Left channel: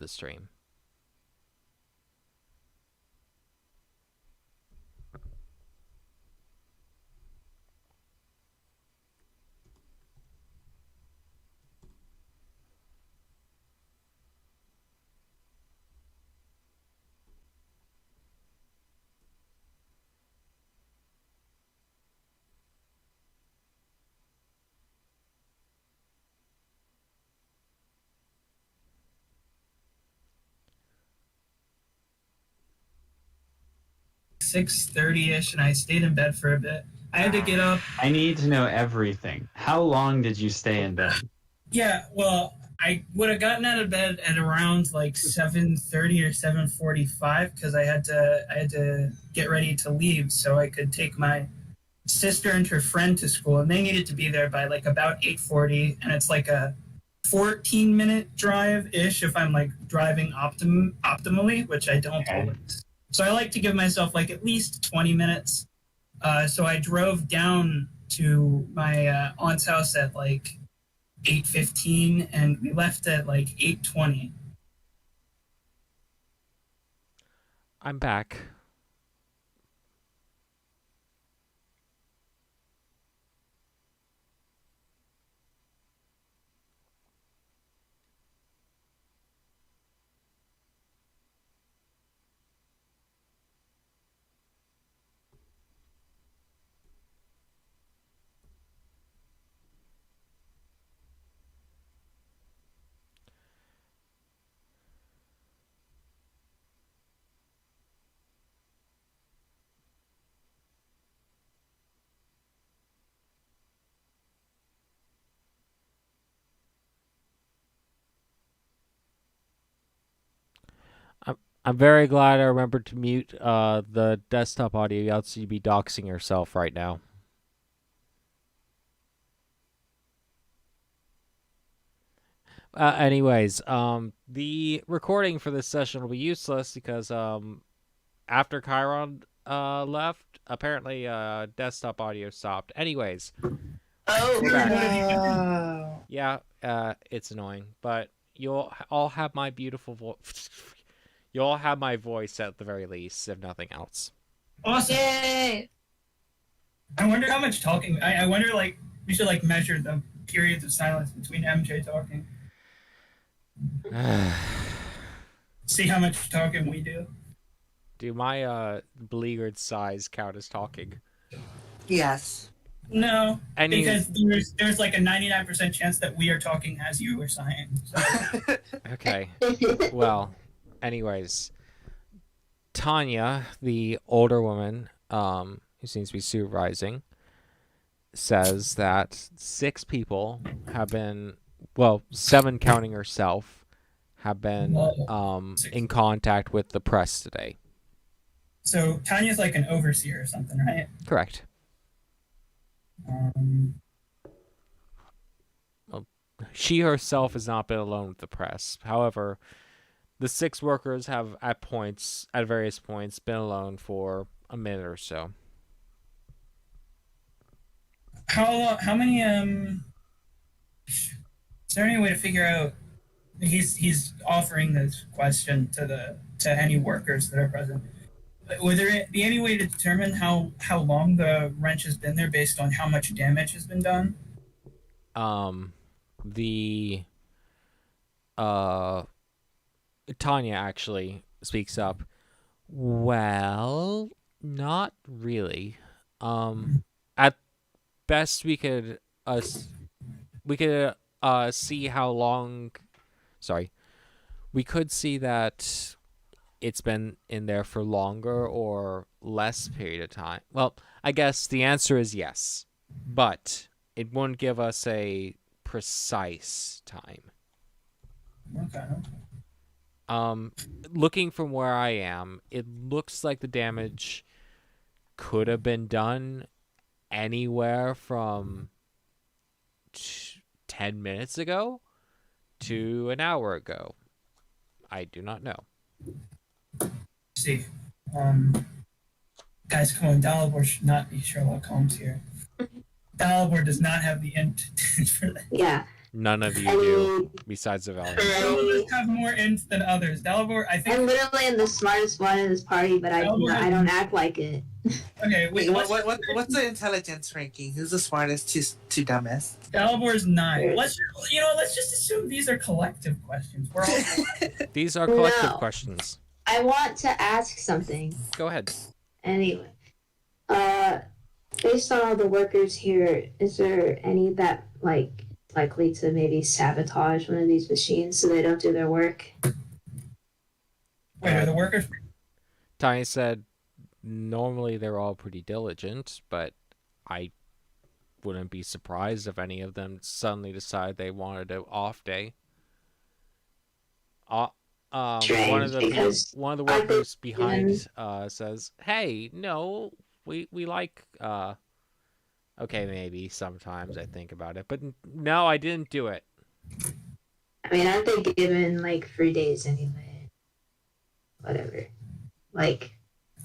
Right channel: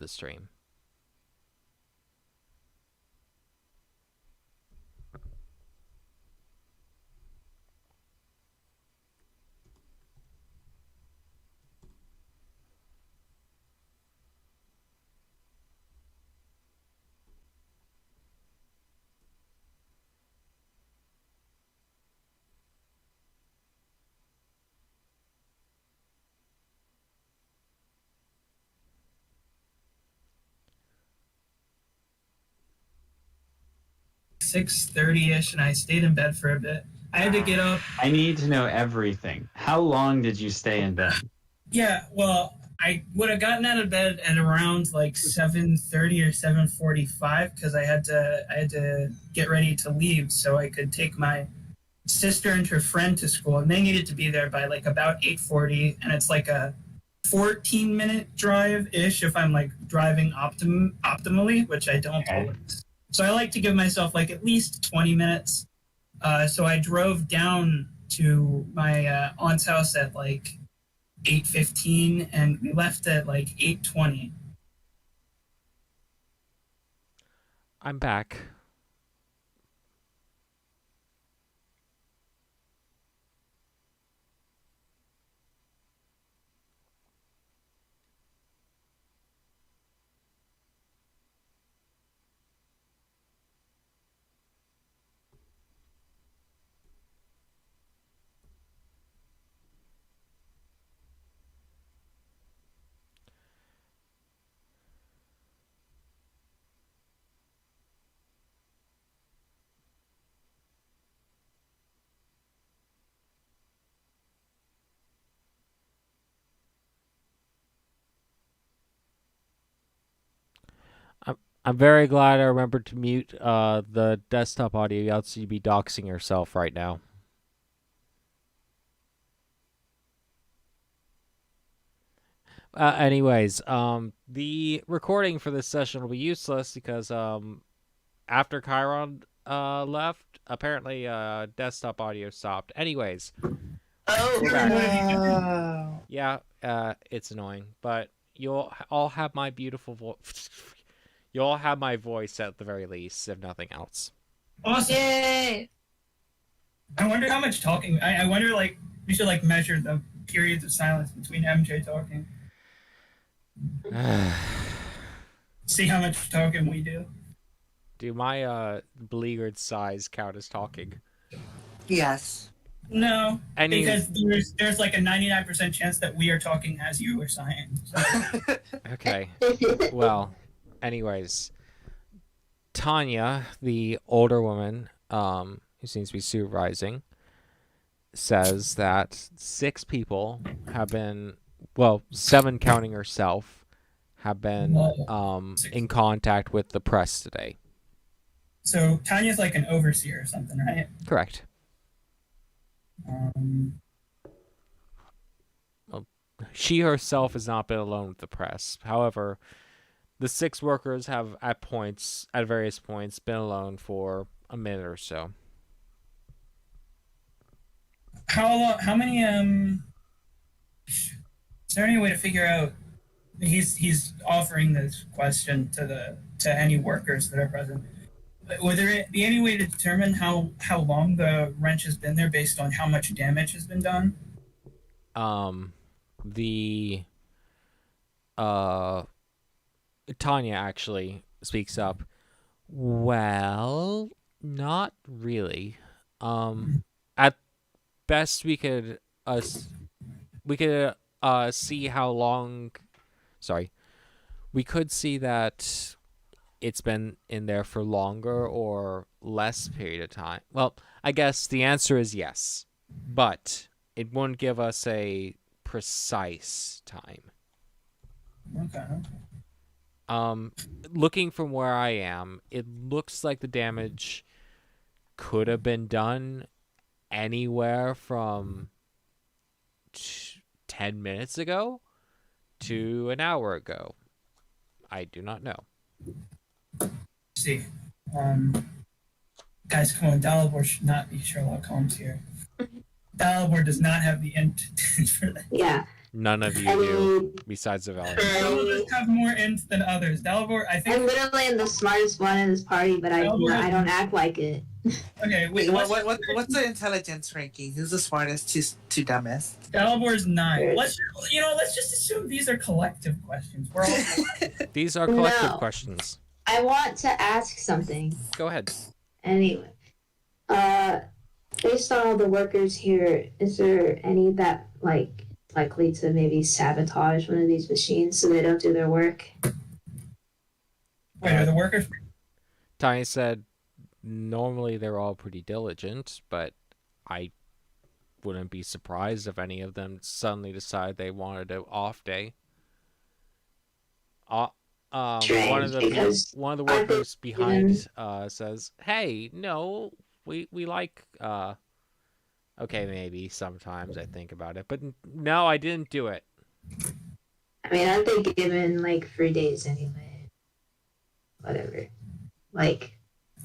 the stream. .30ish, and I stayed in bed for a bit. I had to get up. I need to know everything. How long did you stay in bed? Yeah, well, I would have gotten out of bed at around like 7:30 or 7:45 because I had to get ready to leave so I could take my sister and her friend to school, and they needed to be there by like about 8:40, and it's like a 14-minute drive ish if I'm like driving optimally, which I don't always. So I like to give myself like at least 20 minutes. So I drove down to my aunt's house at like 8:15, and we left at like 8:20. I'm back. I'm very glad I remembered to mute the desktop audio, else you'd be doxing yourself right now. Anyways, the recording for this session will be useless because after Chiron left, apparently desktop audio stopped. Anyways, we're back. Yeah, it's annoying, but you'll all have my beautiful voice. You all have my voice at the very least, if nothing else. Awesome. Yay! I wonder how much talking. I wonder, like, we should like measure the periods of silence between MJ talking. See how much talking we do. Do my beleaguered sighs count as talking? Yes. No, because there's like a 99% chance that we are talking as you are sighing. So. Okay. Well, anyways, Tanya, the older woman, who seems to be supervising, says that 6 people have been, well, 7 counting herself, have been in contact with the press today. So Tanya's like an overseer or something, right? Correct. Well, she herself has not been alone with the press. However, the 6 workers have at various points, been alone for a minute or so. How many is there any way to figure out? He's offering this question to any workers that are present. Would there be any way to determine how long the wrench has been there based on how much damage has been done? Tanya actually speaks up. Well, not really. At best, we could see how long. Sorry, we could see that it's been in there for longer or less period of time. Well, I guess the answer is yes, but it won't give us a precise time. Okay. Looking from where I am, it looks like the damage could have been done anywhere from 10 minutes ago to an hour ago. I do not know. See, guys, come on, Dalibor should not be Sherlock Holmes here. Dalibor does not have the intent for that. Yeah, None of you do, besides the Valiant. Some of us have more int than others. Dalibor, I I think. literally am the smartest one in this party, but I don't act like it. Okay, Wait, what's the intelligence ranking? Who's the smartest to dumbest? Dalibor's 9. Let's just assume these are collective questions. We're all These are collective No. questions. I want to ask something. Go ahead. Anyway, based on all the workers here, is there any that likely to maybe sabotage one of these machines so they don't do their work? Wait, are the workers? Tiny said, normally they're all pretty diligent, but I wouldn't be surprised if any of them suddenly decide they wanted an off day. One of the workers behind says, "Hey, no, we like okay, maybe sometimes I think about it, but no, I didn't do it." I mean, aren't they given like 3 days anyway? Whatever. Like,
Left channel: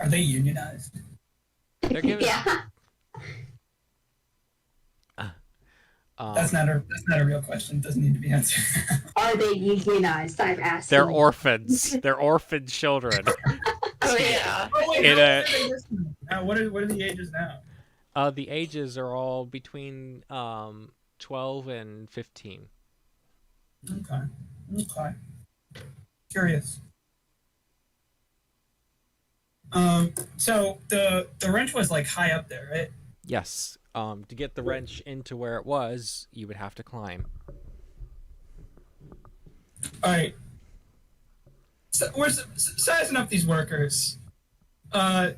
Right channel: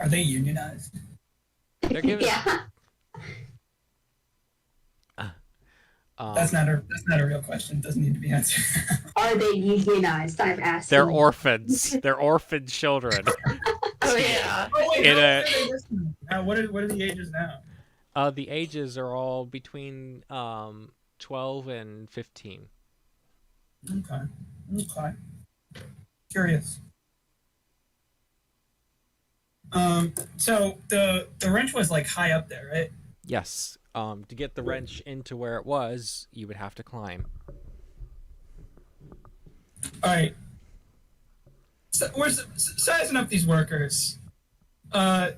Are they unionized? They're given. yeah. That's not a real question. It doesn't need to be answered. Are they unionized? I'm asking. They're orphans. They're orphan children. Oh yeah. Oh, wait, In how a- old are they this time? What are the ages now? The ages are all between 12 and 15. Okay. Curious. So the wrench was like high up there, right? Yes. To get the wrench into where it was, you would have to climb. All right. So we're sizing up these workers. Are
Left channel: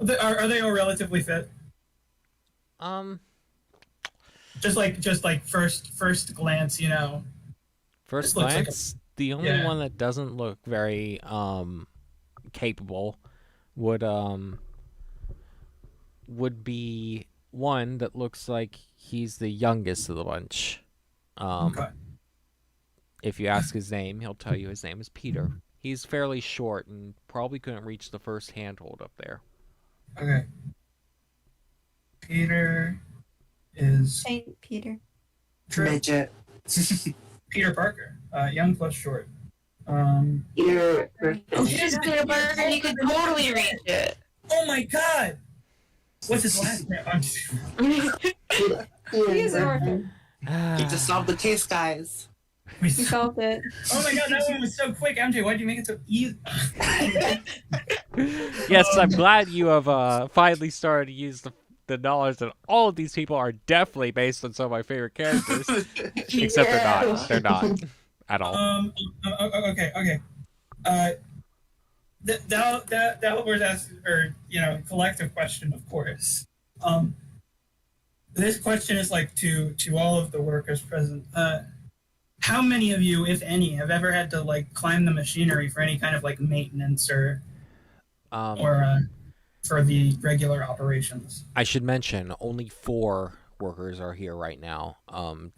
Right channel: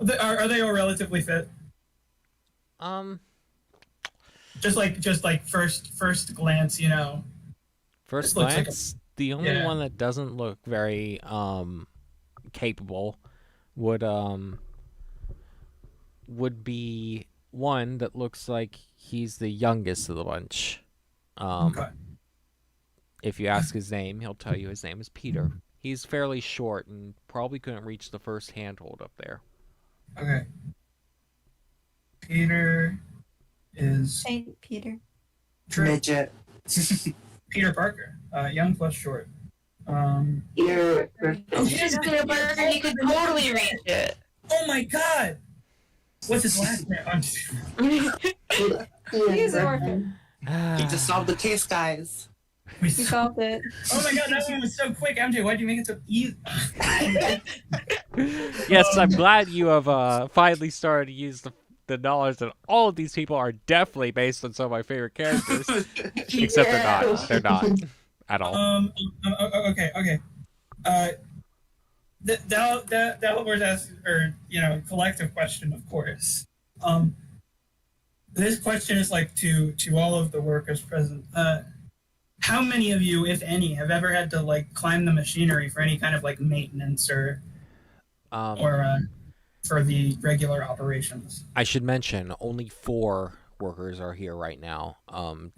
they all relatively fit? Just like first glance, you know. First This looks like glance, the only yeah. one that doesn't look very capable would be one that looks like he's the youngest of the bunch. Okay. If you ask his name, he'll tell you his name is Peter. He's fairly short and probably couldn't reach the first handhold up there. Okay. Peter is Saint Peter. Midget. Peter Parker. Young plus short. You're He's Peter Parker. He could totally reach it. Oh my God! What's his last name? He's an orphan. You just solved the case, guys. We solved it. Oh my God, that one was so quick. MJ, why'd you make it so easy? Yes, I'm glad you have finally started to use the knowledge that all of these people are definitely based on some of my favorite characters. Except they're not. They're not at all. Okay. That was asked, or collective question, of course. This question is like to all of the workers present. How many of you, if any, have ever had to like climb the machinery for any kind of like maintenance or for the regular operations? I should mention only 4 workers are here right now.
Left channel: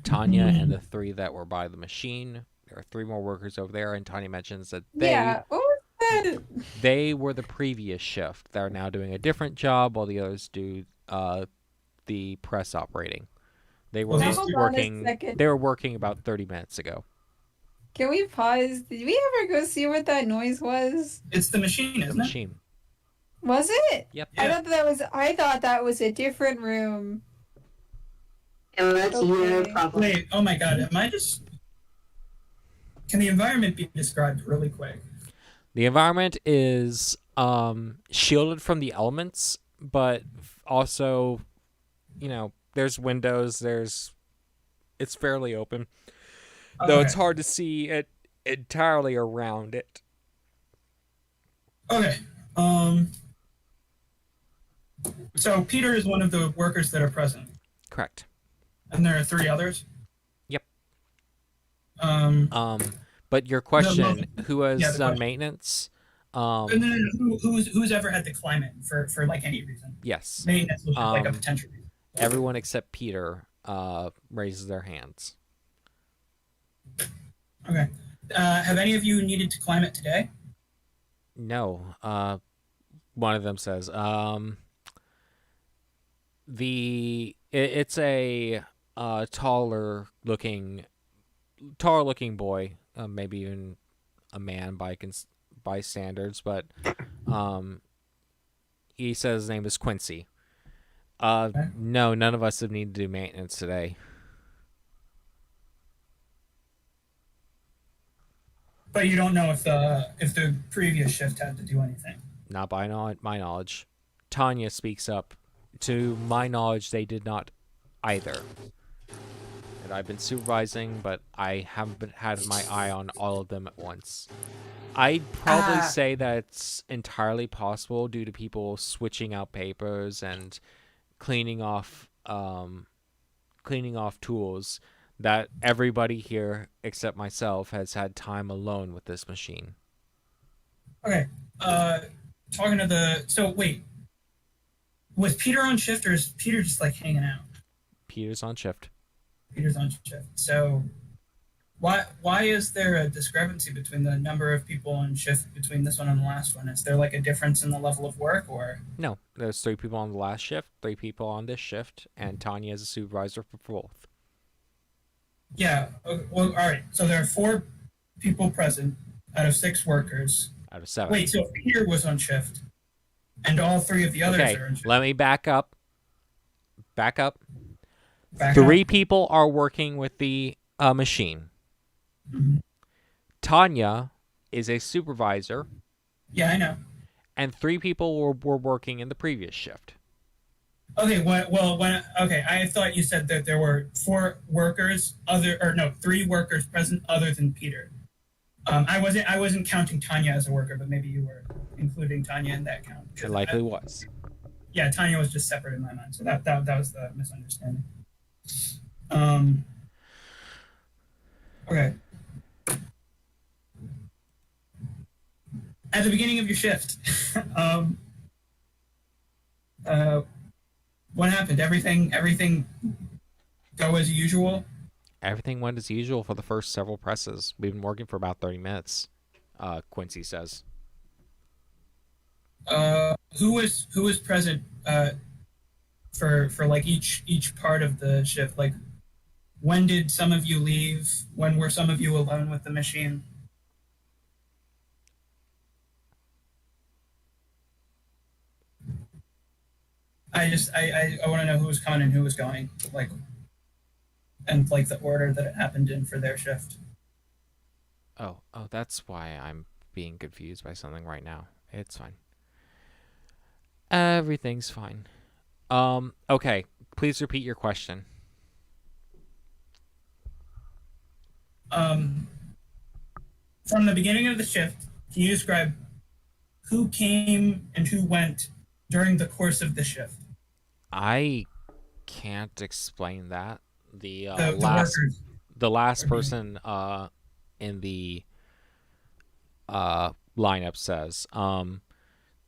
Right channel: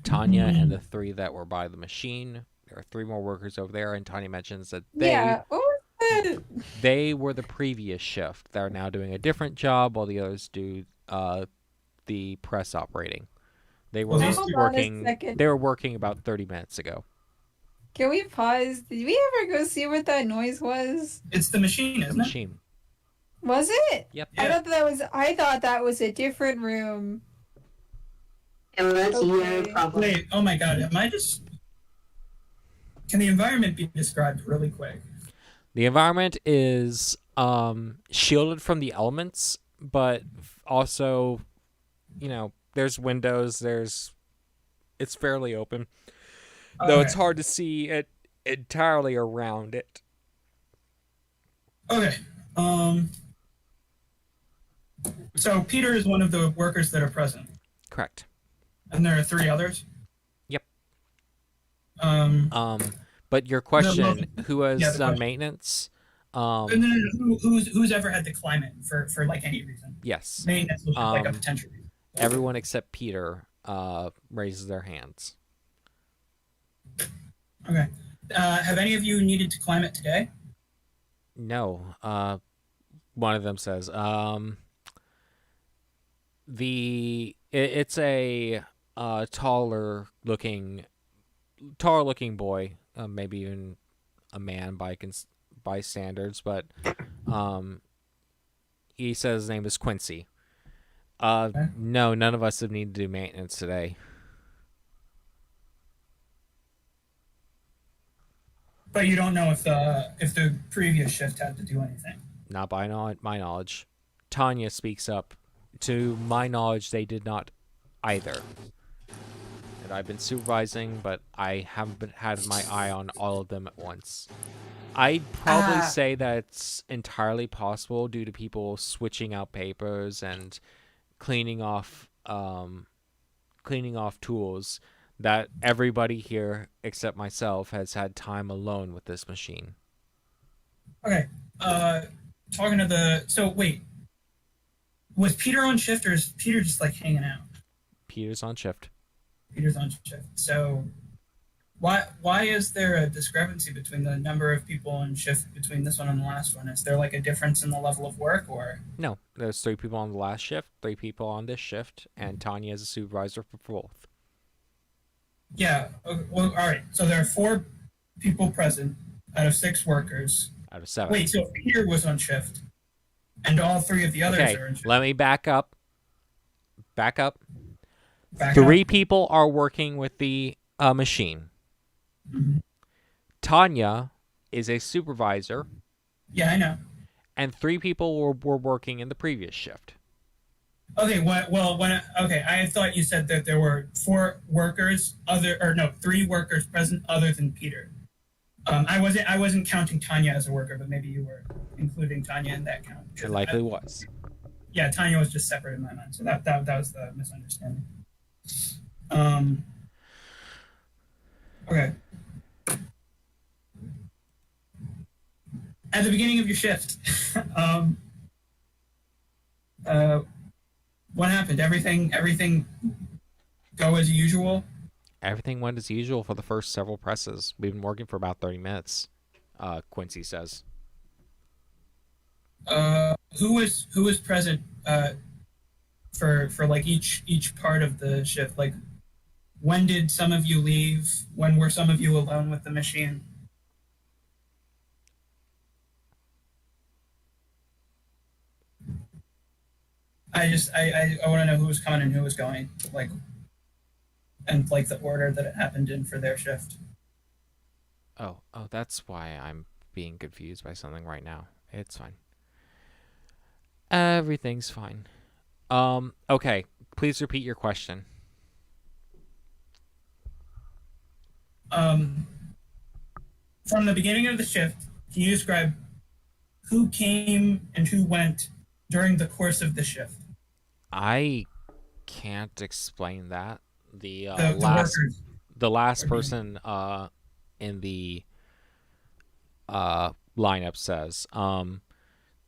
Tanya and the 3 that were by the machine. There are 3 more workers over there, and Tanya mentions that Yeah. What was that? they were the previous shift. They're now doing a different job while the others do the press operating. They were Hold on a working. second. They were working about 30 minutes ago. Can we pause? Did we ever go see what that noise was? It's the machine, The isn't it? machine. Was it? Yep. Yeah. I thought that was a different room. Oh, that's your Okay. problem. Wait, oh my God, can the environment be described really quick? The environment is shielded from the elements, but also, there's windows. It's fairly open, though it's Okay. hard to see it entirely around it. Okay. So Peter is one of the workers that are present, Correct. and there are 3 others. Yep. Um. But your question, who has Yeah, the done question. maintenance? No. Who's ever had to climb it for like any reason? Yes. Maintenance was like a Um, potential reason. Everyone except Peter raises their hands. Okay. Have any of you needed to climb it today? No. One of them says, the It's a taller looking boy, maybe even a man by standards, but um, he says his name is Quincy. Okay. No, none of us have needed to do maintenance today. But you don't know if the previous shift had to do anything. Not by my knowledge. Tanya speaks up. To my knowledge, they did not either. And I've been supervising, but I haven't had my eye on all of them at once. I'd probably say that it's entirely possible due to people switching out papers and cleaning off tools that everybody here except myself has had time alone with this machine. Okay. Talking to the so wait, was Peter on shift or is Peter just like hanging out? Peter's on shift. Peter's on shift. So why is there a discrepancy between the number of people on shift between this one and the last one? Is there like a difference in the level of work or? No, there's 3 people on the last shift, 3 people on this shift, and Tanya is a supervisor for both. Yeah. Well, all right. So there are 4 people present out of 6 workers. Out of 7. Wait, so Peter was on shift, and all 3 of the others Okay, are on shift. let me back up. Back 3 up. people are working with the machine. Mhm. Tanya is a supervisor, Yeah, I know. and 3 people were working in the previous shift. Okay, okay, I thought you said that there were 4 workers, 3 workers present other than Peter. I wasn't counting Tanya as a worker, but maybe you were including Tanya in that count. It likely was. Yeah, Tanya was just separate in my mind, so that was the misunderstanding. Okay. At the beginning of your shift, what happened? Everything go as usual? Everything went as usual for the first several presses. We've been working for about 30 minutes, Quincy says. Who was present for like each part of the shift? Like, when did some of you leave? When were some of you alone with the machine? I want to know who was coming and who was going, like, and like the order that it happened in for their shift. Oh, that's why I'm being confused by something right now. It's fine. Everything's fine. Okay. Please repeat your question. From the beginning of the shift, can you describe who came and who went during the course of the shift? I can't explain that. The The last person in the lineup says,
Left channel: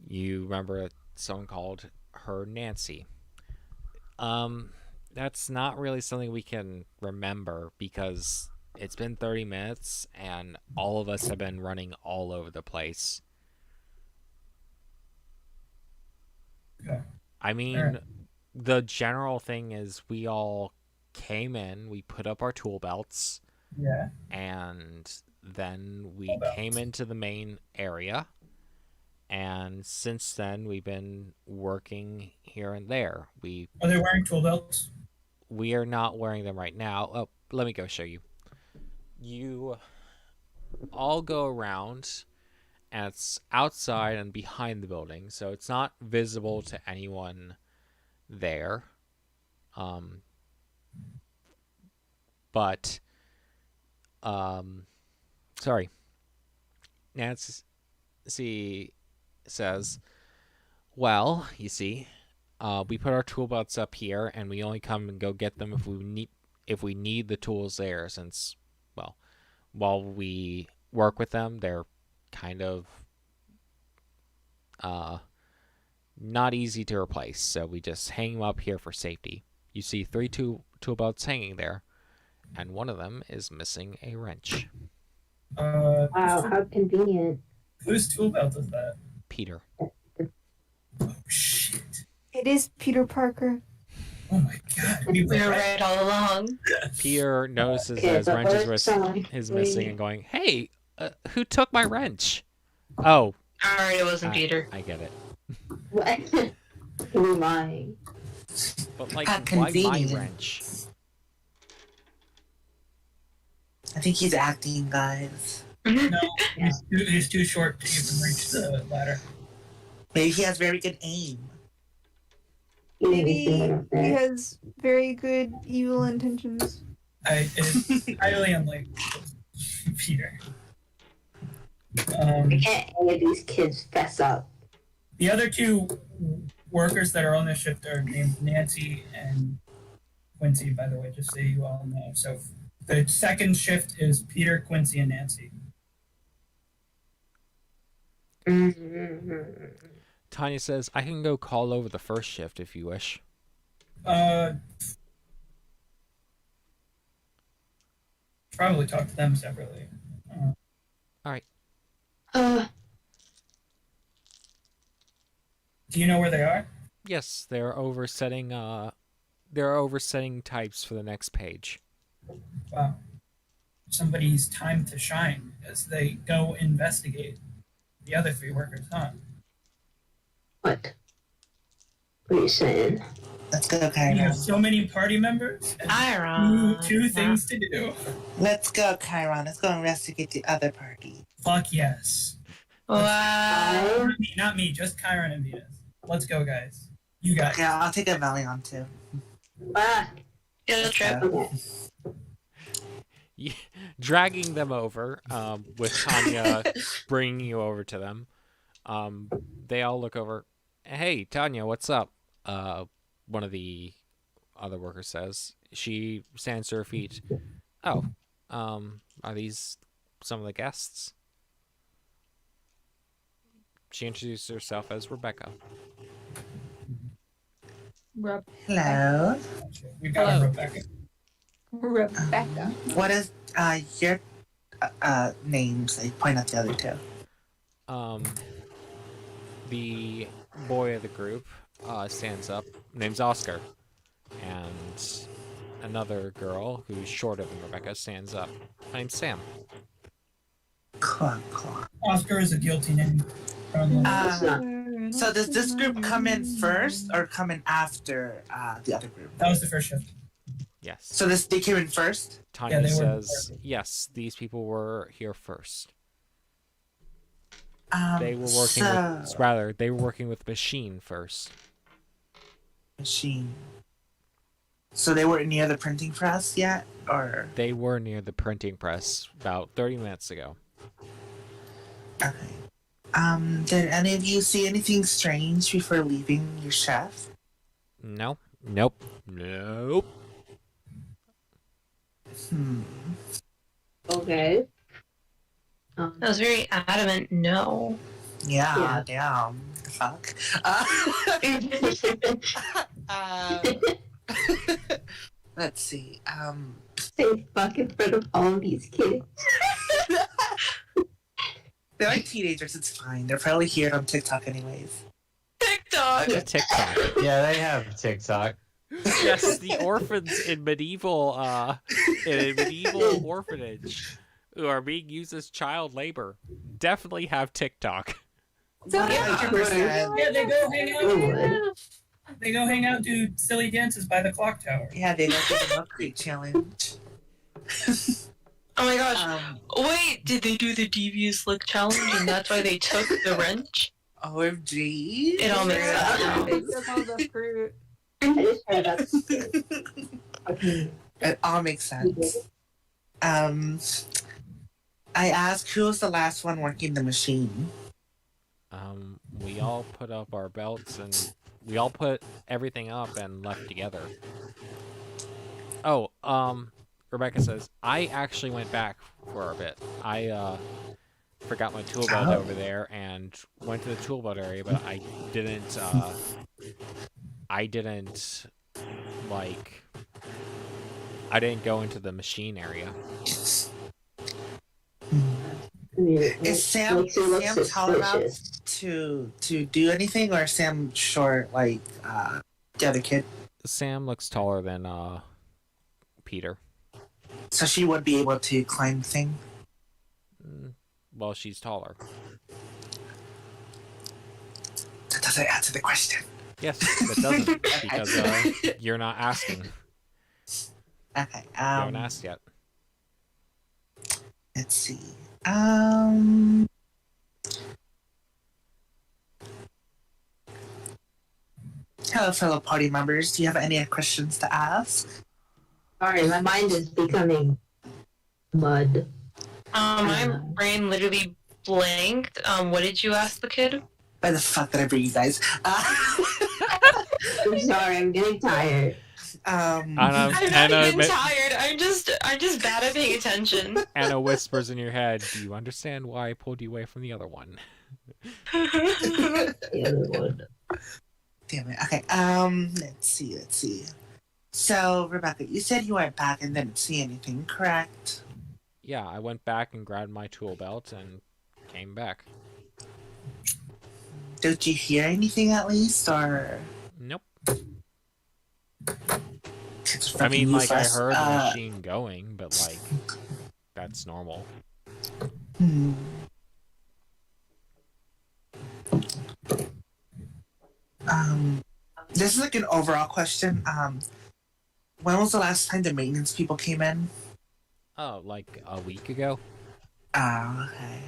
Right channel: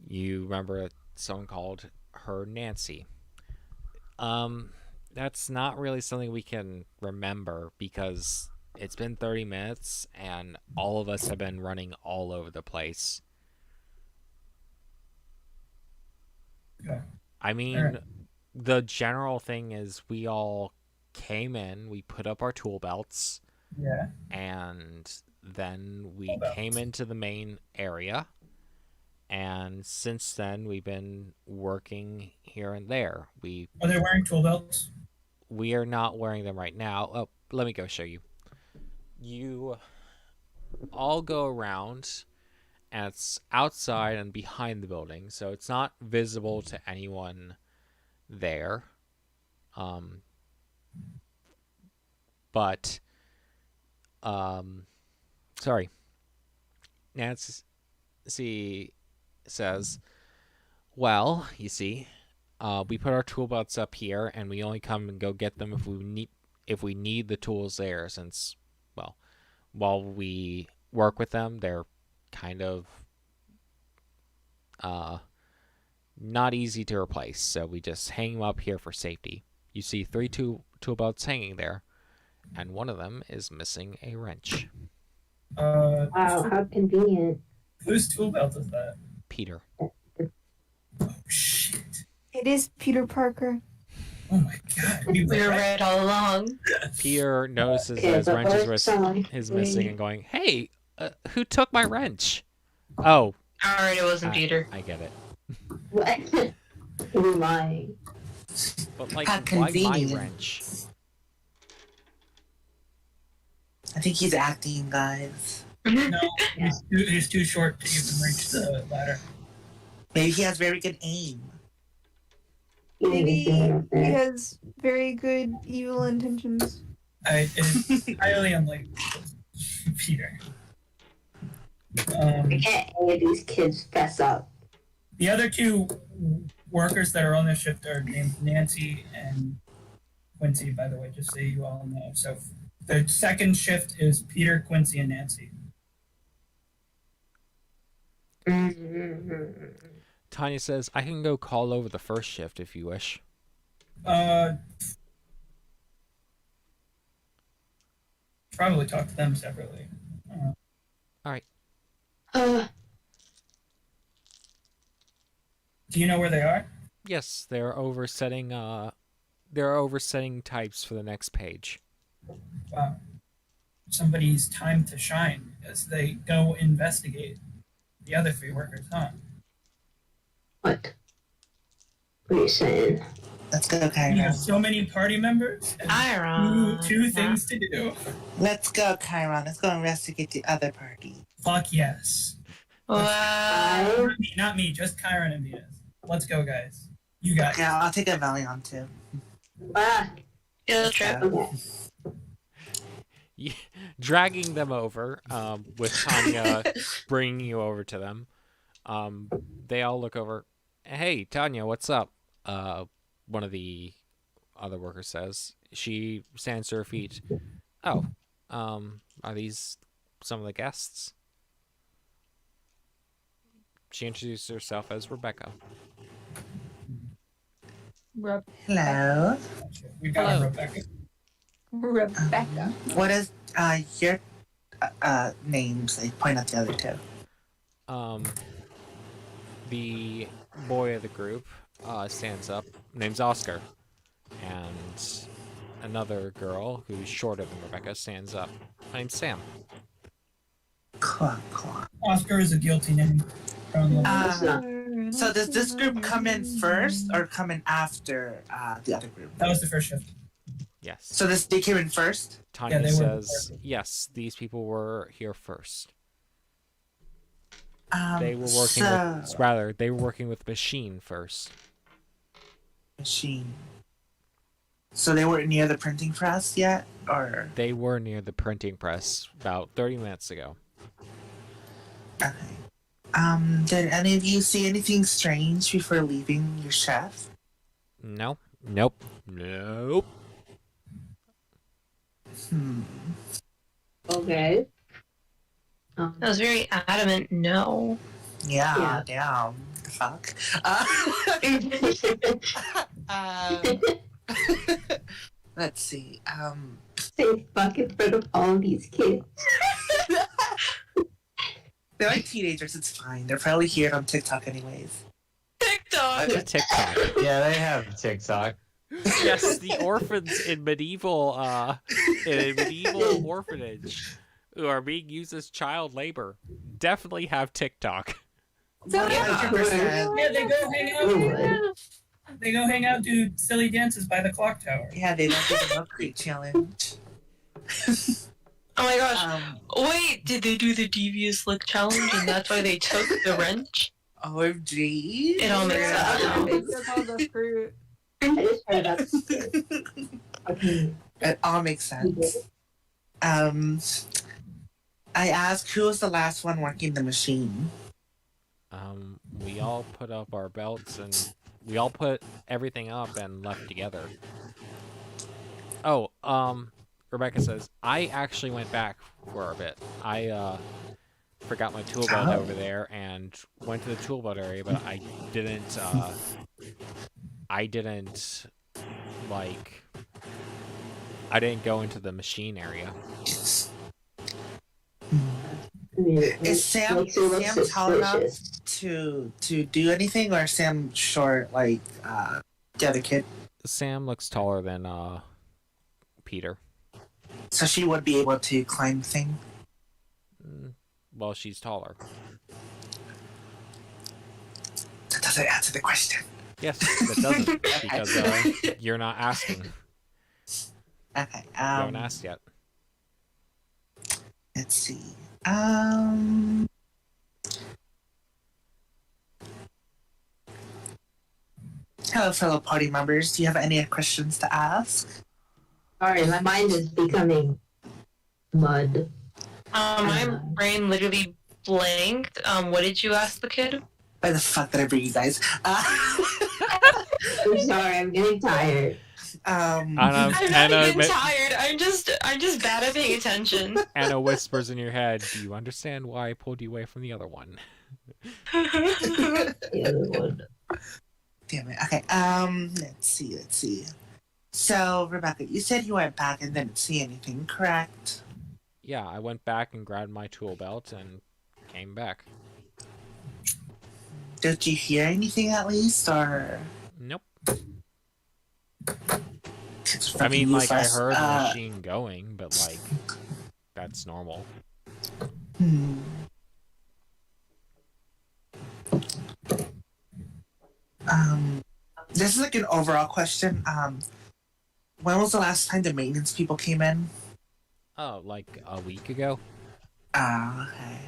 you remember someone called her Nancy. That's not really something we can remember because it's been 30 minutes and all of us have been running all over the place. Okay. I mean, Alright. the general thing is we all came in, we put up our tool belts, Yeah. and then we came into the main area. And since then, we've been working here and there. Are they wearing tool belts? We are not wearing them right now. Oh, let me go show you. You all go around, and it's outside and behind the building, so it's not visible to anyone there. But sorry. Nancy says, well, you see, we put our tool belts up here, and we only come and go get them if we need the tools there, since, well, while we work with them, they're kind of not easy to replace, so we just hang them up here for safety. You see 3 tool belts hanging there, and one of them is missing a wrench. Wow, how convenient. Whose tool belt is that? Peter. Oh shit! It is Peter Parker. Oh my god. We We were were right all along. Peter notices Okay, that his but wrench what song? is missing and going, "Hey, who took my wrench?" Oh, Alright, it wasn't Peter. I get it. What? Who am I? But like, How why my convenient. wrench? I think he's acting, guys. no, he's too short to even reach the ladder. Maybe he has very good aim. Maybe Anything up he there? has very good evil intentions. It's highly unlikely. Peter. I can't any of these kids fess up. The other two workers that are on this shift are named Nancy and Quincy, by the way, just so you all know. So the second shift is Peter, Quincy, and Nancy. Tanya says, "I can go call over the first shift if you wish." Probably talk to them separately. Do you know where they are? Yes, they're oversetting. They're oversetting types for the next page. Wow. Somebody's time to shine as they go investigate the other three workers, huh? What? What are you saying? Let's go, You have Chiron. so many party members and Chiron. two things to do. Let's go, Chiron. Let's go investigate the other party. Fuck yes. Wow. Not me, just Chiron and Venus. Let's go, guys. You guys. Yeah, I'll take a Valiant too. Ah, Field trip. okay. Dragging them over, with Tanya bringing you over to them. They all look over. "Hey, Tanya, what's up?" One of the other workers says. She stands to her feet. "Oh, are these some of the guests?" She introduced herself as Rebecca. Hello. We got Hello. Rebecca. Rebecca. What is your names? I point out the other two. The boy of the group stands up. Name's Oscar, and another girl who's shorter than Rebecca stands up. "My name's Sam." Cool. Oscar is a guilty name. It's not. So does this group come in first or come in after the other group? That was the first shift. Yes. So they came in first? Tanya they were says, "Yes, these people were here first. Um, They were working they were working with machine first." Machine. So they weren't near the printing press yet? Or... They were near the printing press about 30 minutes ago. Okay. Did any of you see anything strange before leaving your chef? No. Nope. Okay. That was very adamant no. Yeah, damn. The fuck? Let's see. Say fuck in front of all of these kids. They're like teenagers, it's fine. They're probably here on TikTok anyways. TikTok. A TikTok. Yeah, they have TikTok. Yes, the orphans in medieval orphanage who are being used as child labor definitely have TikTok. So yeah. 100%. Yeah, they go hang out. Would. They go hang out, do silly dances by the clock tower. Yeah, they love the milk crate challenge. Oh my gosh. Um, Wait, did they do the devious look challenge and that's why they took the wrench? OMG. It all makes sense now. They took all the fruit. I just heard about this kid. Okay. It all makes sense. I asked who was the last one working the machine. We all put up our belts and we all put everything up and left together. Oh, Rebecca says, "I actually went back for a bit. I forgot my tool belt over there and went to the tool belt area, but I didn't go into the machine area." I mean, Is Sam makes it look tall enough suspicious. to do anything, or is Sam short like the other kid? Sam looks taller than Peter. So she would be able to climb thing. Well, she's taller. That doesn't answer the question. Yes, that doesn't because you're not asking. Okay. You haven't asked yet. Let's see. Hello, fellow party members. Do you have any questions to ask? Sorry, my mind is becoming mud. My brain literally blanked. What did you ask the kid? Why the fuck did I bring you guys? I'm sorry, I'm getting tired. I'm not even tired. I'm just bad at paying attention. Anna whispers in your head, "Do you understand why I pulled you away from the other one?" The other one. Damn it. Okay. Let's see. So, Rebecca, you said you went back and didn't see anything, correct? Yeah, I went back and grabbed my tool belt and came back. Did you hear anything at least, or? Nope. It's I mean, fucking like, I useless. heard the machine going, but, like, that's normal. Hmm. This is like an overall question. When was the last time the maintenance people came in? Oh, like a week ago? Okay.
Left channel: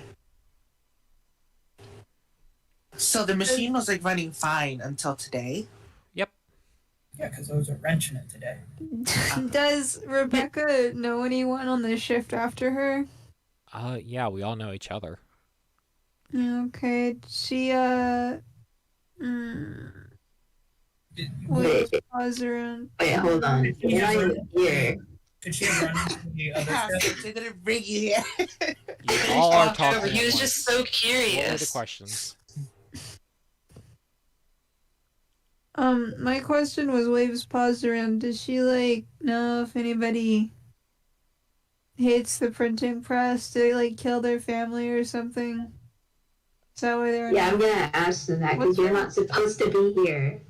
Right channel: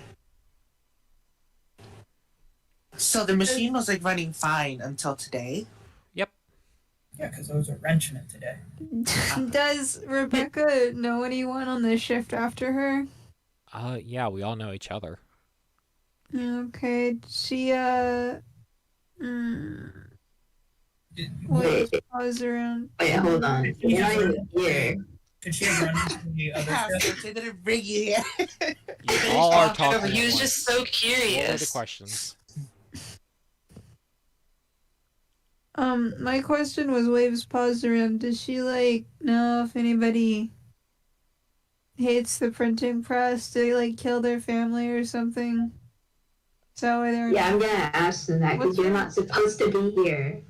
So the machine was like running fine until today? Yep. Yeah, because there was a wrench in it today. Does Rebecca know anyone on the shift after her? Yeah, we all know each other. Okay, she Wait, pause around. wait, hold on. You're not even here. Could she have run into the other shift? They didn't bring you here. You all are Talked over. talking He at was once. just so What are the curious. questions? My question was Waves paused around. Does she like know if anybody hates the printing press? Did they like kill their family or something? Is that why they're Yeah, I'm gonna ask them that because you're not supposed to be here.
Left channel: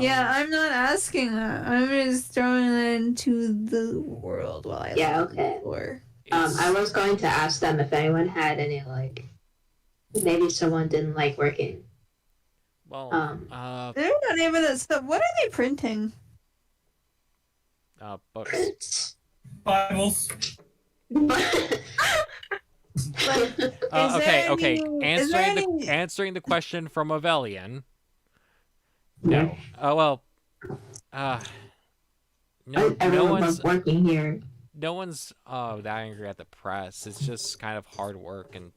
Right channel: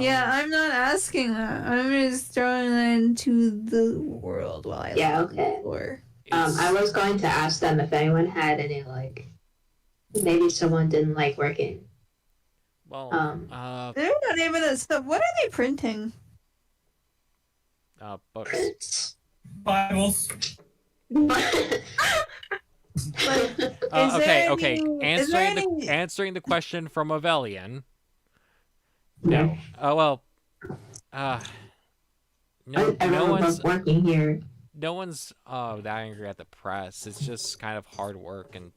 Yeah, I'm not asking that. I'm just throwing that into the world while I Yeah, look okay. for. I was going to ask them if anyone had any like, maybe someone didn't like working. Well, They're not even that stuff. What are they printing? books. Prints. Bibles. Okay. Is there Answering the question from Avelian. No. Oh well. No one's working here. that angry at the press. It's just kind of hard work, and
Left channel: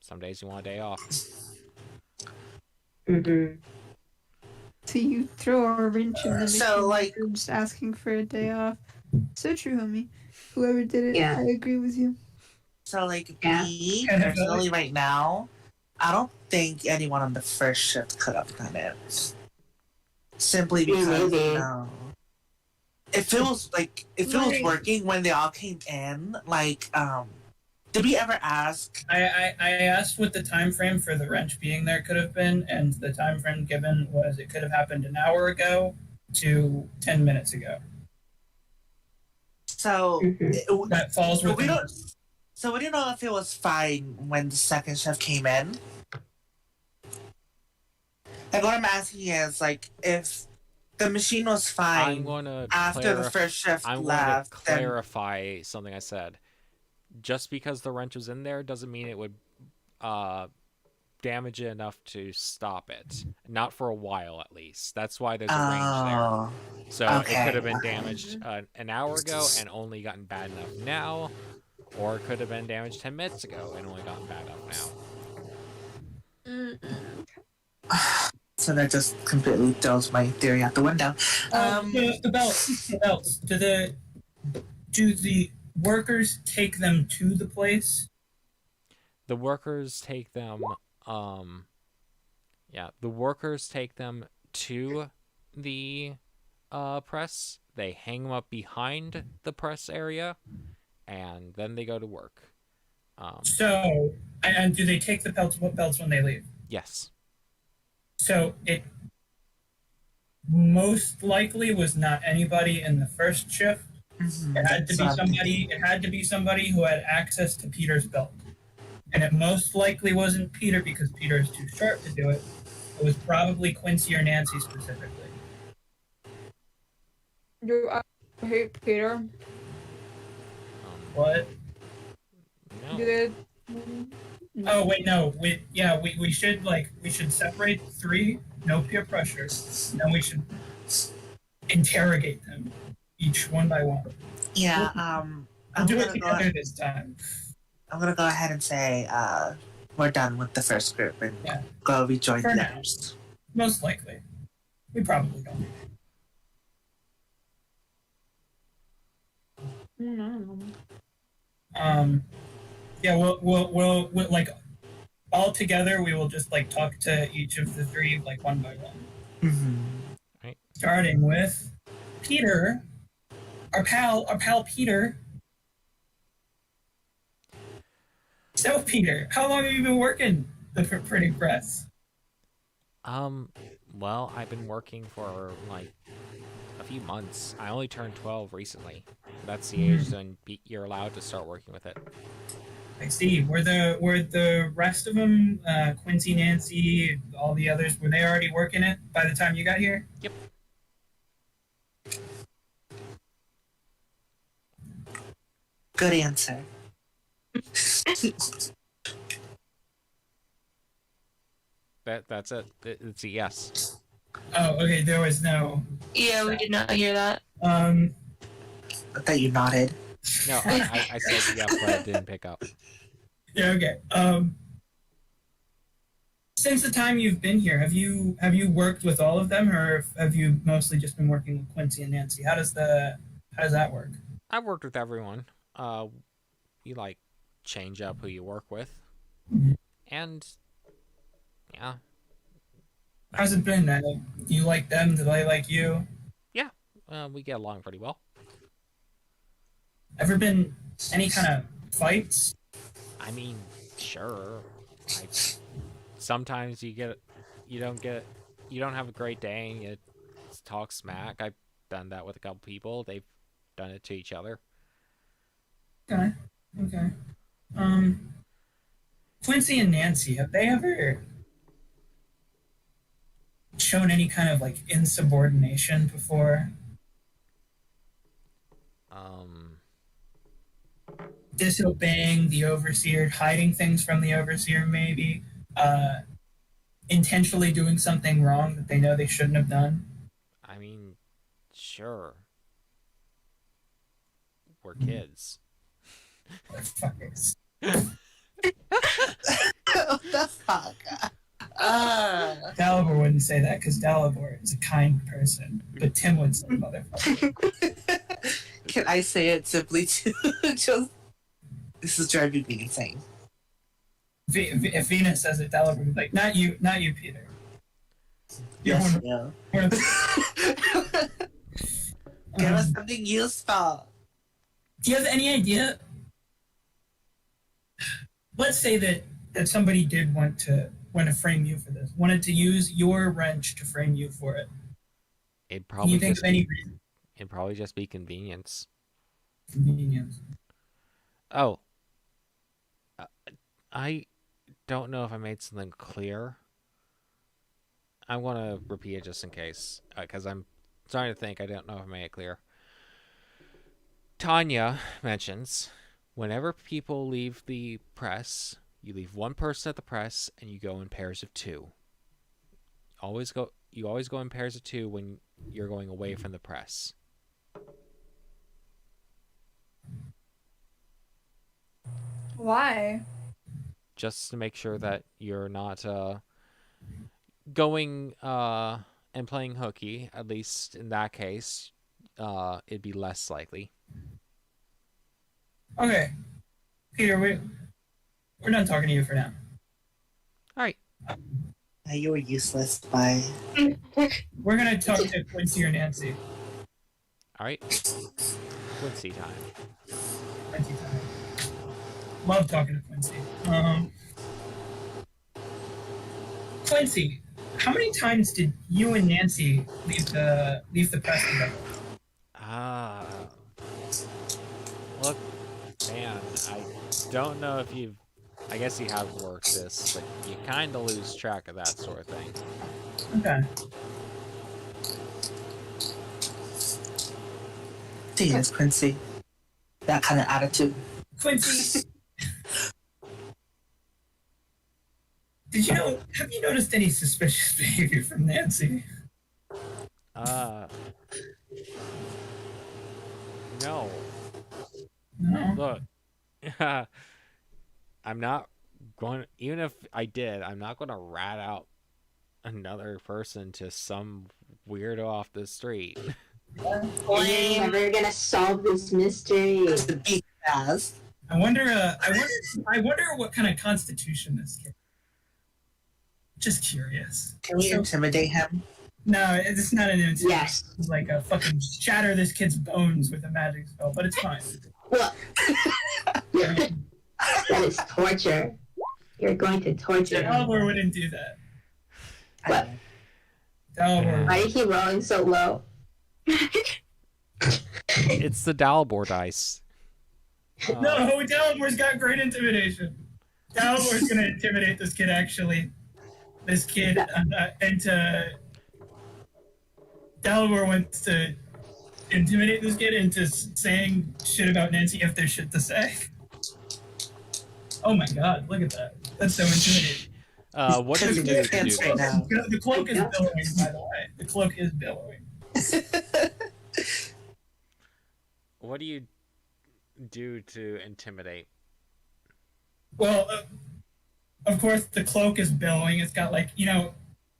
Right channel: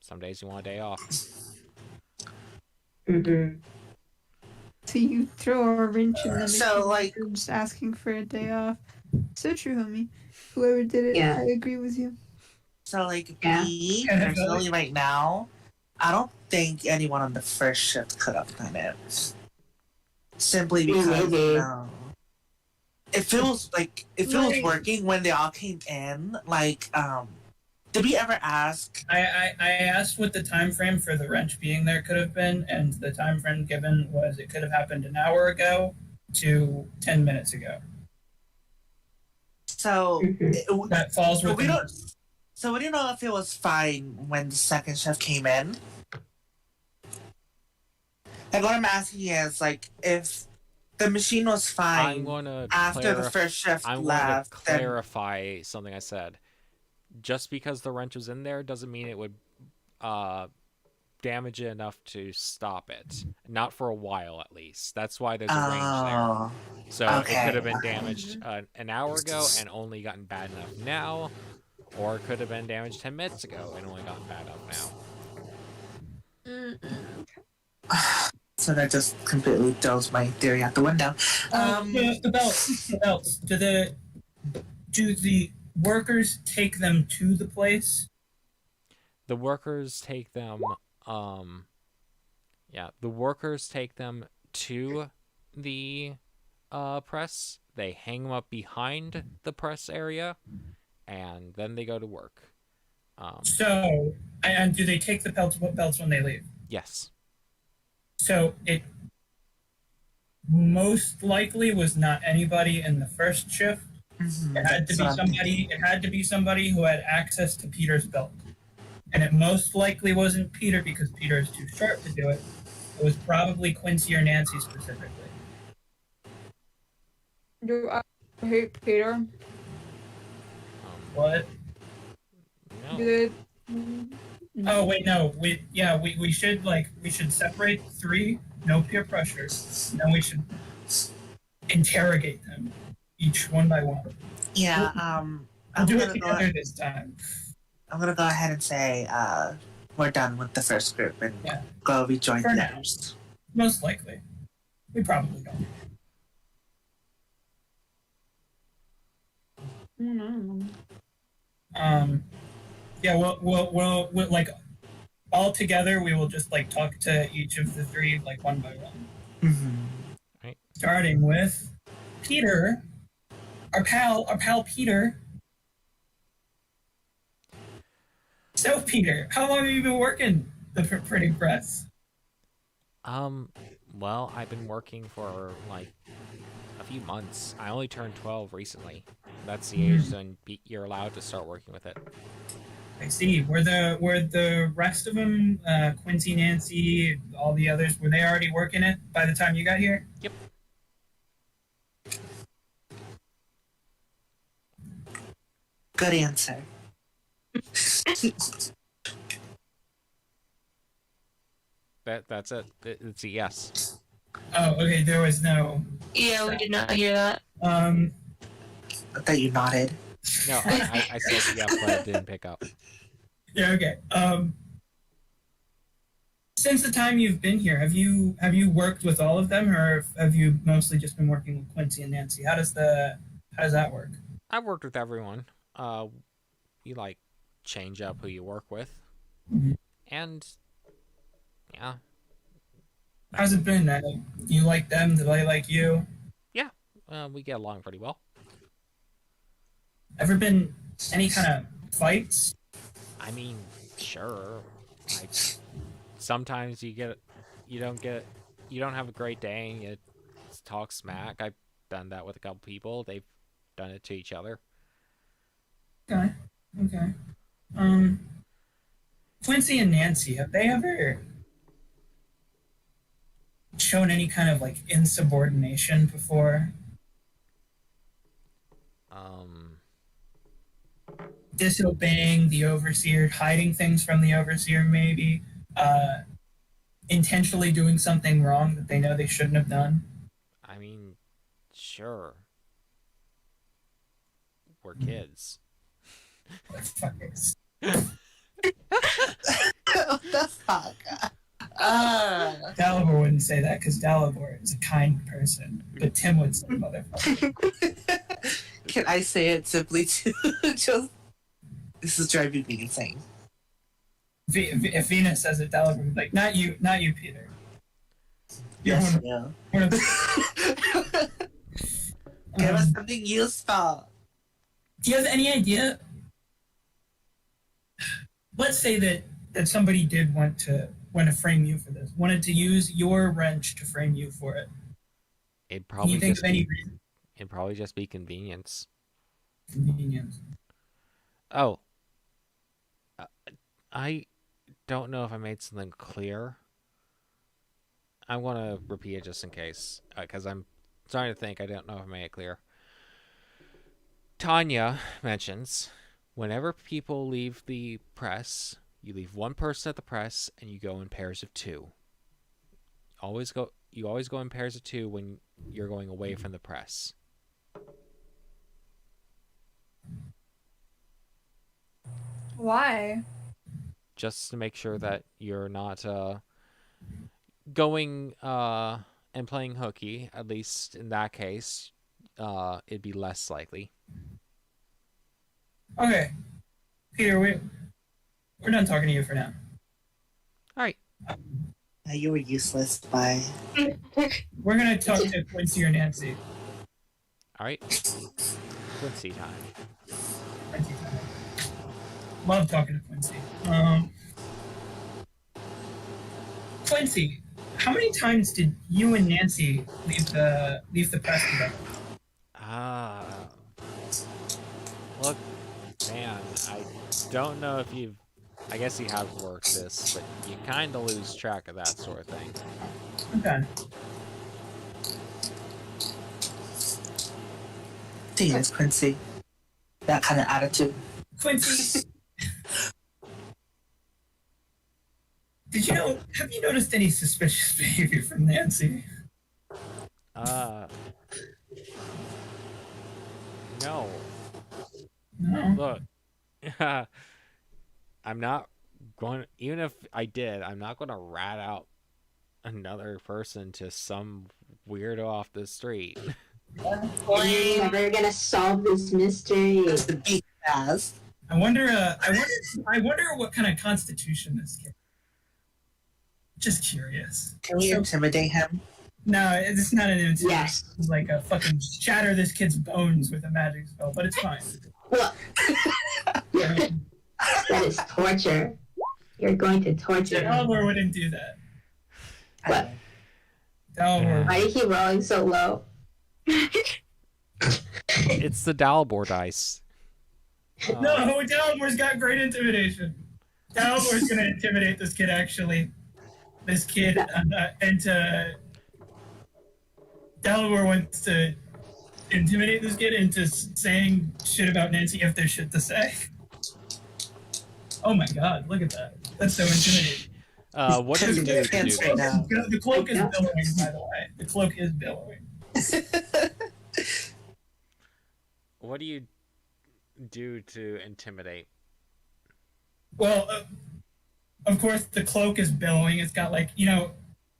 some days you want a day off. Mm-hmm. So you throw a wrench in the machine. So, like- you're just asking for a day off. So true, homie. Whoever did it, Yeah. I agree with you. So, like, Yeah. me, personally, right now, I don't think anyone on the first shift could have done it. Simply because, Maybe. if it was working when they all came in, like, did we ever ask? I asked what the time frame for the wrench being there could have been, and the time frame given was it could have happened an hour ago to 10 minutes ago. So, Mhm. That falls we within. don't know if it was fine when the second shift came in. Like, what I'm asking is, like, if the machine was fine I'm going to after the first shift I'm left, going to clarify something I said. Just because the wrench was in there doesn't mean it would damage it enough to stop it. Not for a while, at least. That's why there's a range there. So it could have been damaged an hour ago and only gotten bad enough now, or it could have been damaged 10 minutes ago and only gotten bad enough now. So that just completely throws my theory out the window. The belts. Do the workers take them to the place? The workers take them. The workers take them to the press. They hang them up behind the press area, and then they go to work. So, and do they take the belts when they leave? Yes. So most likely was not anybody in the first shift. It had to be somebody. It had to be somebody who had access to Peter's belt, and it most likely wasn't Peter because Peter is too short to do it. It was probably Quincy or Nancy specifically. Do I hate Peter? What? No. Good. Oh wait, no. We should separate three. No peer pressure. Then we should interrogate them each one by one. Yeah, We'll I'm do it gonna go. together this time. I'm gonna go ahead and say we're done with the first group and Yeah. go rejoin For the now. others. Most likely. We probably don't. Yeah, we'll like all together. We will just like talk to each of the three like one by one. Mm-hmm. Starting with Peter, our pal Peter. So Peter, how long have you been working the printing press? Well, I've been working for like a few months. I only turned 12 recently. That's the age when you're allowed to start working with it. I see. Were the rest of them, Quincy, Nancy, all the others, were they already working it by the time you got here? Yep. Good answer. That's it. It's a yes. Oh, okay. There was no. Yeah, we did not hear that. Um. I thought you nodded. No, I said yeah, but I didn't pick up. Yeah. Okay. Since the time you've been here, have you worked with all of them, or have you mostly just been working with Quincy and Nancy? How does that work? I've worked with everyone. You like change up who you work with, and yeah. How's it been? You like them? Do they like you? Yeah, we get along pretty well. Ever been any kind of fights? I mean, sure. Sometimes you don't have a great day and you talk smack. I've done that with a couple people. They've done it to each other. Okay. Quincy and Nancy, have they ever shown any kind of like insubordination before? Disobeying the overseer, hiding things from the overseer, maybe intentionally doing something wrong that they know they shouldn't have done. I mean, sure. We're kids. Fuckers. What the fuck? Dalibor wouldn't say that because Dalibor is a kind person, but Tim would say motherfucker. Can I say it simply to just? This is driving me insane. If Venus says it, Dalibor would be like, not you, Peter. You're Yes, one no. of the- Give us something useful. Do you have any idea? Let's say that somebody did want to frame you for this, wanted to use your wrench to frame you for it. It'd Can probably you think of any reason? it'd probably just be convenience. Convenience. Oh. I don't know if I made something clear. I want to repeat it just in case, because I'm starting to think I don't know if I made it clear. Tanya mentions, whenever people leave the press, you leave one person at the press and you go in pairs of two. You always go in pairs of two when you're going away from the press. Why? Just to make sure that you're not going and playing hooky. At least in that case, it'd be less likely. Okay, Peter, we're done talking to you for now. All right. You were useless. Bye. We're gonna talk to Quincy or Nancy. All right. Quincy time. Quincy time. Love talking to Quincy. Quincy, How many times did you and Nancy leave the press together? Look, man, I don't know if you've. I guess you have worked this, but you kind of lose track of that sort of thing. Okay. Yes, Quincy. That kind of attitude. Quincy, have you noticed any suspicious behavior from Nancy? No. No. Look, I'm not going. Even if I did, I'm not going to rat out another person to some weirdo off the street. We're never gonna solve this mystery. The big ass. I wonder what kind of constitution this kid. Just curious. Can we intimidate him? No, it's not an intimidation. Yes. It's like a fucking shatter this kid's bones with a magic spell, but it's fine. Well, that is torture. You're going to torture him. Delaware wouldn't do that. What? Delaware. Why do you keep rolling so low? It's the Dalibor dice. No, Dalamore's got great intimidation. Dalamore's gonna intimidate this kid, actually. This kid, Delaware wants to intimidate this kid into saying shit about Nancy if there's shit to say. Oh my god, look at that. That's so intimidating. What do you do to do Right this? now. The cloak is billowing, by the way. The cloak is billowing. What do you do to intimidate? Well, of course, the cloak is billowing. It's got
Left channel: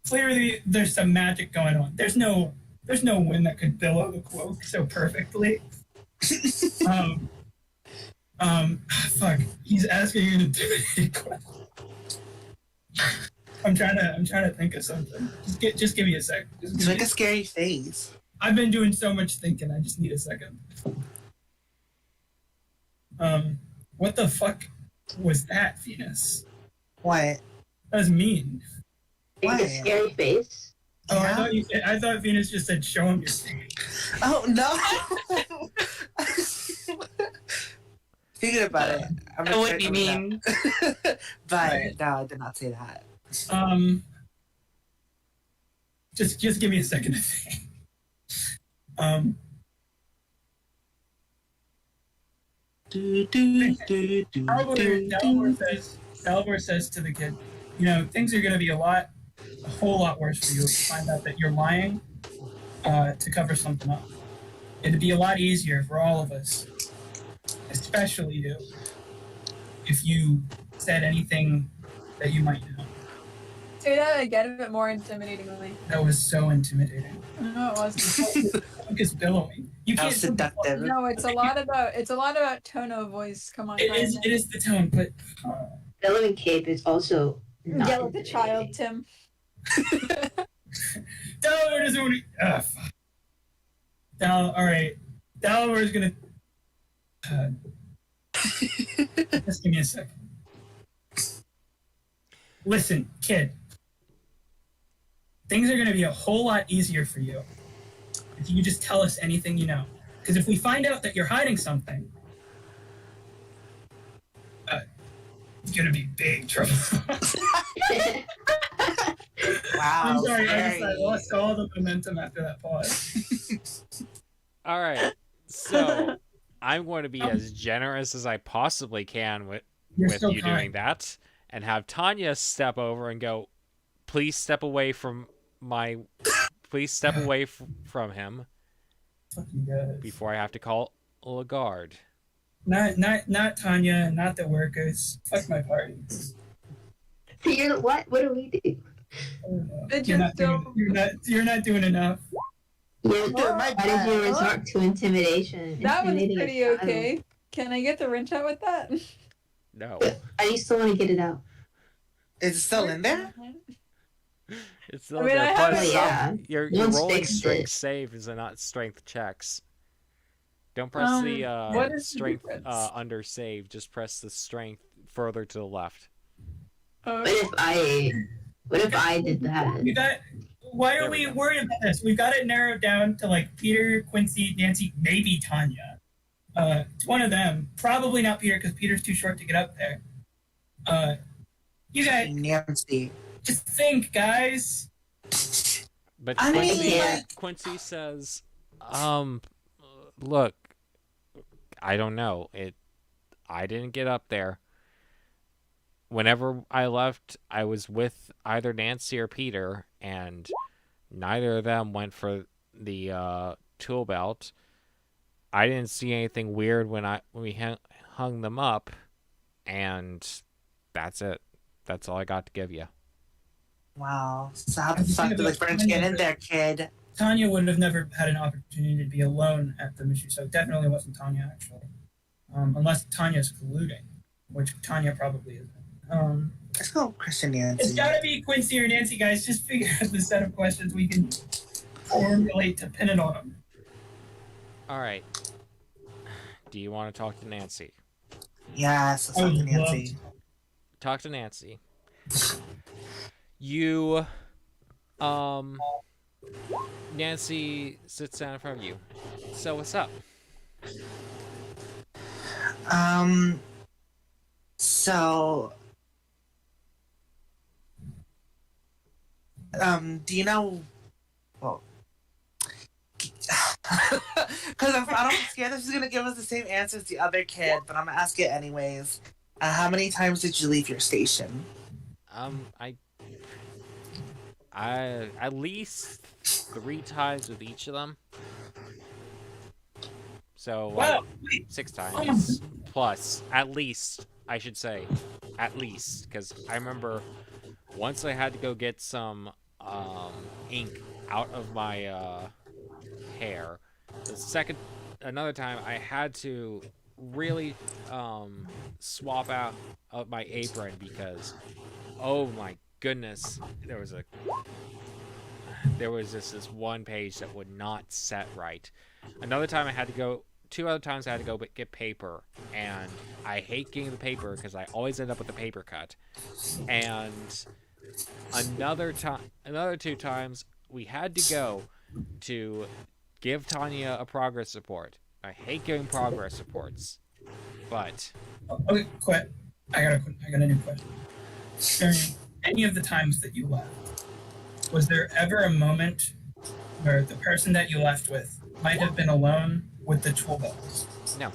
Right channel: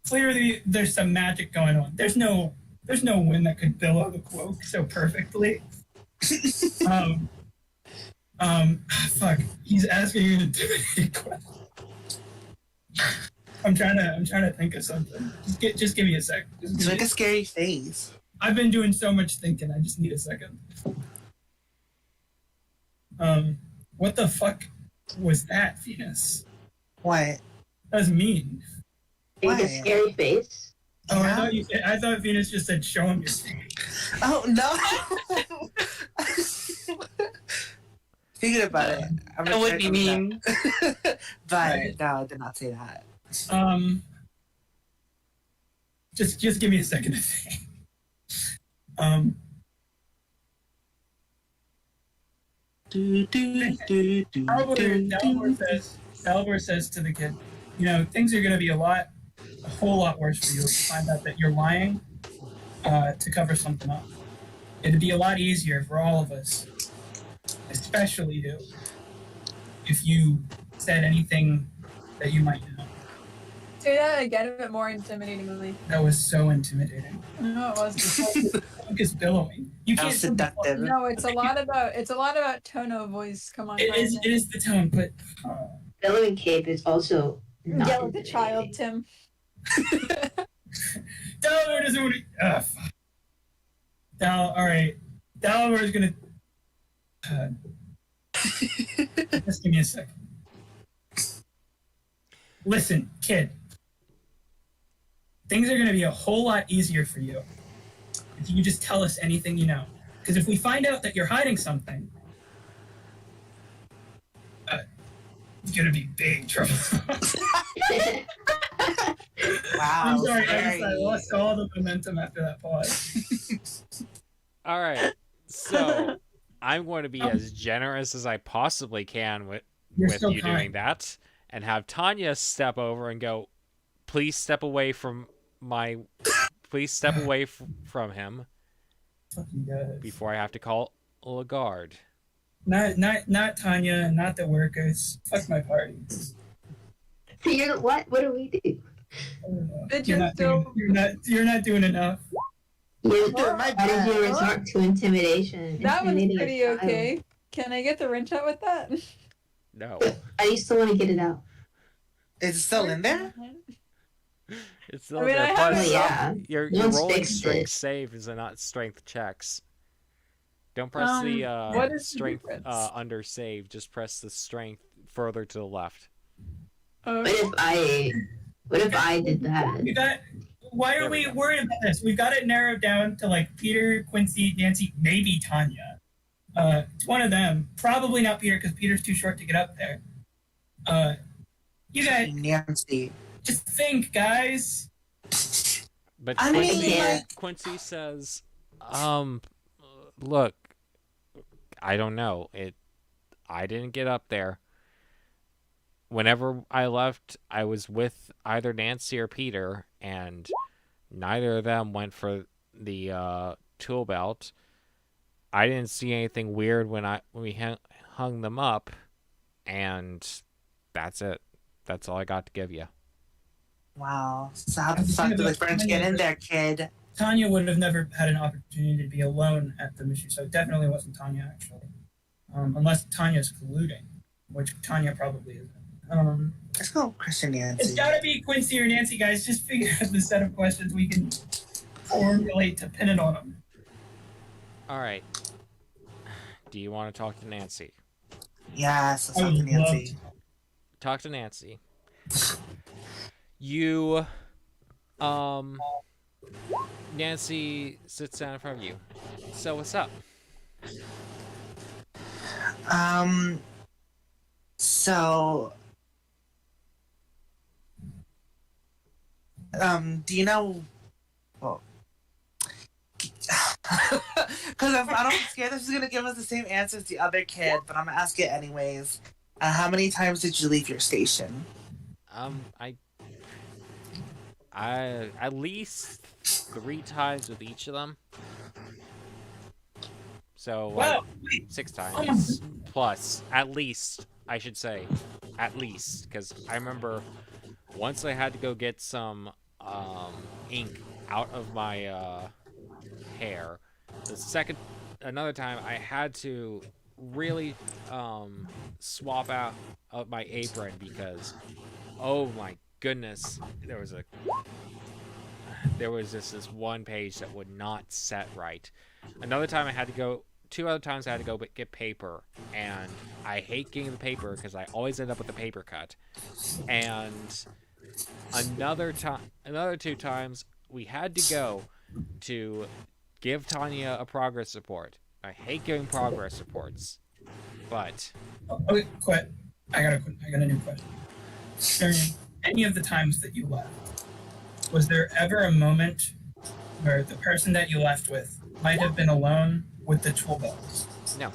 clearly there's some magic going on. There's no wind that could billow the cloak so perfectly. Fuck. He's asking you an intimidating question. I'm trying to think of something. Just give me a sec. Just make a scary face. I've been doing so much thinking. I just need a second. What the fuck was that, Venus? What? That was mean. Make a scary face. Oh, Yeah. I thought Venus just said, "Show him your face." Oh no! Thinking about it, I'm That would be mean. but Right. no, I did not say that. Just give me a second to think. Dalibor says to the kid, things are going to be a whole lot worse for you if you find out that you're lying to cover something up. It'd be a lot easier for all of us, especially you, if you said anything that you might know. Say that again a bit more intimidatingly. That was so intimidating. No, it wasn't. The cloak is billowing. You How can't. seductive. No, it's a lot about tone of voice. Come on, It is the tone, but Billowing cape is also not yell at the child, Tim. Delaware doesn't want to. Fuck. All right. Delaware is gonna. Just give me a second. Listen, kid. Things are gonna be a whole lot easier for you if you just tell us anything you know. Because if we find out that you're hiding something, it's gonna be big trouble. Wow. I'm sorry, I scary. lost all the momentum after that pause. All right, so I'm going to be as generous as I possibly can with You're with so you kind. doing that, and have Tanya step over and go, "Please step away from Please step away from him Fucking good. before I have to call a guard." Not Tanya, not the workers. Fuck my party. You're what? What do we do? Did You're you not, still? you're not doing enough. You, Doing my why did you best. resort to intimidation? That was Intimidating a pretty child. okay. Can I get the wrench out with that? No, I used to want to get it out. Is it still in there? it's still I mean, there. I Plus, haven't- Yeah. you're Once rolling fixed strength it. saves and not strength checks. Don't press What the is the strength difference? under save. Just press the strength further to the left. Oh, But if I What if I did that? You got. Why There are we we go. worried about this? We've got it narrowed down to like Peter, Quincy, Nancy, maybe Tanya. It's one of them. Probably not Peter because Peter's too short to get up there. You guys Nancy. just think, guys. But I mean, Quincy, like- Quincy says, look, I don't know. I didn't get up there. Whenever I left, I was with either Nancy or Peter, and neither of them went for the tool belt. I didn't see anything weird when we hung them up, and that's it. That's all I got to give you. Wow. So how the fuck did the French get in there, kid? Tanya would have never had an opportunity to be alone at the mission, so it definitely wasn't Tanya, actually. Unless Tanya's colluding, which Tanya probably isn't. Let's go, Christian Nancy. It's gotta be Quincy or Nancy, guys. Just figure out the set of questions we can formulate to pin it on them. All right. Do you want to talk to Nancy? Yes, let's I talk to would love Nancy. Talk to Nancy. You, Nancy sits down in front of you. So what's up? So, do you know? Well, because I'm scared that she's gonna give us the same answer as the other kid, but I'm gonna ask it anyways. How many times did you leave your station? I at least 3 times with each of them. So Wow. 6 times plus, at least, I should say, at least, because I remember once I had to go get some ink out of my hair. Another time I had to really swap out of my apron because, oh my goodness, there was this one page that would not set right. Another time I had to go. 2 other times I had to go get paper, and I hate getting the paper because I always end up with the paper cut. And another 2 times we had to go to give Tanya a progress report. I hate giving progress reports, but Okay, quit. I got a new question. During any of the times that you left, was there ever a moment where the person that you left with might have been alone with the tool belt? no.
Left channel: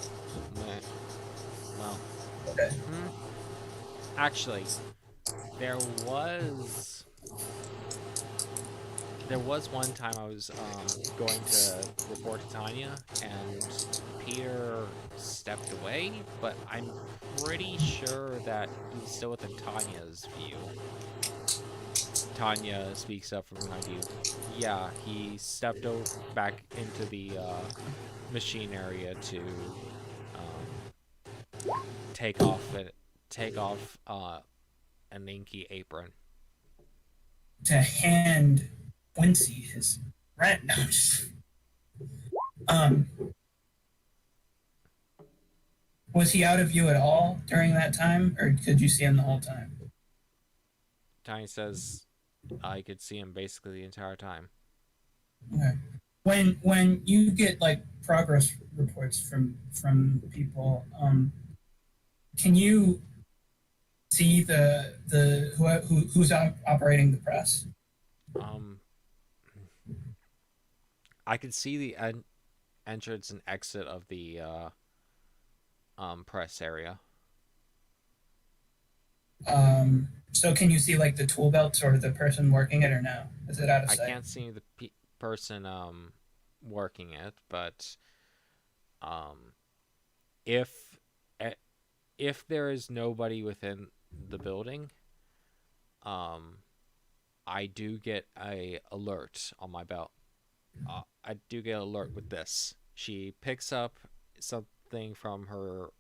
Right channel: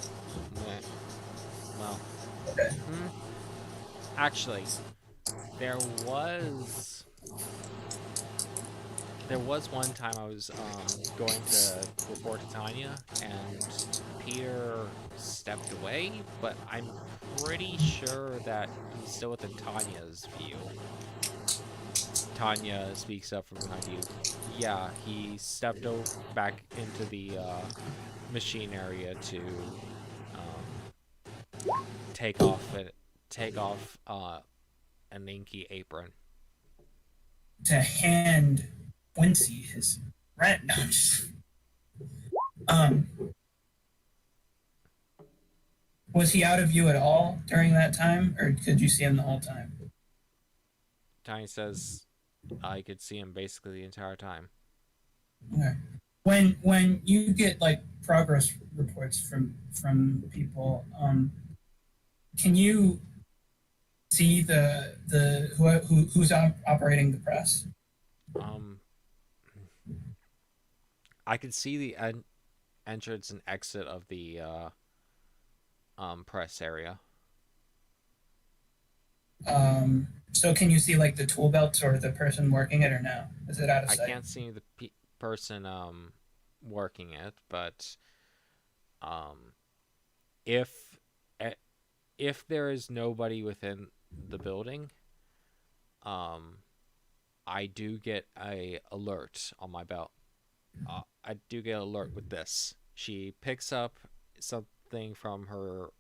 Well, Okay. actually, there was one time I was going to report to Tanya, and Peter stepped away, but I'm pretty sure that he's still within Tanya's view. Tanya speaks up from behind you. Yeah, he stepped back into the machine area to take off an inky apron. To hand Quincy his rent. Was he out of view at all during that time, or could you see him the whole time? Tanya says, I could see him basically the entire time. Okay. When you get like progress reports from people, can you see who's operating the press? I could see the entrance and exit of the press area. So can you see like the tool belts or the person working it, or no? Is it out of I sight? can't see the person working it, but if there is nobody within the building, I do get a alert on my belt. I do get an alert with this. She picks up something from her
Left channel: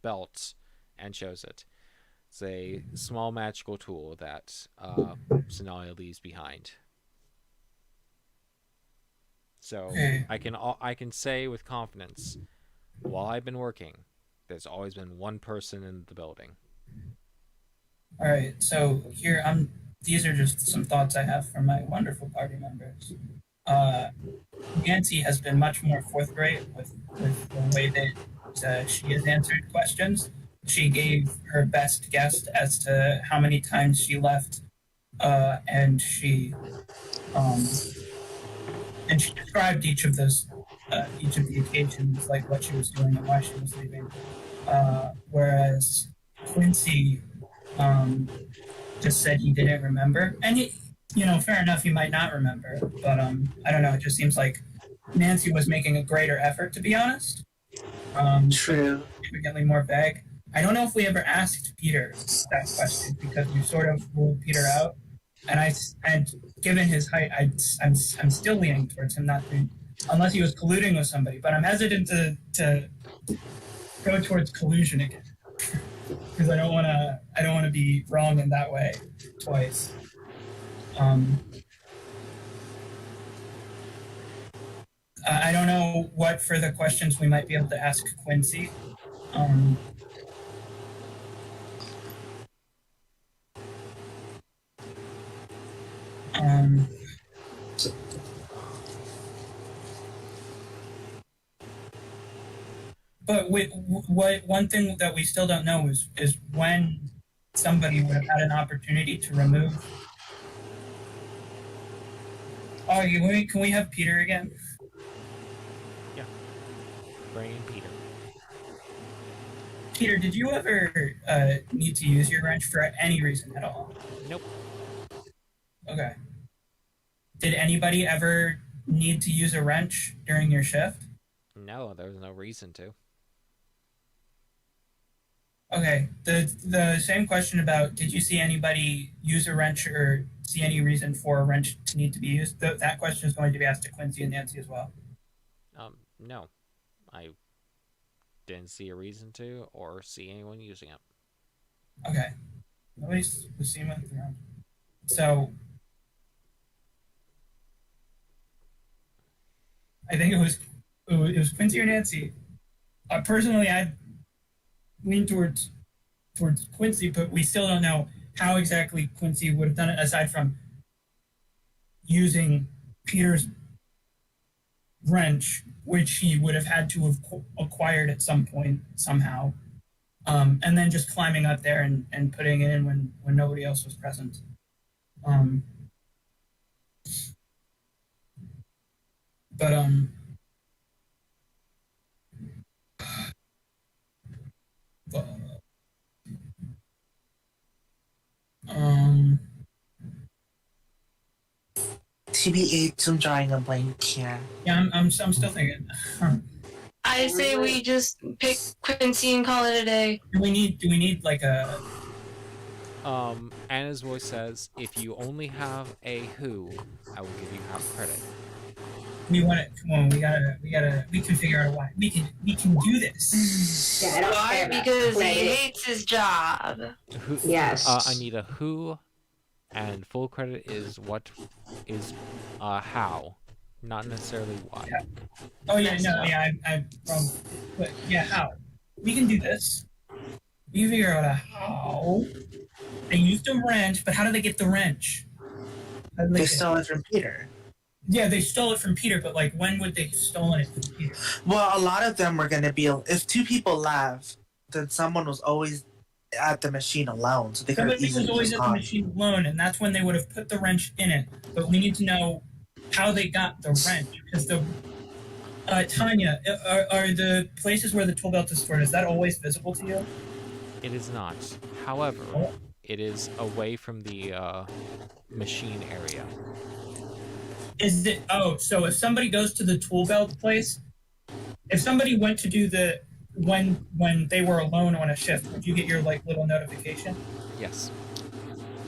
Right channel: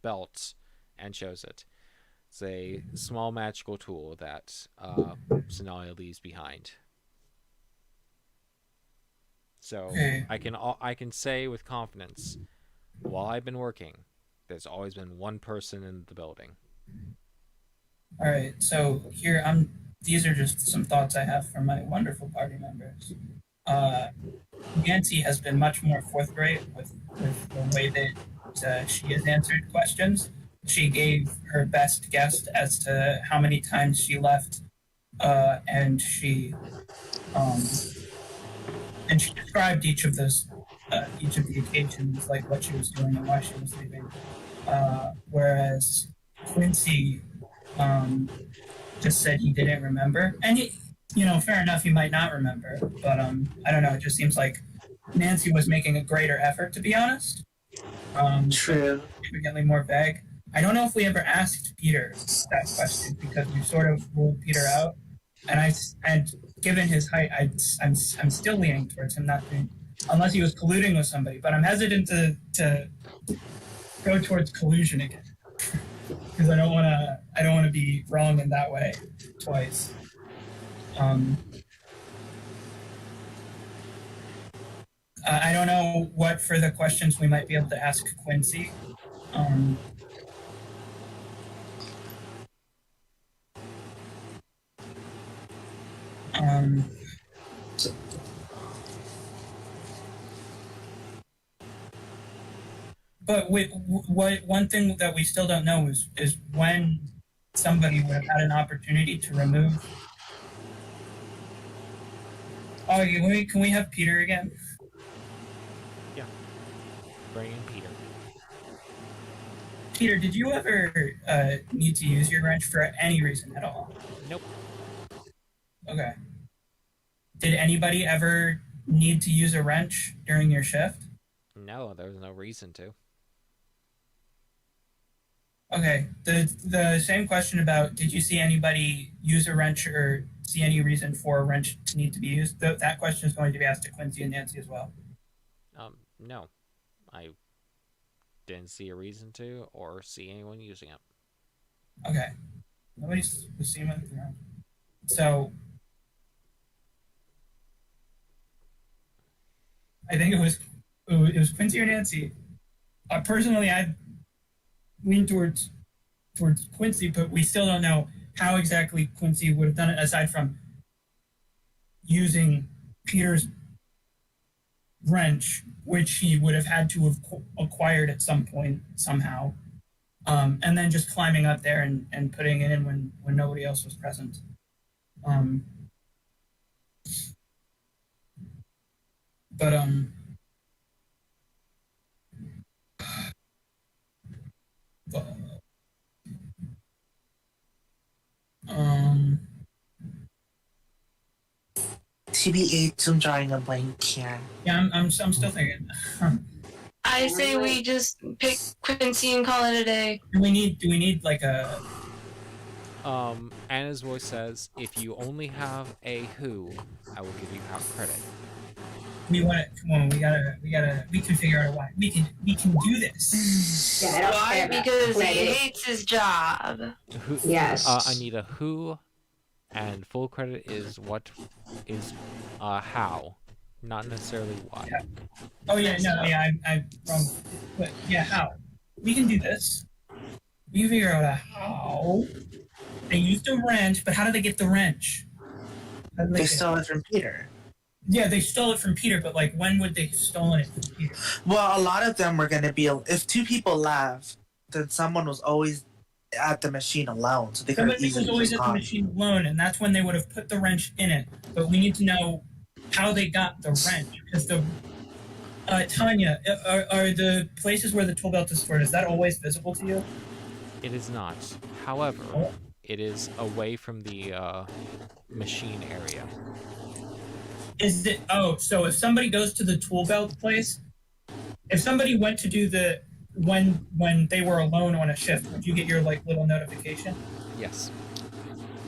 belt and shows it. It's a small magical tool that Sonalia leaves behind. So Okay. I can say with confidence, while I've been working, there's always been one person in the building. All right. So here I'm these are just some thoughts I have from my wonderful party members. Nancy has been much more forthright with the way that she has answered questions. She gave her best guess as to how many times she left, and um, she described each of the occasions, like what she was doing and why she was leaving. Whereas Quincy just said he didn't remember, and fair enough, he might not remember, but I don't know. It just seems like Nancy was making a greater effort, to be honest. True. Significantly more vague. I don't know if we ever asked Peter that question because we sort of ruled Peter out, and given his height, I'm still leaning towards him not being, unless he was colluding with somebody. But I'm hesitant to go towards collusion again because I don't want to be wrong in that way twice. I don't know what further questions we might be able to ask Quincy. But what one thing that we still don't know is when somebody would have had an opportunity to remove. Oh, can we have Peter again? Bring in Peter. Peter, did you ever need to use your wrench for any reason at all? Nope. Okay. Did anybody ever need to use a wrench during your shift? No, there was no reason to. Okay. The same question about did you see anybody use a wrench or see any reason for a wrench to need to be used? That question is going to be asked to Quincy and Nancy as well. No. I didn't see a reason to or see anyone using it. Okay. Nobody was seen with it around. So I think it was Quincy or Nancy. Personally, I lean towards Quincy, but we still don't know how exactly Quincy would have done it aside from using Peter's wrench, which he would have had to have acquired at some point somehow, and then just climbing up there and putting it in when nobody else was present. TBH, I'm drawing a blank here. Yeah, I'm still thinking. I say we just pick Quincy and call it a day. Do we need like a? Anna's voice says, if you only have a who, I will give you half credit. We want it. Come on, we can figure out a why. We can do this. Yeah, I don't Why? care about Because he credit. hates his job. Who, Yes. I need a who, and full credit is what is how, not necessarily why. Yeah. Oh yeah, no, yeah, I'm wrong. But yeah, how? We can do this. We can figure out a how. They used a wrench, but how did they get the wrench? How did They get stole it from Peter. Yeah, they stole it from Peter, but like, when would they have stolen it from Peter? Well, a lot of them were going to be. If two people left, then someone was always at the machine alone, so they could Somebody easily was always just at the gone. machine alone, and that's when they would have put the wrench in it. But we need to know how they got the wrench, because Tanya, are the places where the tool belt is stored, is that always visible to you? It is not. However, it is away from the machine area. Is it? Oh, so if somebody goes to the tool belt place, if somebody went to do the when they were alone on a shift, would you get your like little notification? Yes.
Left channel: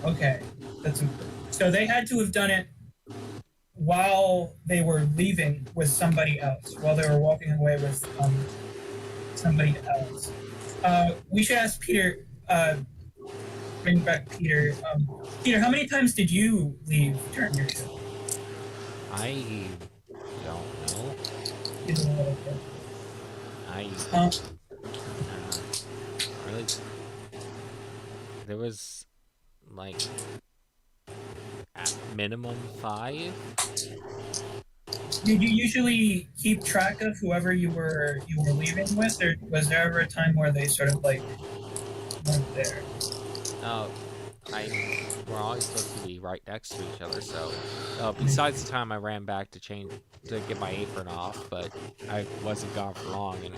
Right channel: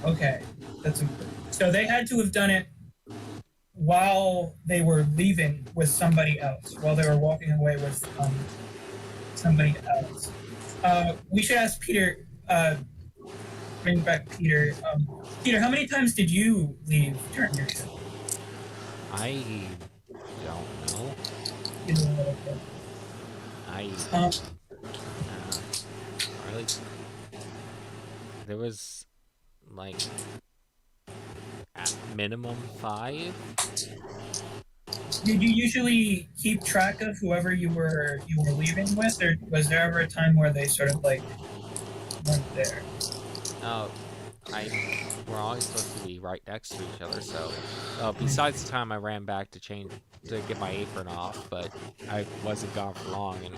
Okay, that's important. So they had to have done it while they were leaving with somebody else, while they were walking away with somebody else. We should ask Peter. Bring back Peter. Peter, how many times did you leave during your shift? I don't know. Really, there was like at minimum 5. Did you usually keep track of whoever you were leaving with, or was there ever a time where they sort of like weren't there? We're always supposed to be right next to each other, so besides the time I ran back to get my apron off, but I wasn't gone for long and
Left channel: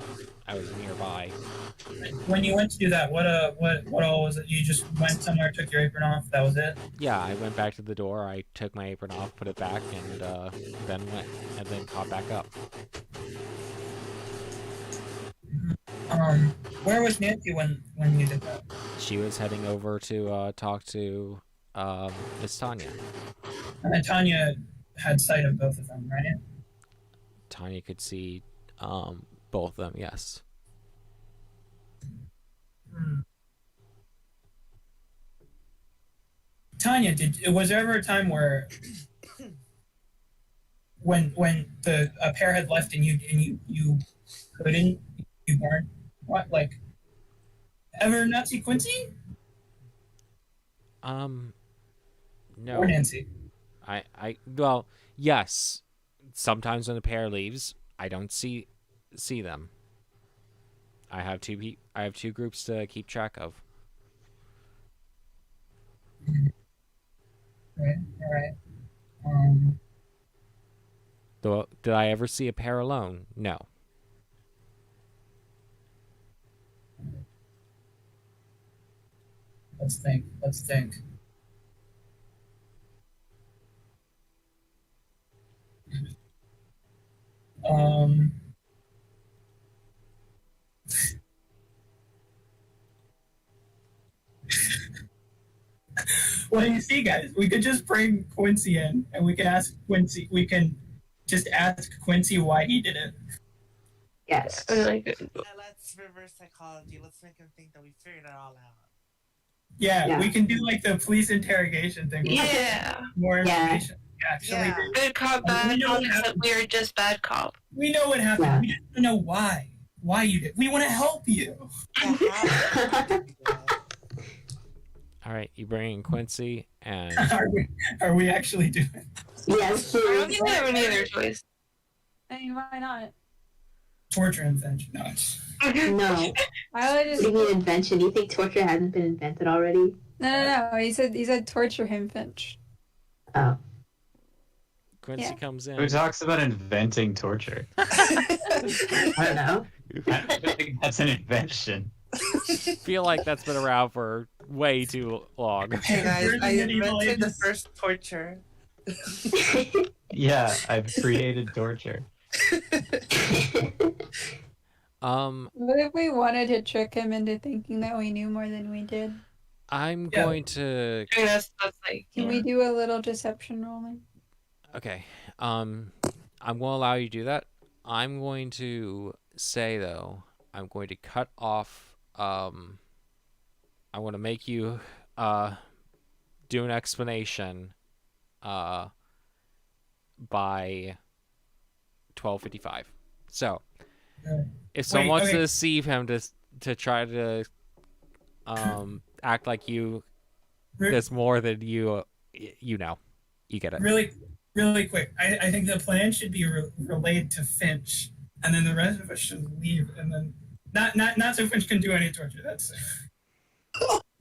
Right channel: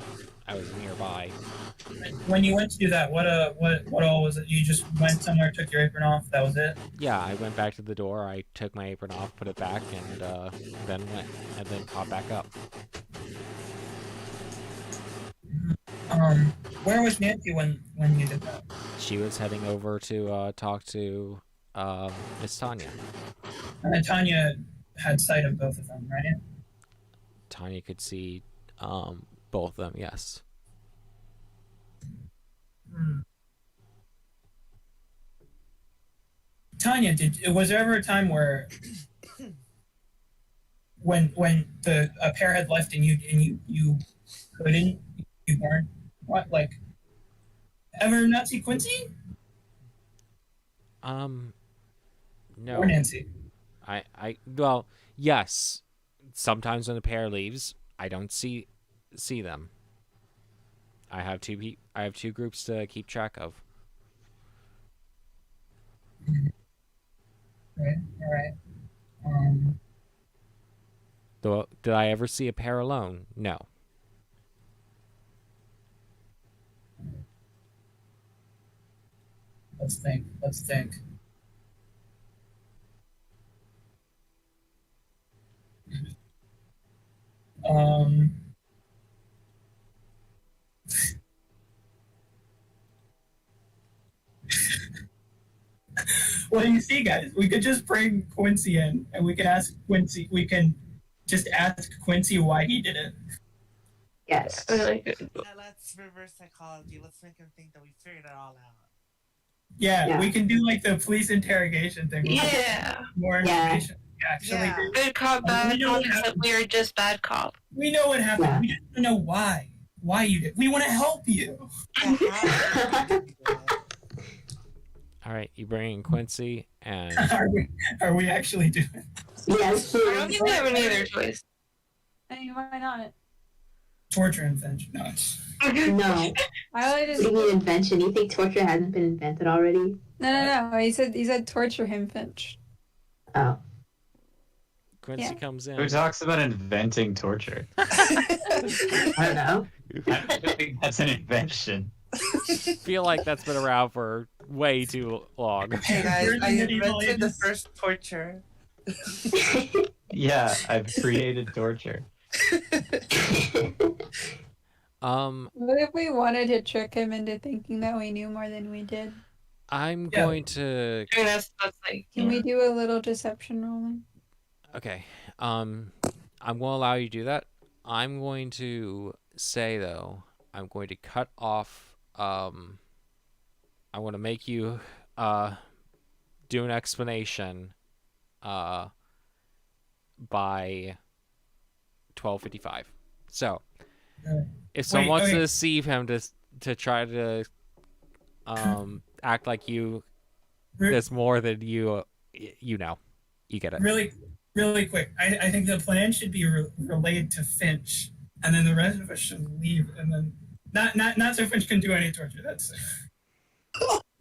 I was nearby. When you went to do that, what all was it? You just went somewhere, took your apron off, that was it? Yeah, I went back to the door, I took my apron off, put it back, and then caught back up. Where was Nancy when you did that? She was heading over to talk to Miss Tanya. And Tanya had sight of both of them, right? Tanya could see both of them, yes. Tanya, was there ever a time where when a pair had left and you weren't what, like, ever not see Quincy? No. Or Nancy? Well, yes. Sometimes when the pair leaves, I don't see them. I have two groups to keep track of. Right, all right. Did I ever see a pair alone? No. Let's think. Well, you see, guys, we could just bring Quincy in, and we can ask Quincy. We can just ask Quincy why he did it. Yes. Let's reverse psychology. Let's make him think that we figured it all out. Yeah, we can do like the police interrogation thing. Yeah. More information. Actually, Yeah. Good cop, bad cop, except we are just bad cop. we know what happened. Yeah. We just don't know why. Why you did. We want to help you. All right, you bring in Quincy, and Are we actually doing? Yes, I don't please. think we have any other choice. I mean, why not? Torture and Finch. No. No. I would What just do you mean invention? You think torture hasn't been invented already? no. He said torture him, Finch. Oh. Quincy Yeah. comes in. Who talks about inventing torture? I don't know. I don't think that's an invention. Feel like that's been around for way too long. Hey guys, During the I medieval invented the ages. first torture. Yeah, I've created torture. What if we wanted to trick him into thinking that we knew more than we did? I'm Yeah. going to. I mean, that's like. Can we do a little deception rolling? Okay. I'm going to allow you to do that. I'm going to say though, I'm going to cut off. I want to make you do an explanation by 12:55. So, if someone wants to deceive him to try to act like you there's more than you know, you get it. Really quick. I think the plan should be relayed to Finch, and then the rest of us should leave, and then not so Finch can do any torture. That's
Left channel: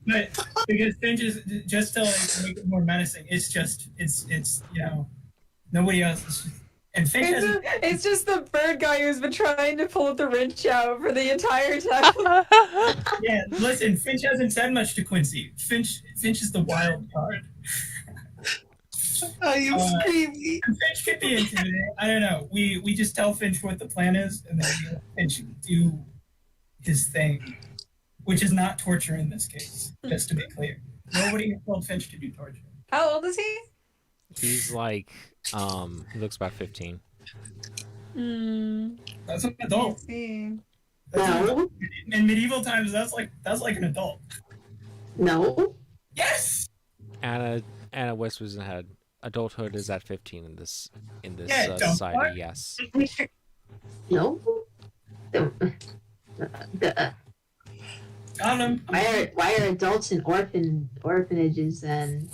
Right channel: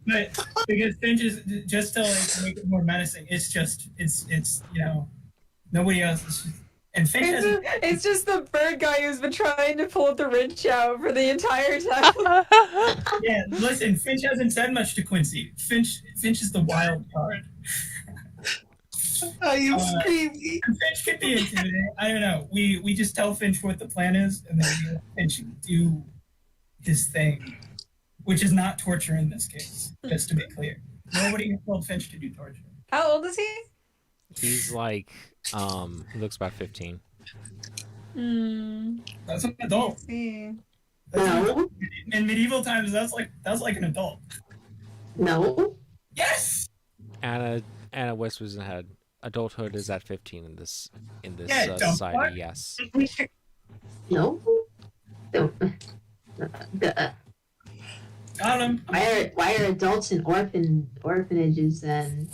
but because Finch is just to like make it more menacing. It's nobody else is. And Finch has It's just the bird guy who's been trying to pull the wrench out for the entire time. yeah. Listen, Finch hasn't said much to Quincy. Finch is the wild card. I am screaming. Finch could be intimidating. I don't know. We just tell Finch what the plan is, and then we let Finch do his thing, which is not torture in this case. Just to be clear, nobody has told Finch to do torture. How old is he? He's like he looks about 15. That's an adult. Let's see. No. In medieval times, that's like an adult. No. Yes. Anna whispers in her head. Adulthood is at 15 in this Yeah, don't society. what? Yes. No. Got him. Why are adults in orphanages then?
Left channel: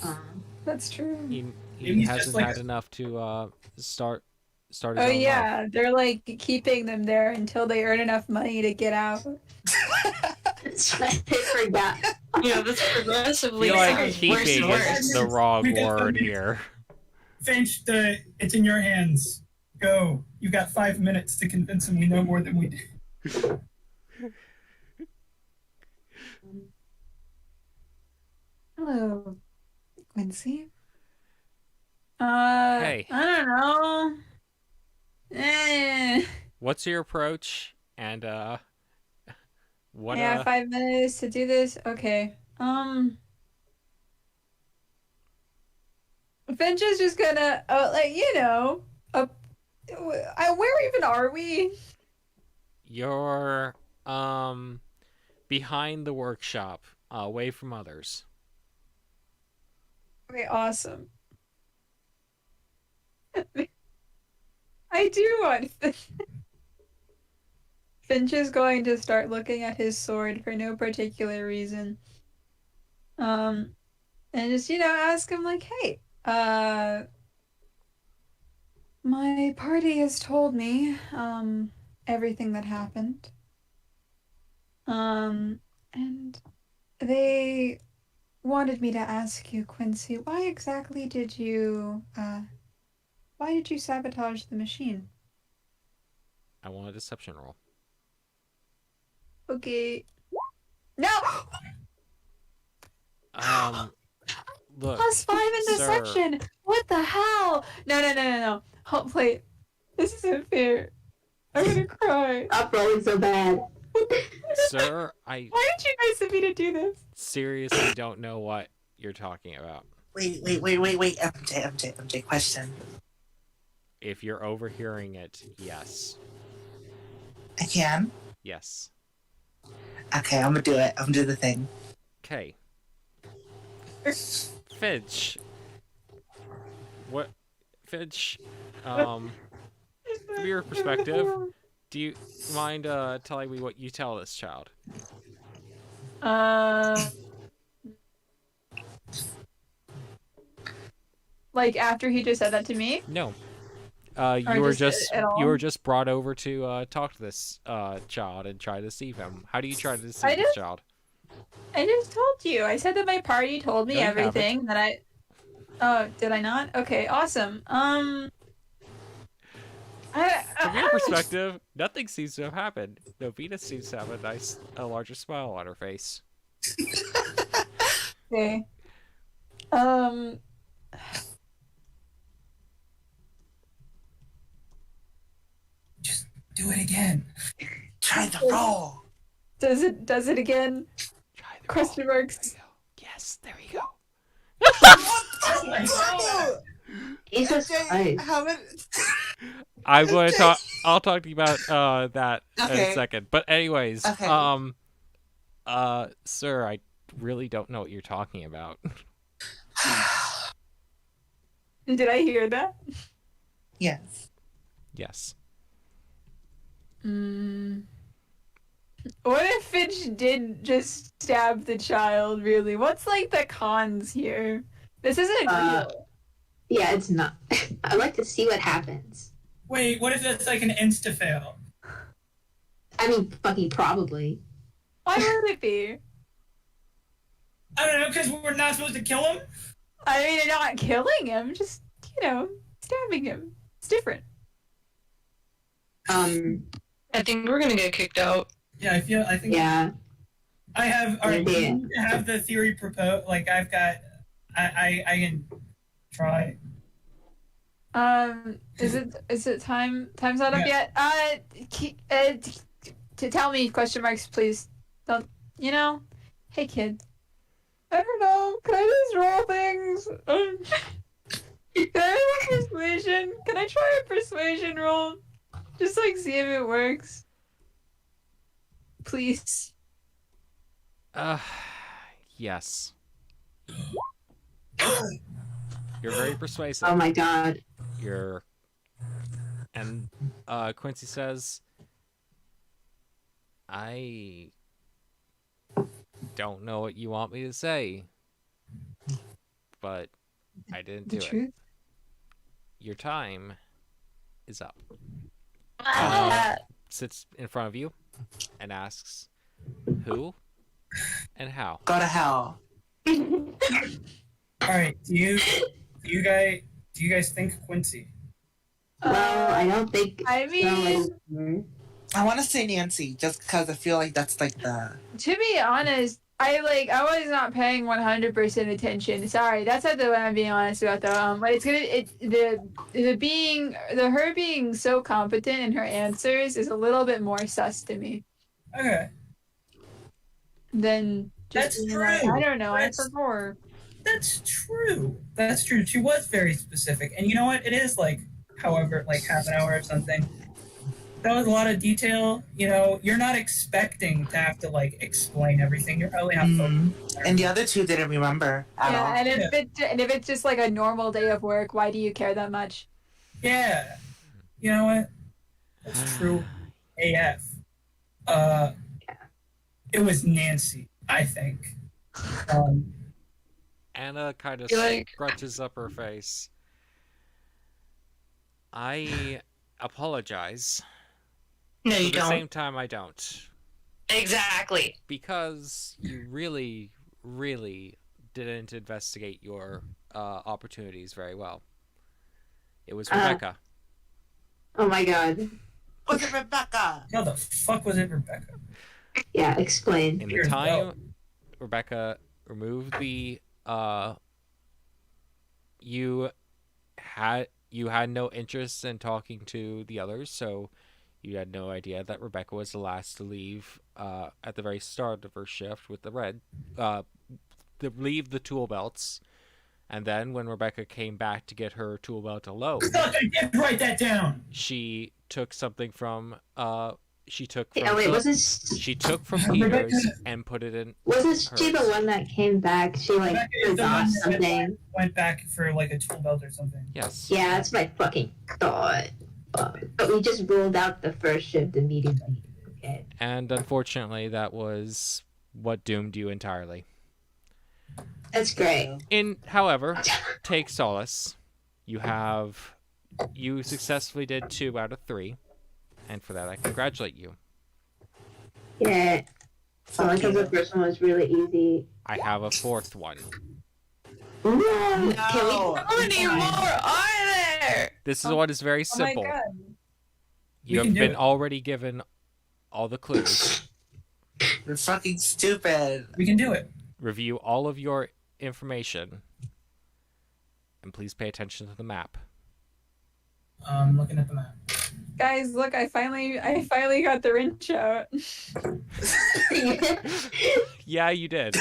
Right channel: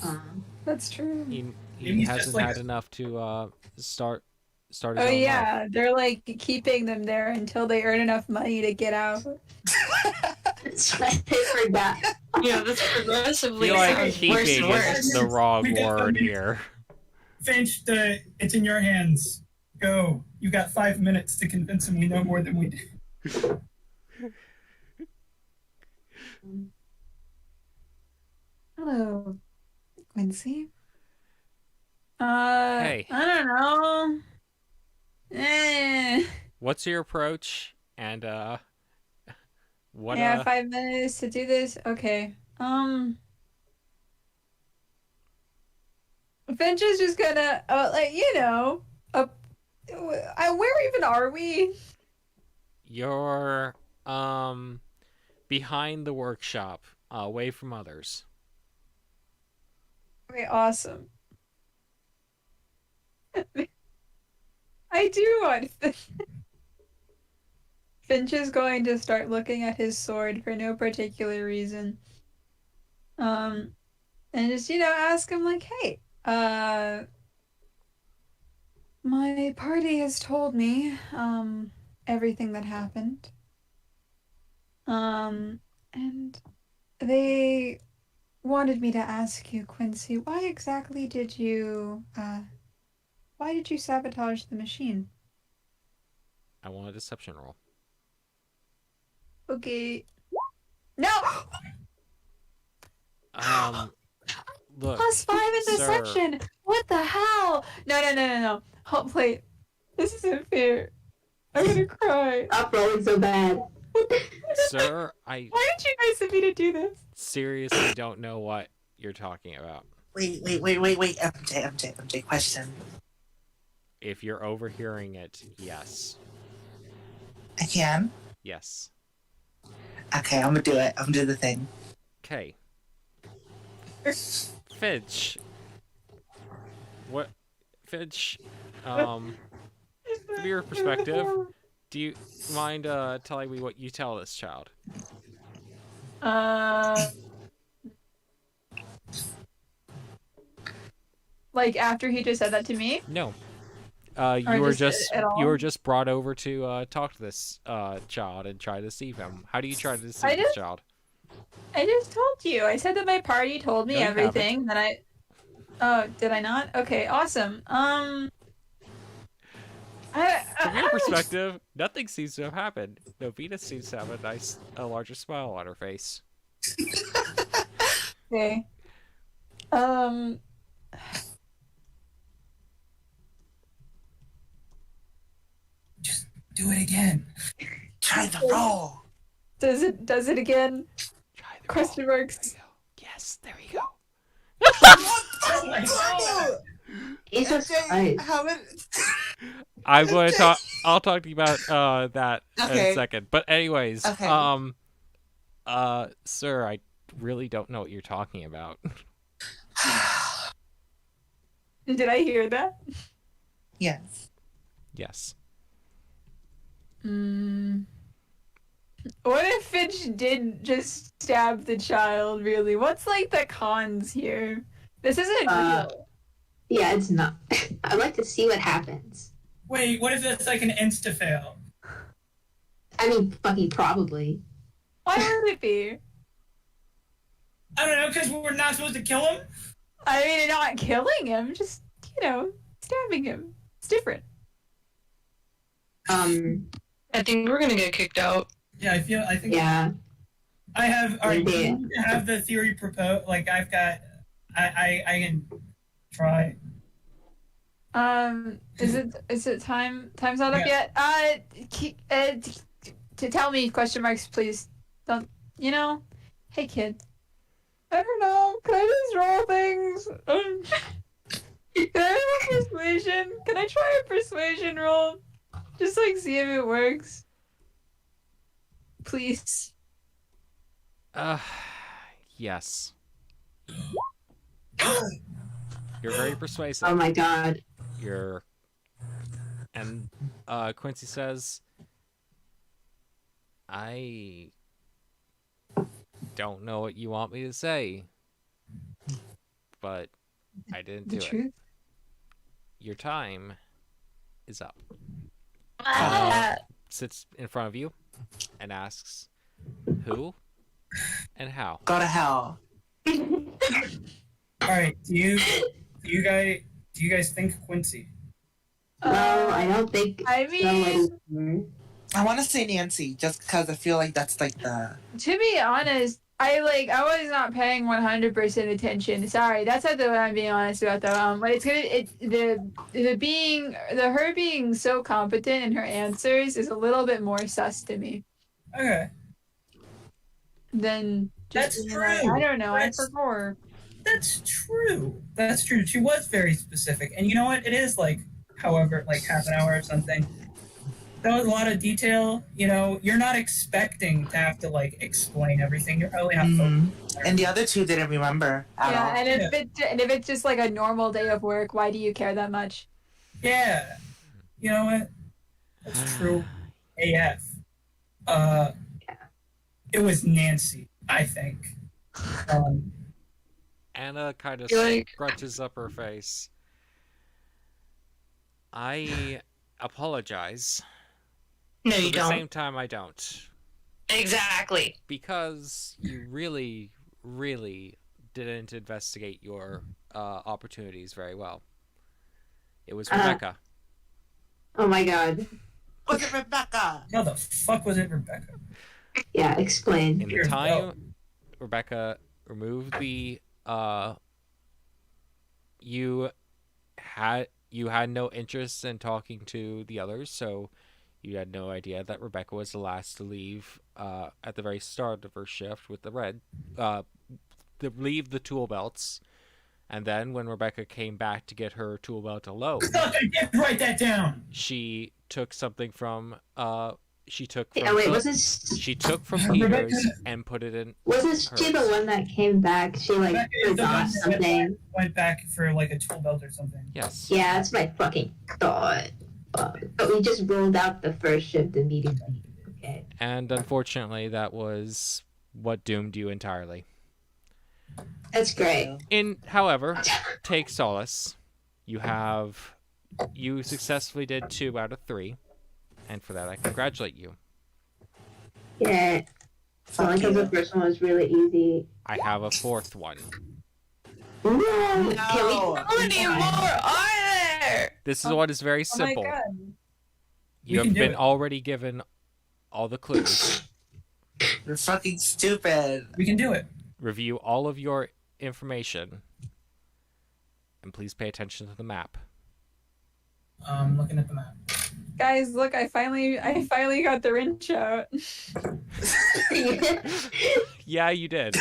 That's true. He Maybe he's just hasn't like had enough to start his Oh own life. yeah, they're like keeping them there until they earn enough money to get out. That's why they forgot. Yeah, that's I progressively feel like sounds worse keeping and worse. is the wrong We got word them. here. Finch, it's in your hands. Go. You got 5 minutes to convince him we know more than we do. Hello, Quincy. Hey. I don't know. What's your approach? And what I have 5 minutes to do this. Okay. Finch is just gonna, where even are we? You're behind the workshop, away from others. Okay, awesome. I do want Finch is going to start looking at his sword for no particular reason. And just, ask him like, hey, my party has told me, everything that happened. And they wanted me to ask you, Quincy, why exactly did you sabotage the machine? I want a deception roll. Okay. No! Look. +5 in sir. deception! What the hell? No. Hold, wait. This isn't fair. I'm gonna cry. Stop rolling so bad. Sir, Why did you guys send me to do this? seriously don't know what you're talking about. Wait. MJ, question. If you're overhearing it, yes. I can? Yes. Okay, I'm gonna do it. I'm gonna do the thing. Okay. Finch. What? Finch, from your perspective, do you mind telling me what you tell this child? Like after he just said that to me? No. Or You were just at all? you were just brought over to talk to this child and try to deceive him. How do you try to deceive this child? I just told you. I said that my party told me No, you everything that I. Oh, did I not? Okay, awesome. From your perspective, nothing seems to have happened. Novita seems to have a larger smile on her face. Okay. Just do it again. Try the roll. Does it again? Try the Question roll. marks. There you go. Yes, there we go. Jesus Christ. How many? I'm going to talk. I'll talk to you about that in Okay. a second. But anyways, Okay. sir, I really don't know what you're talking about. Did I hear that? Yes. Yes. What if Finch did just stab the child, really? What's like the cons here? This isn't real. Yeah, it's not. I'd like to see what happens. Wait, what if it's like an insta-fail? I mean, fucking probably. Why would it be? I don't know, because we're not supposed to kill him? I mean, you're not killing him, just, stabbing him. It's different. I think we're gonna get kicked out. Yeah, I think. Yeah. I have, alright, Yeah. you have the theory proposed, like, I've got, I can try. Is it time's not up Yeah. yet? To tell me, question marks, please. Don't, hey kid. I don't know, can I just roll things? Can I roll persuasion? Can I try a persuasion roll? Just see if it works. Please. Yes. You're very persuasive. Oh my god. And Quincy says, I don't know what you want me to say, but I didn't The do it. truth. Your time is up. Ah. Sits in front of you and asks, who and how? Go to hell. All right. Do you guys think Quincy? Well, I don't think. I mean, somebody- I want to say Nancy, just because I feel like that's like the. to be honest, I was not paying 100% attention. Sorry, that's not the one I'm being honest about though. But her being so competent in her answers is a little bit more sus to me Okay. than just That's being like, true. I don't know, I That's- forgot. That's true. That's true. She was very specific, and you know what? It is like, however, like half an hour or something. That was a lot of detail. You know, you're not expecting to have to like explain everything. You're probably not. And the other two didn't remember at Yeah, all. and if it's just like a normal day of work, why do you care that much? Yeah. You know what? That's true. AF. It was Nancy, I think. Anna kind of You're like- scrunches up her face. I apologize. No, But you at the don't. same time, I don't. Exactly. Because you really, really didn't investigate your opportunities very well. It was Rebecca. Oh my god. Was it Rebecca? How the fuck was it, Rebecca? Yeah, explain. In the Here's time Rebecca removed the you had no interest in talking to the others, so you had no idea that Rebecca was the last to leave at the very start of her shift with the red to leave the tool belts. And then when Rebecca came back to get her tool belt alone, I did write that down. she took something from she took from Oh wait, Phil- wasn't she took from Rebecca- Peter's and put it in wasn't she the hers. one that came back? She like Rebecca is the one forgot that something. went back for like a tool belt or something. Yes. Yeah, that's my fucking thought. But we just ruled out the first shift immediately. Okay. And unfortunately, that was what doomed you entirely. That's great. However, take solace. You successfully did 2 out of 3, and for that I congratulate you. Yeah. So Fuck because the you. first one was really easy. I have a 4th one. Ooh, No. How many more are there? This is what is very Oh my simple. god. You We can have do been it. already given all the clues. You're fucking stupid. We can do it. Review all of your information, and please pay attention to the map. Looking at the map. Guys, look, I finally got the wrench out. Yeah, you did.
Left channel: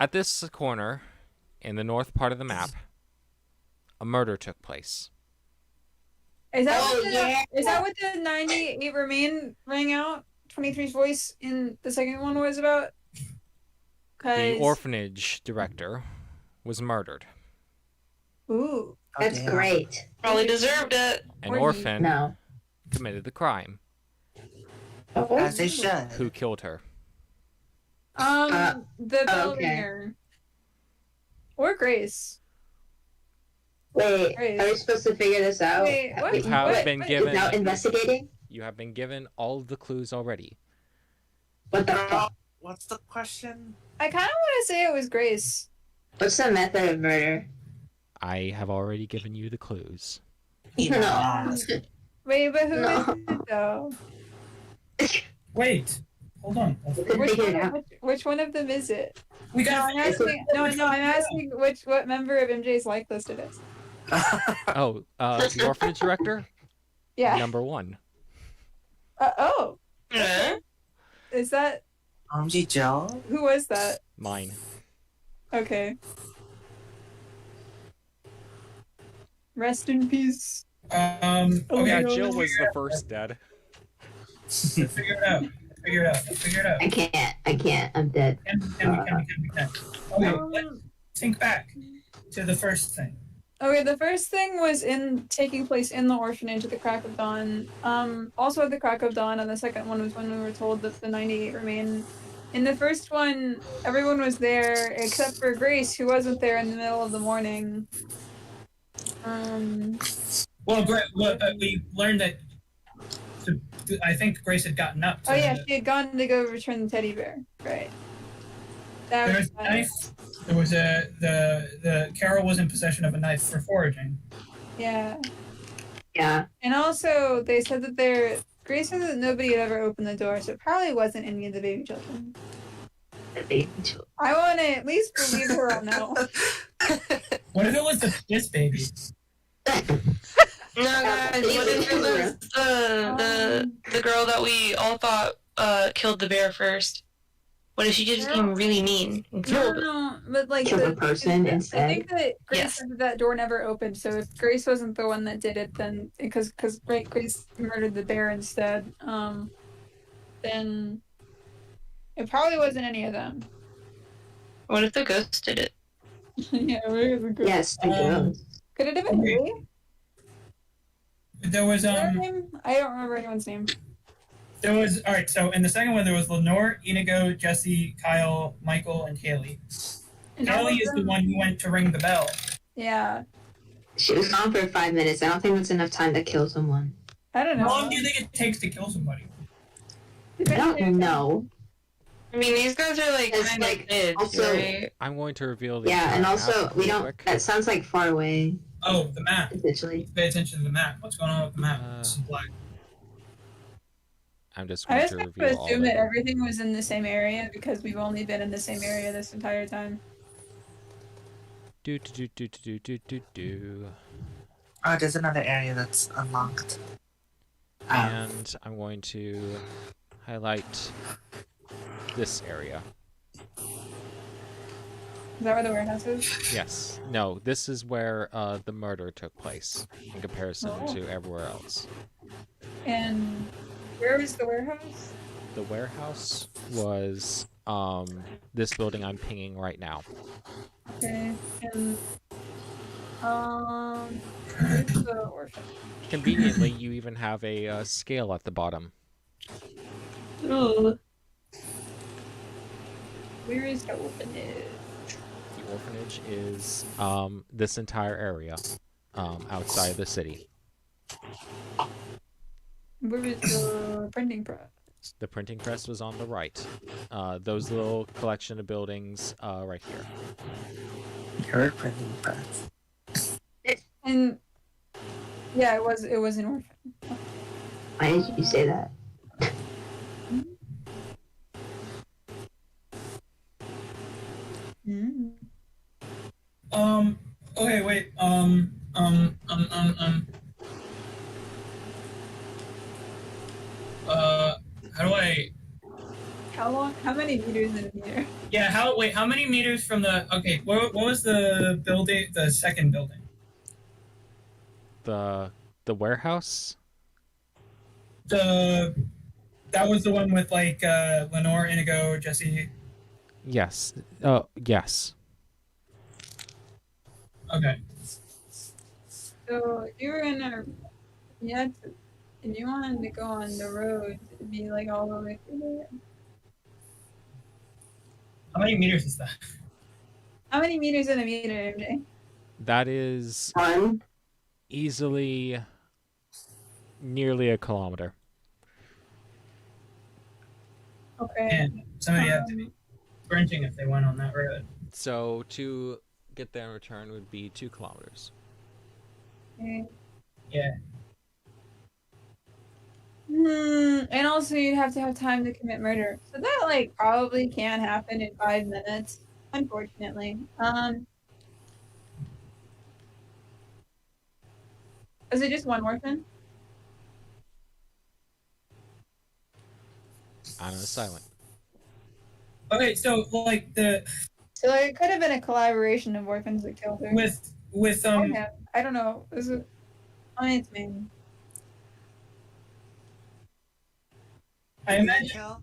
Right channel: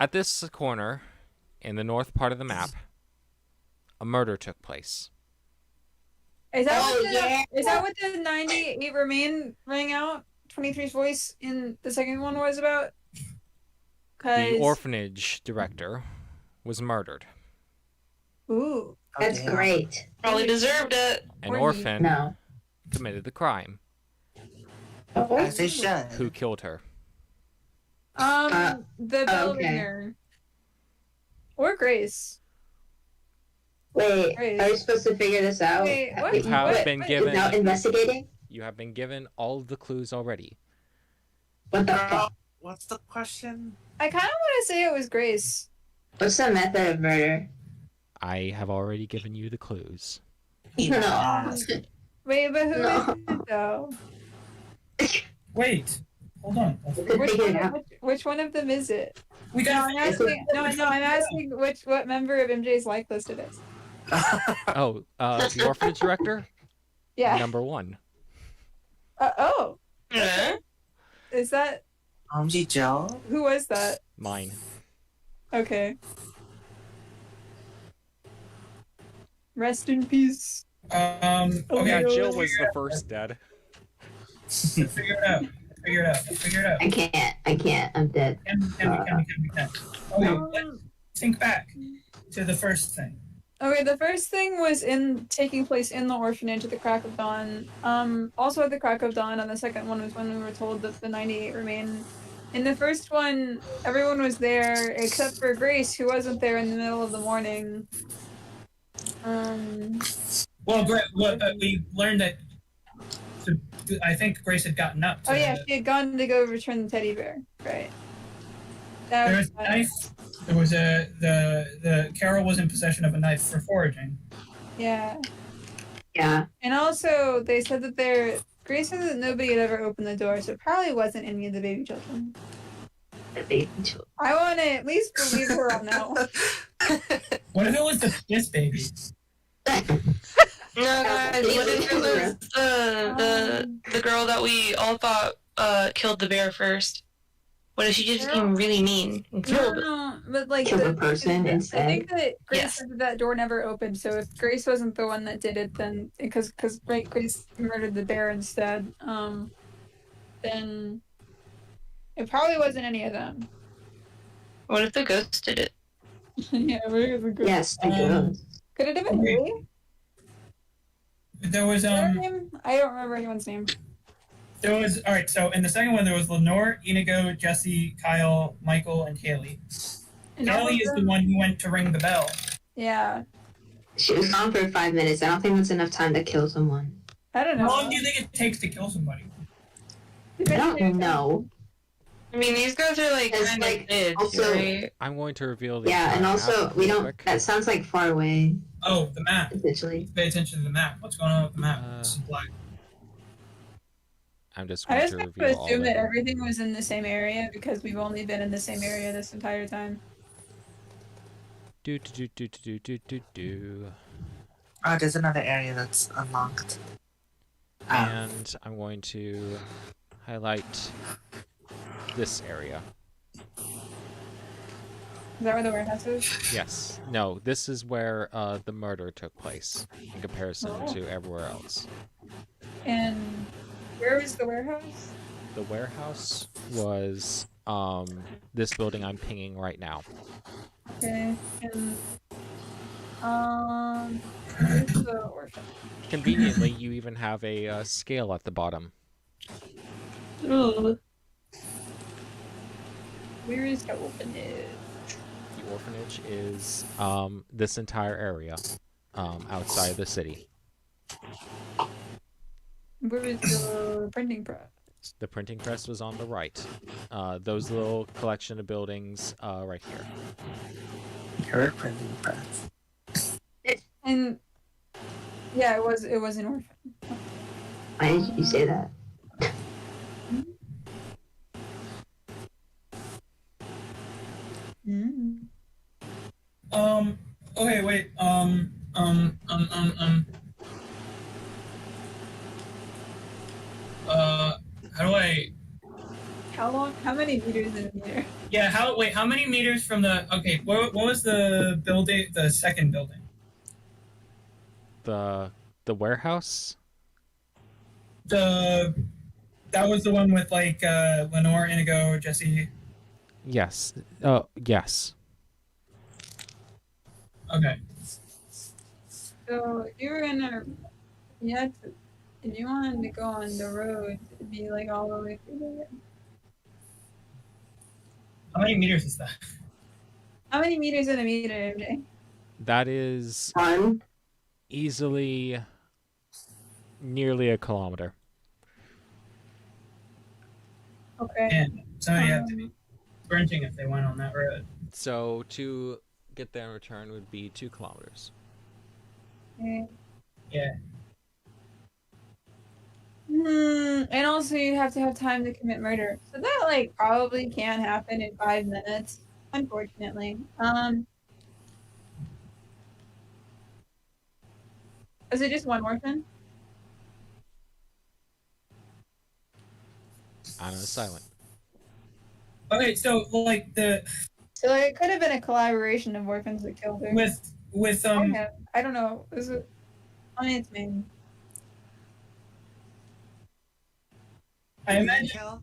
At this corner, in the north part of the map, a murder took place. Is that Oh, what the, yeah. is that what the 98 remain rang out? 23's voice in the second one was about? The orphanage director was murdered. Ooh. That's damn. great. Probably deserved it. An Or he- orphan No. committed the crime. Oh, As they should. Who killed her? The bell okay. ringer. Or Grace. wait, Great. are we supposed to figure this out? Wait, what? You have What? been What? given. Without investigating? You have been given all of the clues already. What the fuck? What's the question? I kind of want to say it was Grace. What's the method of murder? I have already given you the clues. No. Wait, but who is No. it though? Wait. Hold on. We could Which figure one, it out. which one of them is it? We No, got. I'm asking. No, I'm asking what member of MJ's like list it is. Oh, the orphanage director? Yeah. Number 1. Oh, Huh? is that Joe? who was that? Mine. Okay. Rest in peace. Oh Yeah, yeah, Jill was the first dead. Figure it out. Figure it out. Figure it out. I can't. I'm dead. Can we? Okay, let's think back to the first thing. Okay, the first thing was taking place in the orphanage at the crack of dawn. Also at the crack of dawn, and the second one was when we were told that the 98 remain In the first one, everyone was there except for Grace, who wasn't there in the middle of the morning. Well, we learned that. So, I think Grace had gotten up. Oh yeah, she had gone to go return the teddy bear. Right. That There was was a knife. There was the Carol was in possession of a knife for foraging. Yeah. Yeah. And also, they said that Grace said that nobody had ever opened the door, so it probably wasn't any of the baby children. The baby children. I want to at least believe her on that one. What if it was the piss baby? No, guys, what if it was the girl that we all thought killed the bear first? What if she just became really mean and killed? No, but like Kill the person I instead? think that Grace Yes. said that door never opened. So if Grace wasn't the one that did it, then because Grace murdered the bear instead, then it probably wasn't any of them. What if the ghost did it? Yeah, where is it? Yes, the ghost. Could it have been Haley? There was Is that her name? I don't remember anyone's name. There was all right. So in the second one, there was Lenore, Inigo, Jesse, Kyle, Michael, and Haley. And all Haley of is the them- one who went to ring the bell. Yeah, She was gone for 5 minutes. I don't think that's enough time to kill someone. I don't know. How long do you think it takes to kill somebody? I don't know. I mean, these guys are like It's kind like, of kids, also- right? I'm going to reveal the Yeah, and entire also map we real don't. quick. That sounds like far away. Oh, the map. Essentially. Pay attention to the map. What's going on with the map? Uh, Black. I'm just I going just to have to reveal all of assume that it. everything was in the same area because we've only been in the same area this entire time. Do do do do do do do do. Oh, there's another area that's unlocked. And I'm going to highlight this area. Is that where the warehouse is? Yes. No, this is where the murder took place in comparison Oh. to everywhere else. And where was the warehouse? The warehouse was this building I'm pinging right now. Okay. And where's the orphan? Conveniently, you even have a scale at the bottom. Ooh. Where is the orphanage? The orphanage is this entire area outside the city. Where is the printing press? The printing press was on the right. Those little collection of buildings right here. Your printing press. And yeah, it was an orphan. Why did you say that? Mm. Okay, wait. How do I? How many meters in a meter? Yeah. How many meters from the? Okay. What was the building? The second building. The warehouse? That was the one with like Lenore, Inigo, Jesse. Yes. Oh, yes. Okay. So if you were if you wanted to go on the road, it'd be like all the way through there. How many meters is that? How many meters in a meter, MJ? That is 1. easily nearly a kilometer. Okay. And somebody had to be sprinting if they went on that road. So to get there in return would be 2 kilometers. Okay. Yeah. And also you have to have time to commit murder. So that like probably can happen in 5 minutes, unfortunately. Is it just one orphan? Anna's silent. Okay. So like So like, it could have been a collaboration of orphans that killed her. with I don't know. Is it on its name? I imagine Kill?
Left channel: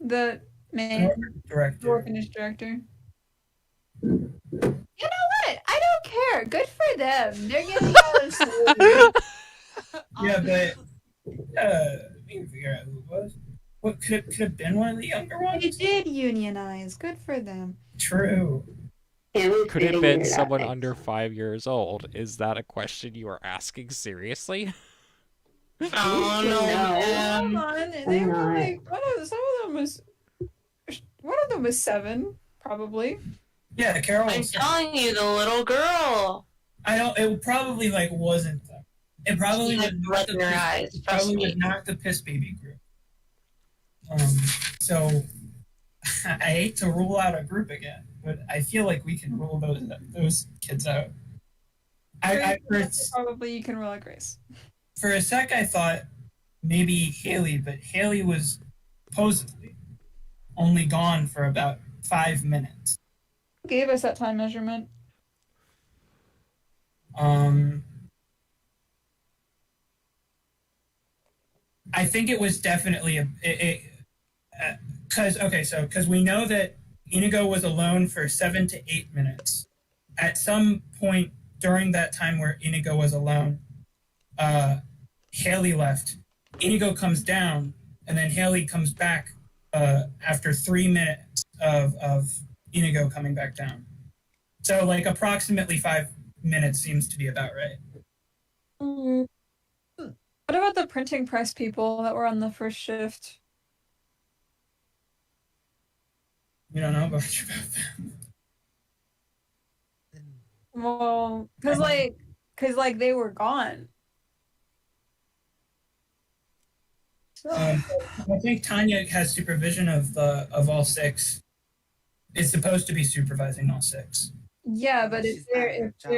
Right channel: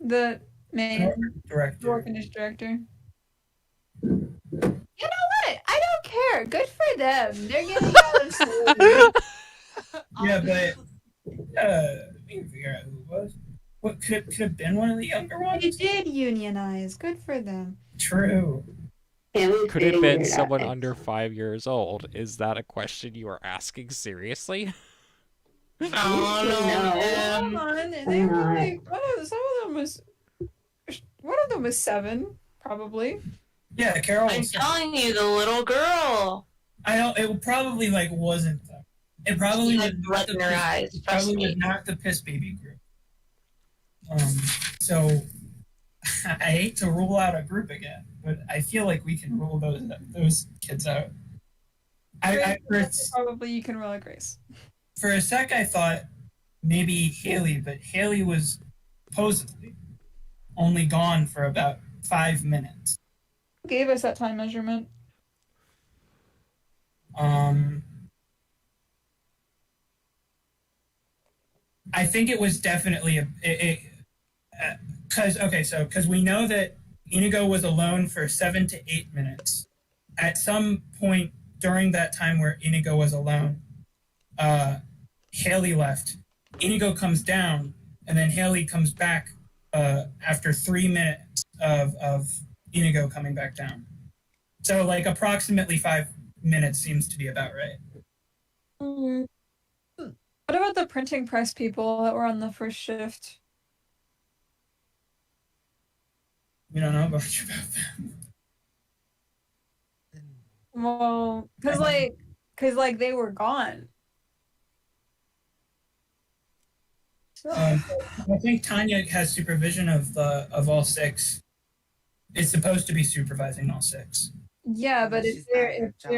The man, the director. orphanage director. You know what? I don't care. Good for them. They're getting out of school. Yeah, but we can figure out who it was. What could have been one of the younger They ones? did unionize. Good for them. True. Yeah, we Could it have figured been it out someone next under time. 5 years old? Is that a question you are asking seriously? Oh no, No. Hold on. Why They were not? like one of them was 7, probably. Yeah, Carol. I'm Was, telling you, the little girl. I don't. It probably like wasn't them. It probably She was had not blood the in her piss, eyes. Trust probably was me. not the piss baby group. So I hate to rule out a group again, but I feel like we can rule those kids out. Probably you can roll a Grace. For a sec I thought maybe Haley, but Haley was supposedly only gone for about 5 minutes. Who gave us that time measurement? I think it was definitely because we know that Inigo was alone for 7 to 8 minutes. At some point during that time where Inigo was alone, Haley left. Inigo comes down, and then Haley comes back after 3 minutes of Inigo coming back down. So, like, approximately 5 minutes seems to be about right. What about the printing press people that were on the first shift? We don't know much about them. Well, because they were gone. I think Tanya has supervision of all 6. Is supposed to be supervising all 6. Yeah, but She's not at her job.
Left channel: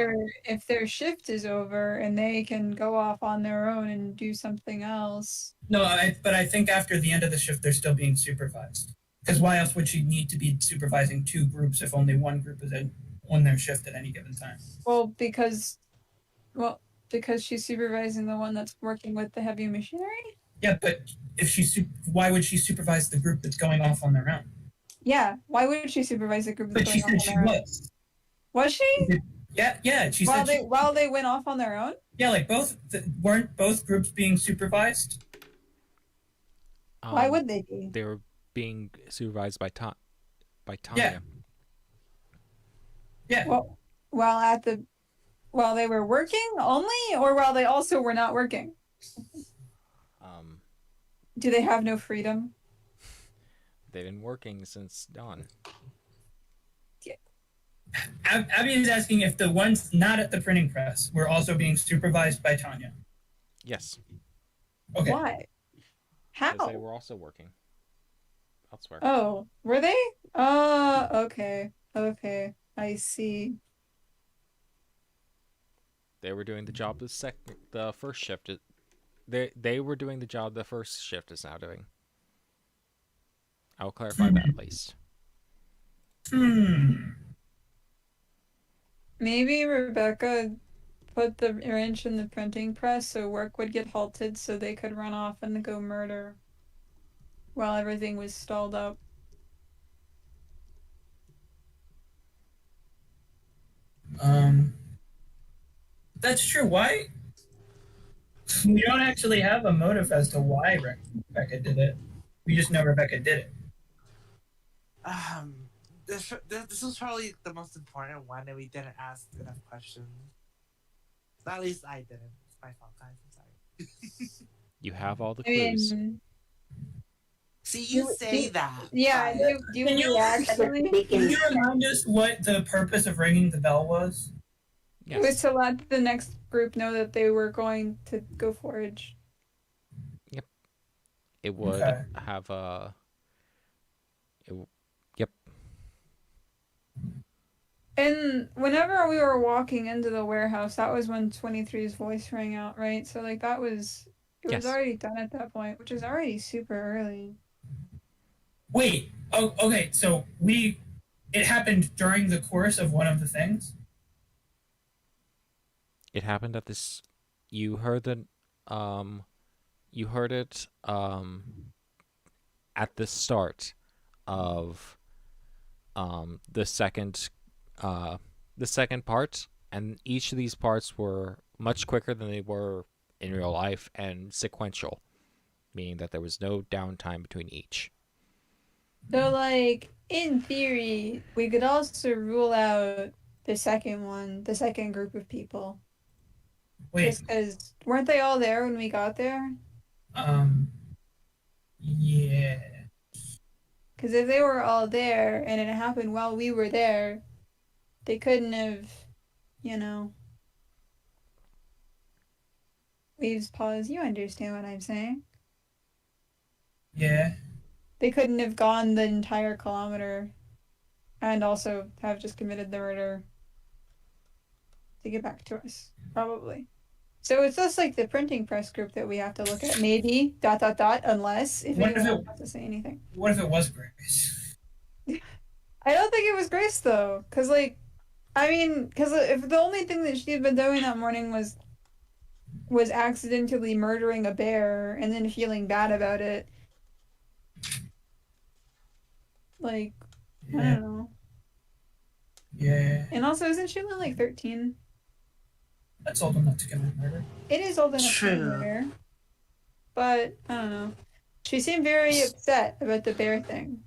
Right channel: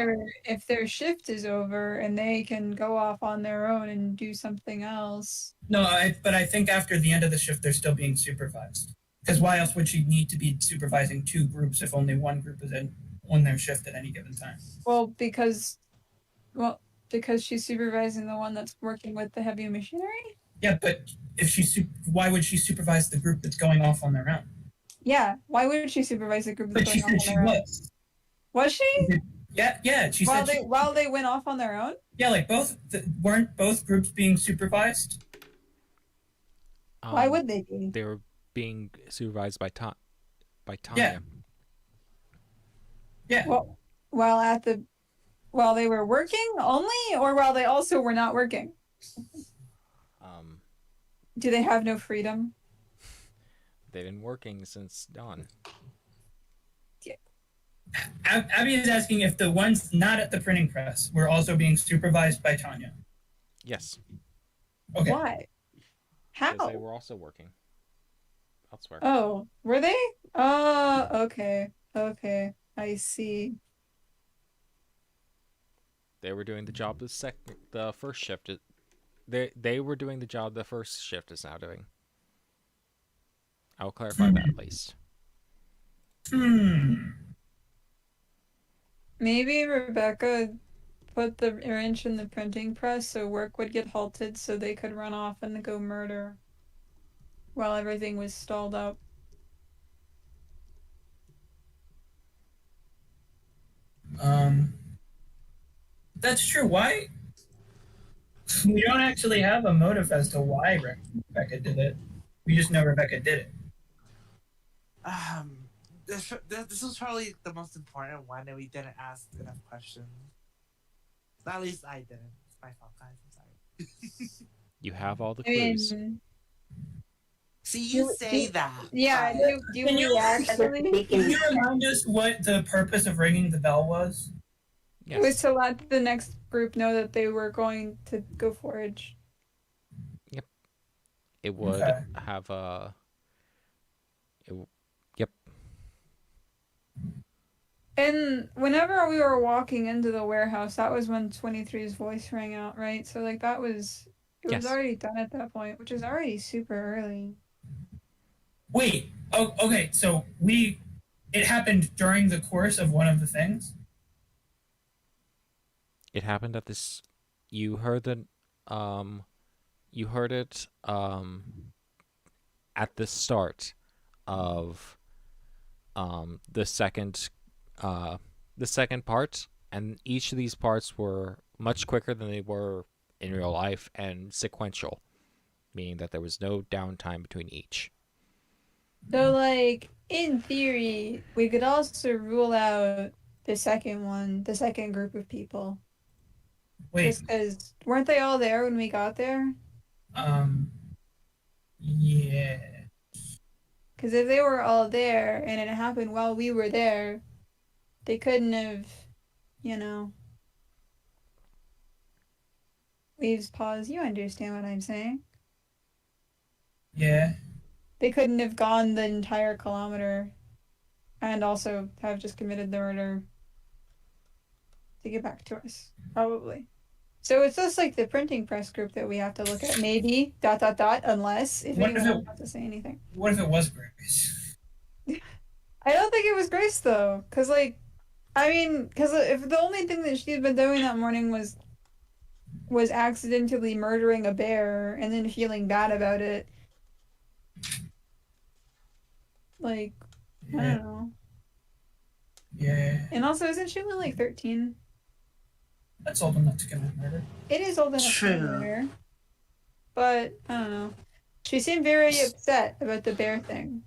if their shift is over and they can go off on their own and do something else. No, but I think after the end of the shift, they're still being supervised. Because why else would she need to be supervising 2 groups if only one group is on their shift at any given time? Well, because she's supervising the one that's working with the heavy machinery. Yeah, but if why would she supervise the group that's going off on their own? Yeah, why would she supervise the group But that's she going said off she on their own? was. Was she? Yeah. She While said while they went off on their own? yeah, like weren't both groups being supervised? Why would they be? They were being supervised by Tanya. Yeah. Well, while they were working only, or while they also were not working? Do they have no freedom? They've been working since dawn. Abby is asking if the ones not at the printing press were also being supervised by Tanya. Yes, Okay. Why? How? because they were also working elsewhere. Oh, were they? Oh, okay. Okay, I see. They were doing the job the first shift. They were doing the job the first shift is now doing. I'll clarify that at least. Maybe Rebecca put the wrench in the printing press so work would get halted so they could run off and go murder while everything was stalled up. That's true. Why? We don't actually have a motive as to why Rebecca did it. We just know Rebecca did it. This was probably the most important one, and we didn't ask enough questions. At least I didn't. It's my fault, guys. I'm sorry. You have all the I mean, clues. See, you say that. yeah, but- Can you actually? Can you remind us what the purpose of ringing the bell was? It was Yes. to let the next group know that they were going to go forage. It would Okay. have a. Yep. And whenever we were walking into the warehouse, that was when 23's voice rang out, right? So like it was Yes. already done at that point, which is already super early. Wait. Oh, okay. So it happened during the course of one of the things. It happened at this. You heard it. You heard it. At the start of. The second part, and each of these parts were much quicker than they were in real life and sequential. meaning that there was no downtime between each. So, like, in theory, we could also rule out the second group of people. Wait, Just because, weren't they all there when we got there? Yeah. Because if they were all there and it happened while we were there, they couldn't have, you know. Leaves pause. You understand what I'm saying? Yeah. They couldn't have gone the entire kilometer and also have just committed the murder to get back to us. Probably. So it's just like the printing press group that we have to look at. Maybe, .. unless if What if anyone it- wants to say anything. What if it was Grace? I don't think it was Grace, though. Because, like, I mean, because if the only thing that she had been doing that morning was accidentally murdering a bear and then feeling bad about it, like, I Yeah. don't know. Yeah. And also, isn't she only like 13? That's old enough to commit murder. It is old enough to True. murder. But, I don't know. She seemed very upset about the bear thing.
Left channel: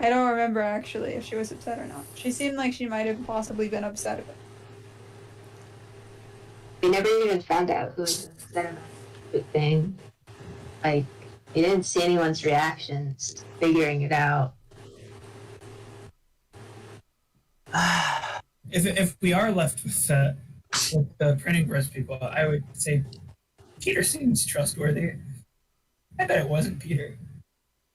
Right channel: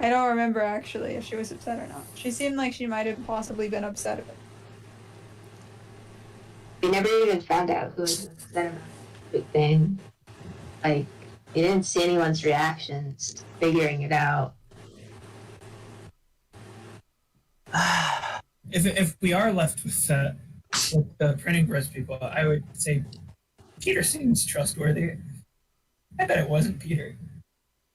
I don't remember actually if she was upset or not. She seemed like she might have possibly been upset about it. We never even found out who was upset about the thing. Like, you didn't see anyone's reactions figuring it out. If we are left with the printing press people, I would say Peter seems trustworthy. I bet it wasn't Peter.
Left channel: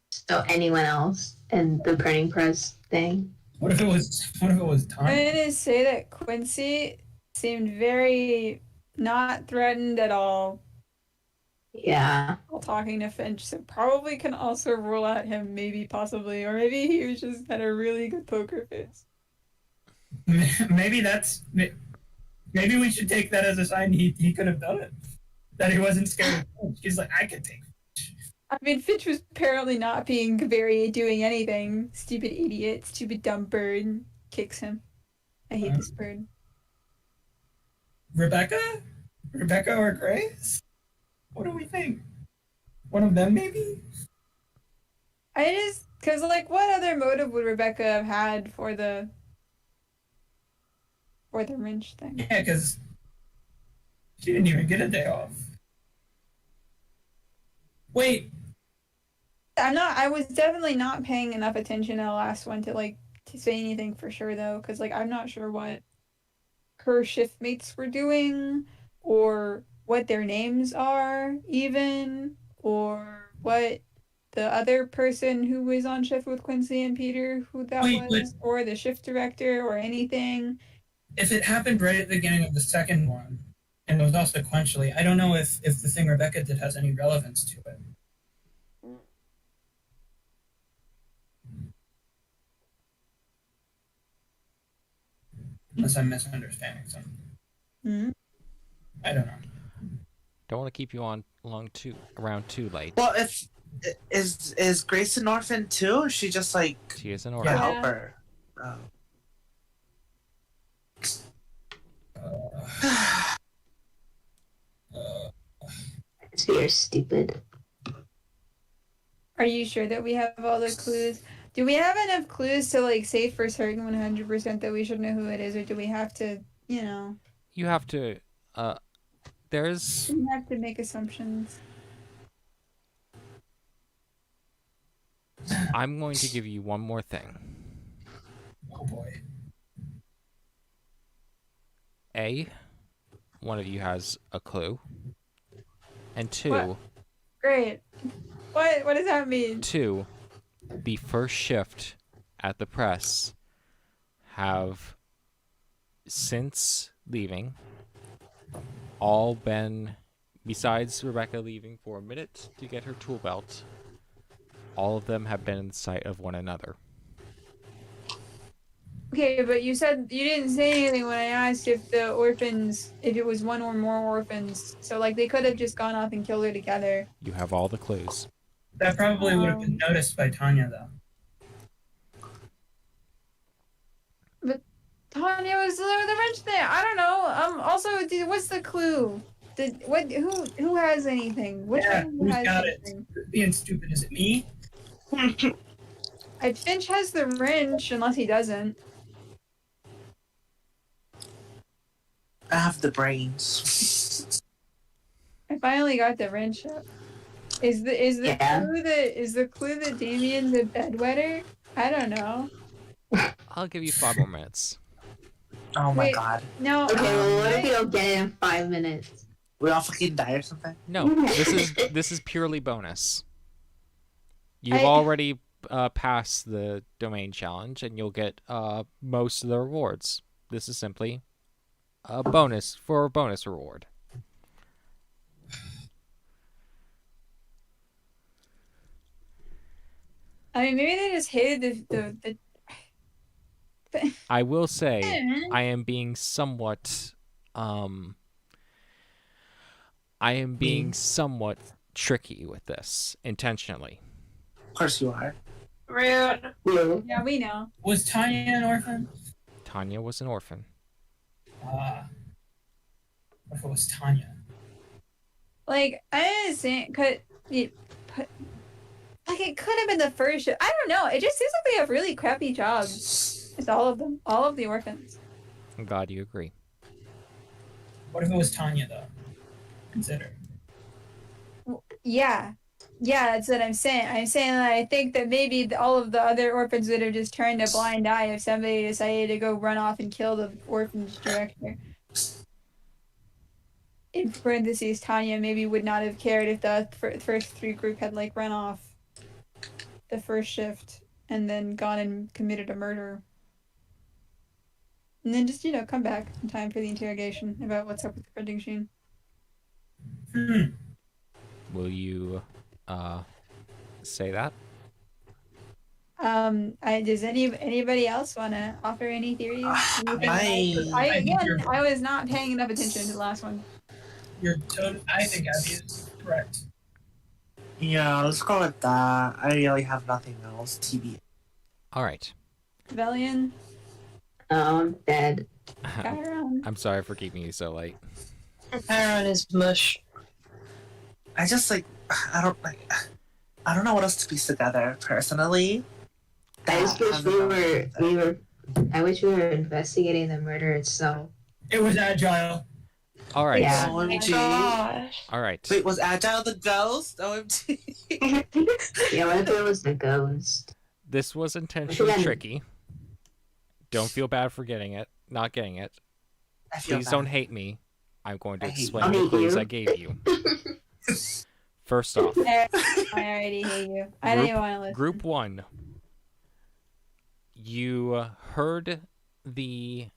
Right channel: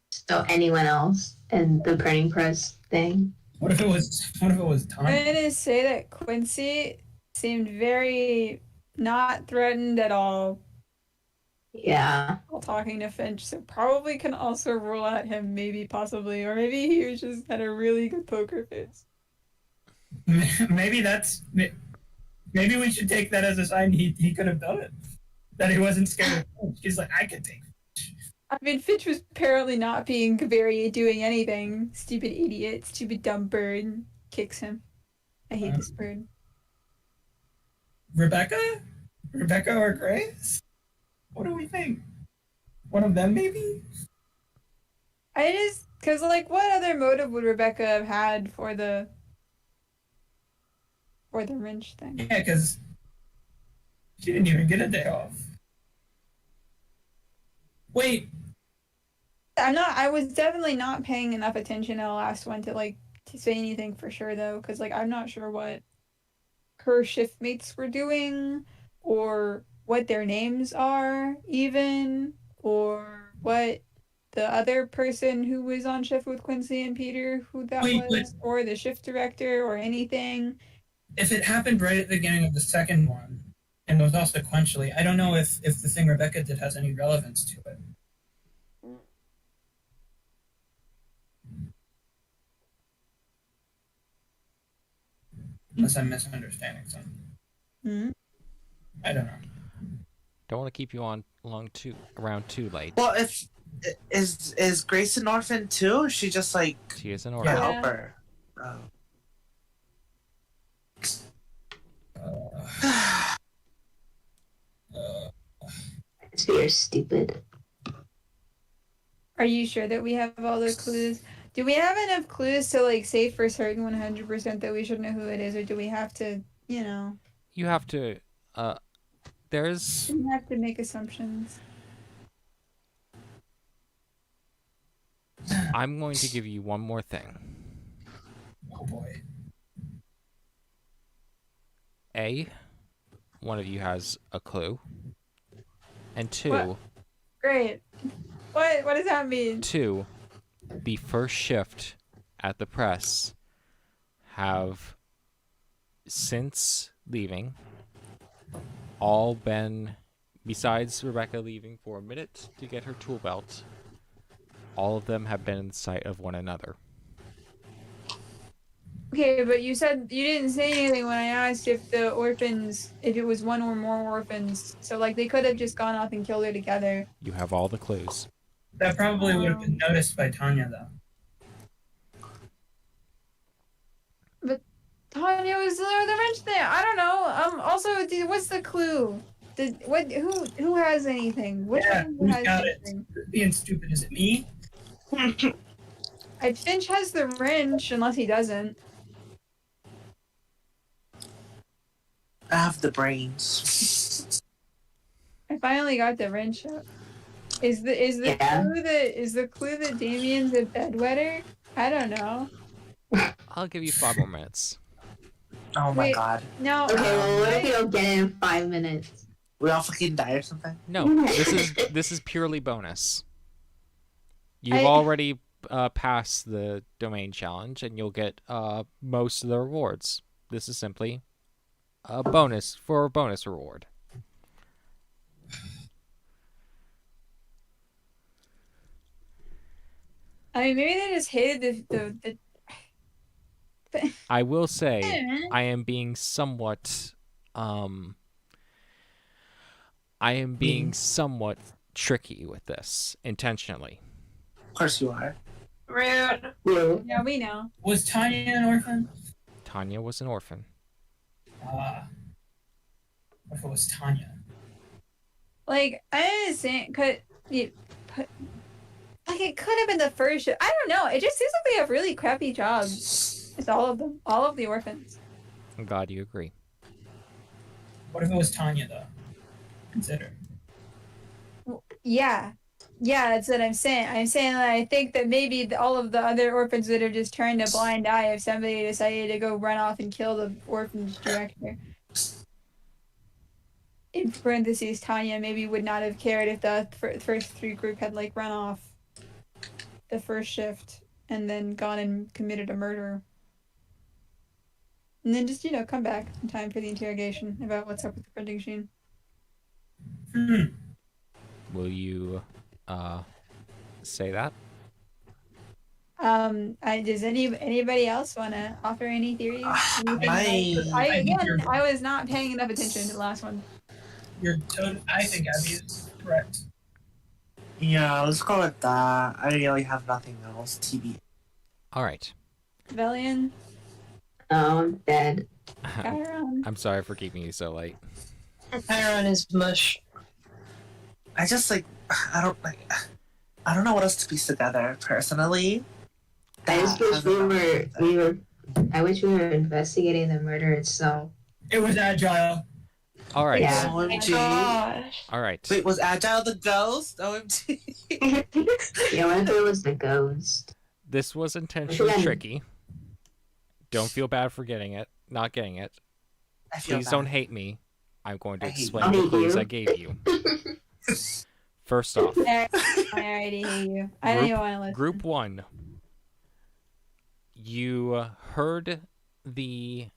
So anyone else in the printing press thing? What if it was I'm Tanya? gonna say that Quincy seemed very not threatened at all Yeah. while talking to Finch, so probably can also rule out him, maybe, possibly, or maybe he was just had a really good poker face. Maybe we should take that as a sign he could have done it. That he wasn't scared of Finch. He's like, I could take it. I mean, Finch was apparently not doing anything. Stupid idiot, stupid dumb bird. Kicks him. I hate this bird. Rebecca or Grace? What do we think? One of them, maybe? Cause like, what other motive would Rebecca have had for the wrench thing? Yeah, because she didn't even get a day off. Wait, I was definitely not paying enough attention to the last one to say anything for sure though, because like I'm not sure what her shift mates were doing, or what their names are even, or what the other person who was on shift with Quincy and Peter, who that Wait, was, or the shift director or anything. if it happened right at the beginning of the second one, and it was all sequentially, I don't know if the thing Rebecca did has any relevance to it. Unless I'm misunderstanding something. Hmm? I don't know. Don't want to keep you on around too late. Well, if is Grace an orphan too? Or is she just like She is an a orphan. Yeah. helper? Oh. So you're stupid. Are you sure that we have all the clues? Do we have enough clues to like say for certain 100% that we should know who it is, or do we have to, You have to. There's. we have to make assumptions? I'm going to give you one more thing. Oh boy. A, one of you has a clue. And two, What? Great. What does that mean? two, the first shift at the press have, since leaving, all been, besides Rebecca leaving for a minute to get her tool belt, all of them have been in sight of one another. Okay, but you said you didn't say anything when I asked if it was one or more orphans. So like they could have just gone off and killed her together. You have all the clues. That probably would have been noticed by Tanya, though. Tanya was the wrench thing. I don't know. Also, what's the clue? Who has anything? Which Yeah, one who's has got it? anything? Being stupid, is it me? Finch has the wrench, unless he doesn't. I have the brains. I finally got the wrench up. Is the Yeah. clue that Damien's a bedwetter? I don't know. I'll give you 5 more minutes. Oh my Wait. god. No. Okay, well, what if I- we don't get it in 5 minutes? We all fucking die or something? No, this is purely bonus. You've I- already passed the domain challenge, and you'll get most of the rewards. This is simply a bonus for a bonus reward. I mean, maybe they just hated the I will say I am being somewhat tricky with this intentionally. Of course you are. Rude. Yeah. Yeah, we know. Was Tanya an orphan? Tanya was an orphan. What if it was Tanya? Like, I understand, like, it could have been the first show. I don't know. It just seems like they have really crappy jobs. It's all of them. All of the orphans. I'm glad you agree. What if it was Tanya, though? Consider. Yeah. Yeah, that's what I'm saying. I'm saying that I think that maybe all of the other orphans that are just trying to blind eye if somebody decided to go run off and kill the orphanage director. In parentheses, Tanya maybe would not have cared if the first 3 group had, like, run off the first shift and then gone and committed a murder. And then just, come back in time for the interrogation about what's up with the printing machine. Will you say that? Does anybody else want to offer any theories? I was not paying enough attention to the last one. I think Abby is correct. Yeah, let's go with that. I really have nothing else. TB. All right. Velian, Oh, I'm dead. Chiron. I'm sorry for keeping you so late. Chiron is mush. I just I don't know what else to piece together personally. I just wish I wish we were investigating the murder itself. It was Agile. All right. Yeah. Oh my OMG. gosh. All right. Wait, was Agile the ghost? OMG. Yeah, what if it was the ghost? This was intentionally Again. tricky. Don't feel bad for not getting it. I feel Please bad. don't hate me. I'm going to I hate explain you. the I hate clues you. I gave you. First off, I already hate you. I don't even want to listen. Group 1. You heard the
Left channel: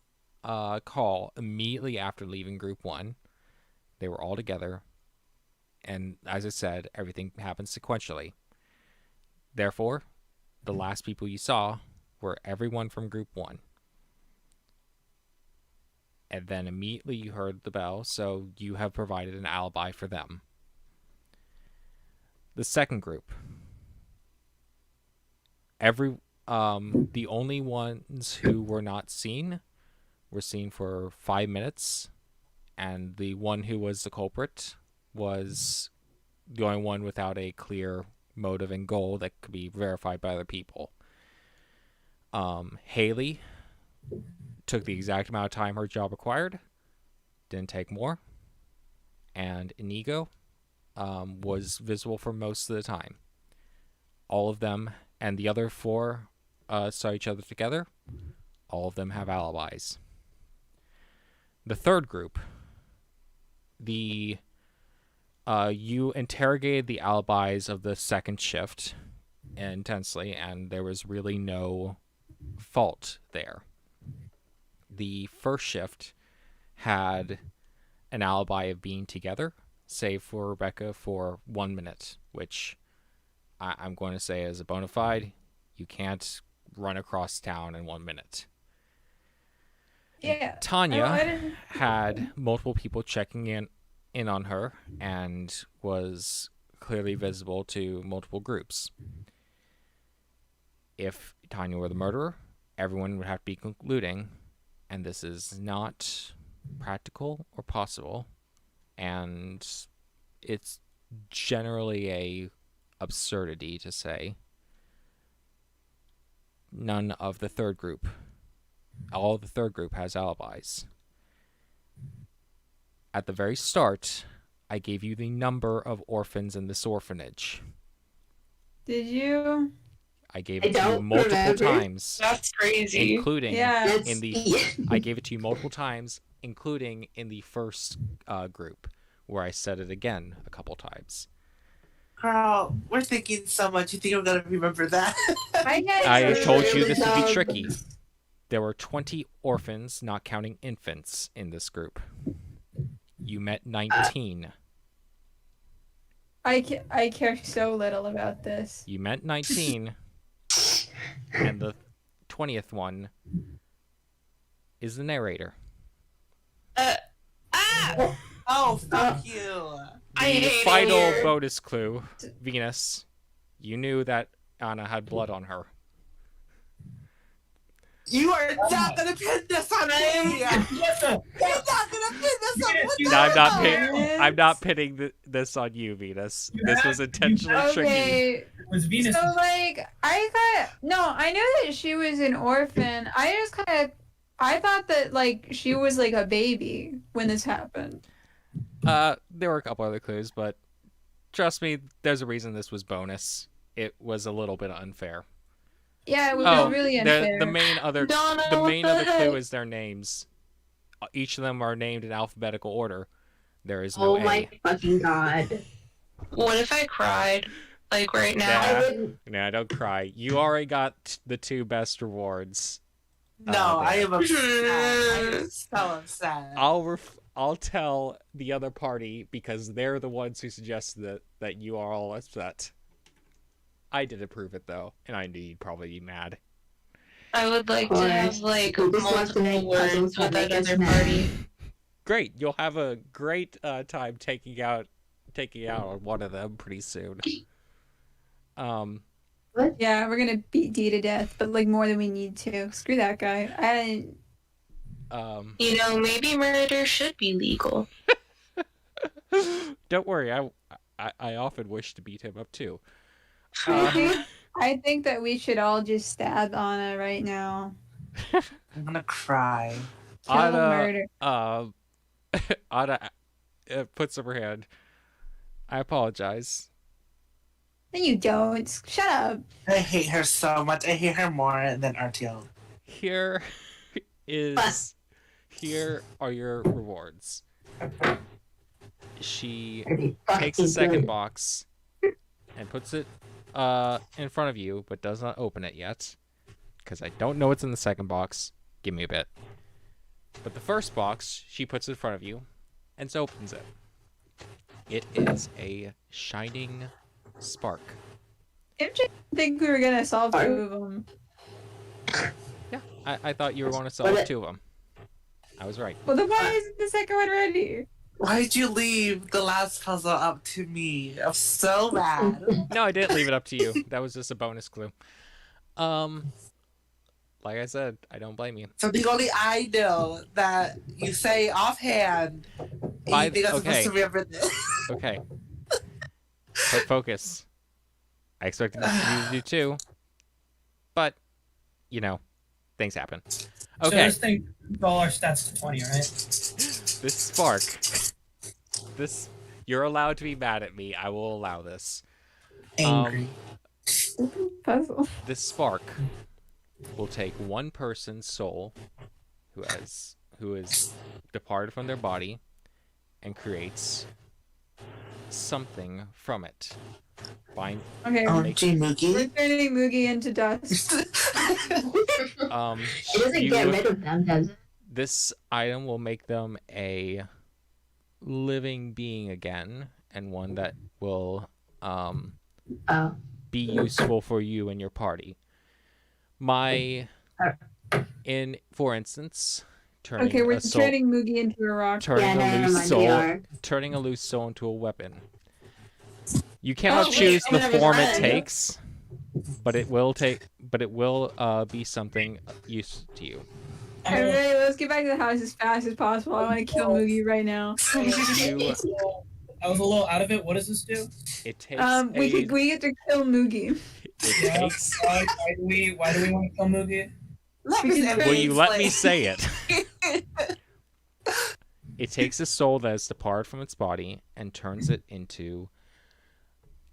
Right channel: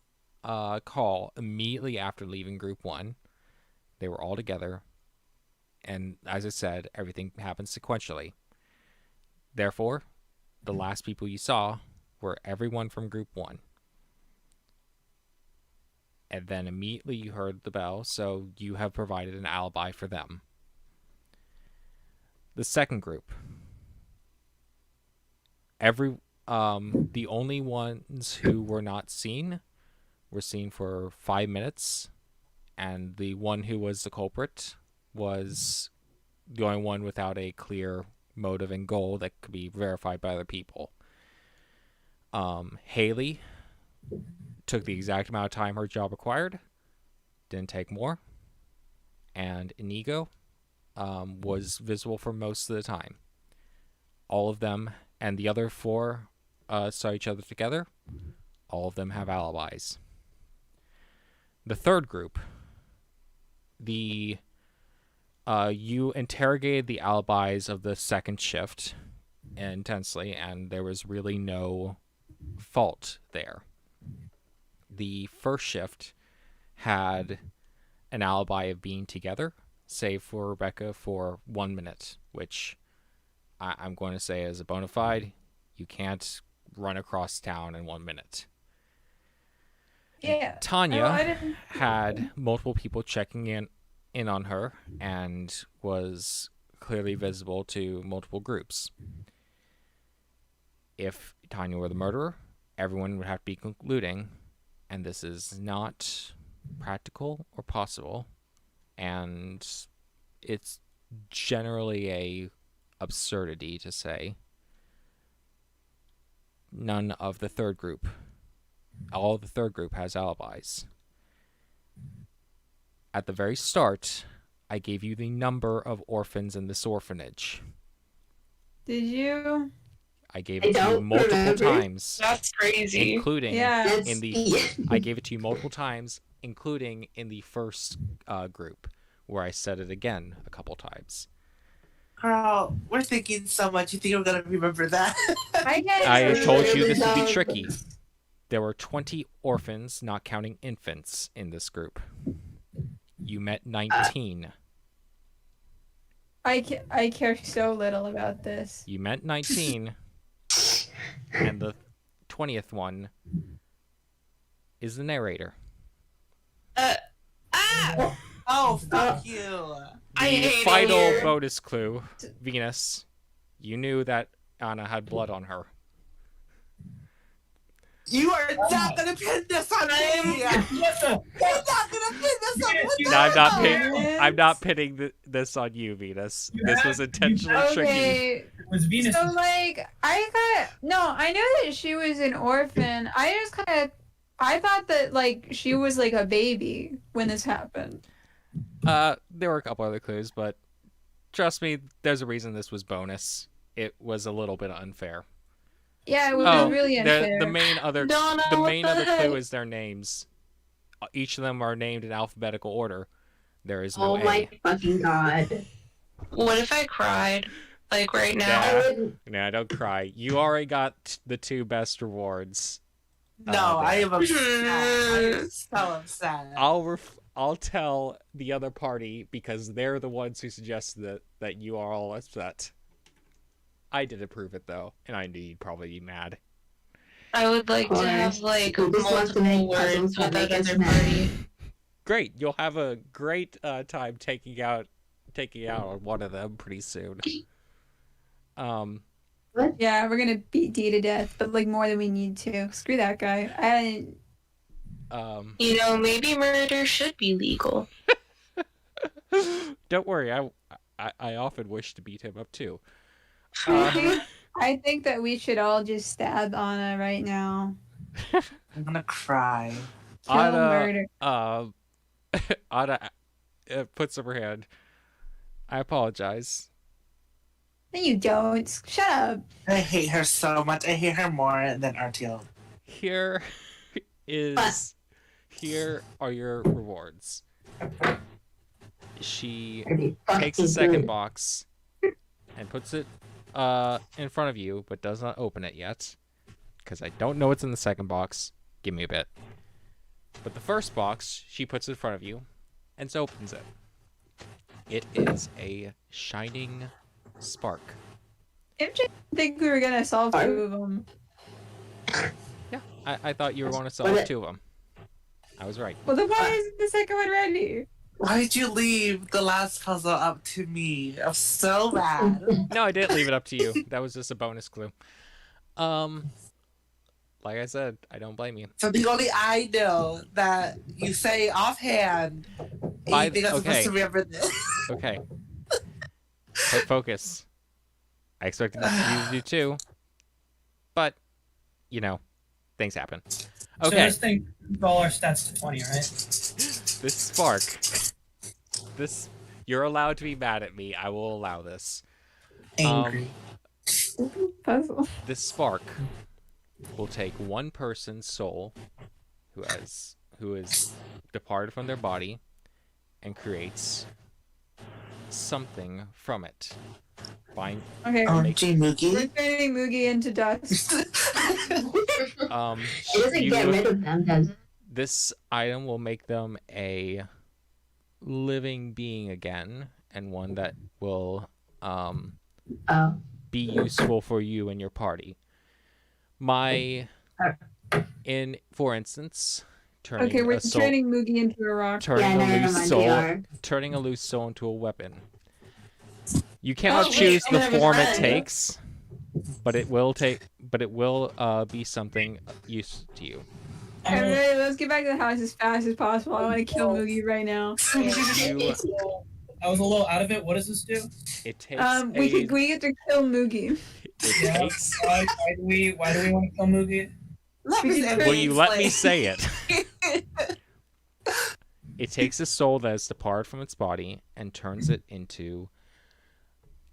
call immediately after leaving Group 1. They were all together. And as I said, everything happened sequentially. Therefore, the last people you saw were everyone from Group 1. And then immediately you heard the bell, so you have provided an alibi for them. The second group. The only ones who were not seen were seen for 5 minutes, and the one who was the culprit was the only one without a clear motive and goal that could be verified by other people. Haley took the exact amount of time her job required, didn't take more, and Inigo was visible for most of the time. All of them and the other 4 saw each other together. All of them have alibis. The third group, you interrogated the alibis of the second shift intensely, and there was really no fault there. The first shift had an alibi of being together, save for Rebecca for 1 minute, which I'm going to say is a bona fide. You can't run across town in 1 minute. Yeah. Tanya I didn't- had multiple people checking in on her and was clearly visible to multiple groups. If Tanya were the murderer, everyone would have to be concluding, and this is not practical or possible, and it's generally a absurdity to say. None of the third group, all of the third group has alibis. At the very start, I gave you the number of orphans in this orphanage. Did you? I gave it to you multiple remember. times, That's crazy. including Yeah. in the. I gave it to you multiple times, including in the first group, where I said it again a couple times. Girl, we're thinking so much. You think I'm gonna remember that? I told you this would be tricky. There were 20 orphans, not counting infants, in this group. You met 19. I care so little about this. You met 19, and the 20th one is the narrator. Oh, fuck you. I The hate final it. bonus clue, Venus, you knew that Anna had blood on her. You are not gonna pin this on me. What the? You're not gonna pin this on me. No, Venus. I'm not pitting this on you, Venus. This was intentionally tricky. Okay. It was Venus. So like I knew that she was an orphan. I thought that like she was like a baby when this happened. There were a couple other clues, but trust me, there's a reason this was bonus. It was a little bit unfair. Yeah, it was really unfair. The main other Donna, the what main the other clue heck? is their names. Each of them are named in alphabetical order. There is no Oh A. my fucking god. What if I cried? Like right now? Yeah. I wouldn't. No, don't cry. You already got the 2 best rewards. No, I there. am upset. I am so upset. I'll tell the other party because they're the ones who suggested that you are all upset. I did approve it though, and I knew you'd probably be mad. I would like to have like Who just wants to make multiple words puzzles with that that make us other mad? party. Great, you'll have a great time taking out on one of them pretty soon. Yeah, we're gonna beat D to death, but like more than we need to. Screw that guy. You know, maybe murder should be legal. Don't worry, I often wish to beat him up too. I think that we should all just stab Anna right now. I'm gonna cry. Kill murder. Anna puts up her hand. I apologize. No, you don't. Shut up. I hate her so much. I hate her more than RTO. Here are your rewards. She takes the second box and puts it in front of you, but does not open it yet. Because I don't know what's in the second box. Give me a bit. But the first box, she puts in front of you and opens it. It is a shining spark. I didn't think we were gonna solve 2 of them. Yeah, I thought you were going to solve 2 of them. I was right. Well, then why isn't the second one ready? Why did you leave the last puzzle up to me? I'm so mad. No, I didn't leave it up to you. That was just a bonus clue. Like I said, I don't blame you. Something only I know that you say offhand. By- You think I'm okay. supposed to remember this? Okay. Put focus. I expected you to do 2. But, you know, things happen. So Okay. this thing, all our stats to 20, right? This spark. You're allowed to be mad at me. I will allow this. Angry. Puzzle. This spark will take one person's soul who is departed from their body and creates something from it. Bind Okay, Oh, make- G we're Moogie. turning Moogie into dust. It doesn't you- get rid of them, does it? this item will make them a living being again, and one that will Oh. be useful for you and your party. For instance, turning Okay, we're a soul, turning Moogie into a rock. turning Yeah, a never loose mind, soul, we are. turning a loose soul into a weapon. You cannot wait, choose I'm the gonna have a form it friend. takes, but it will be something useful to you. Everybody, let's get back to the house as fast as possible. I want to kill Moogie right now. You, I was a little out of it. What does this do? it takes We get to kill Moogie. it Yeah. takes. Why do we want to kill Moogie? Will you let me say it? It takes a soul that has departed from its body and turns it into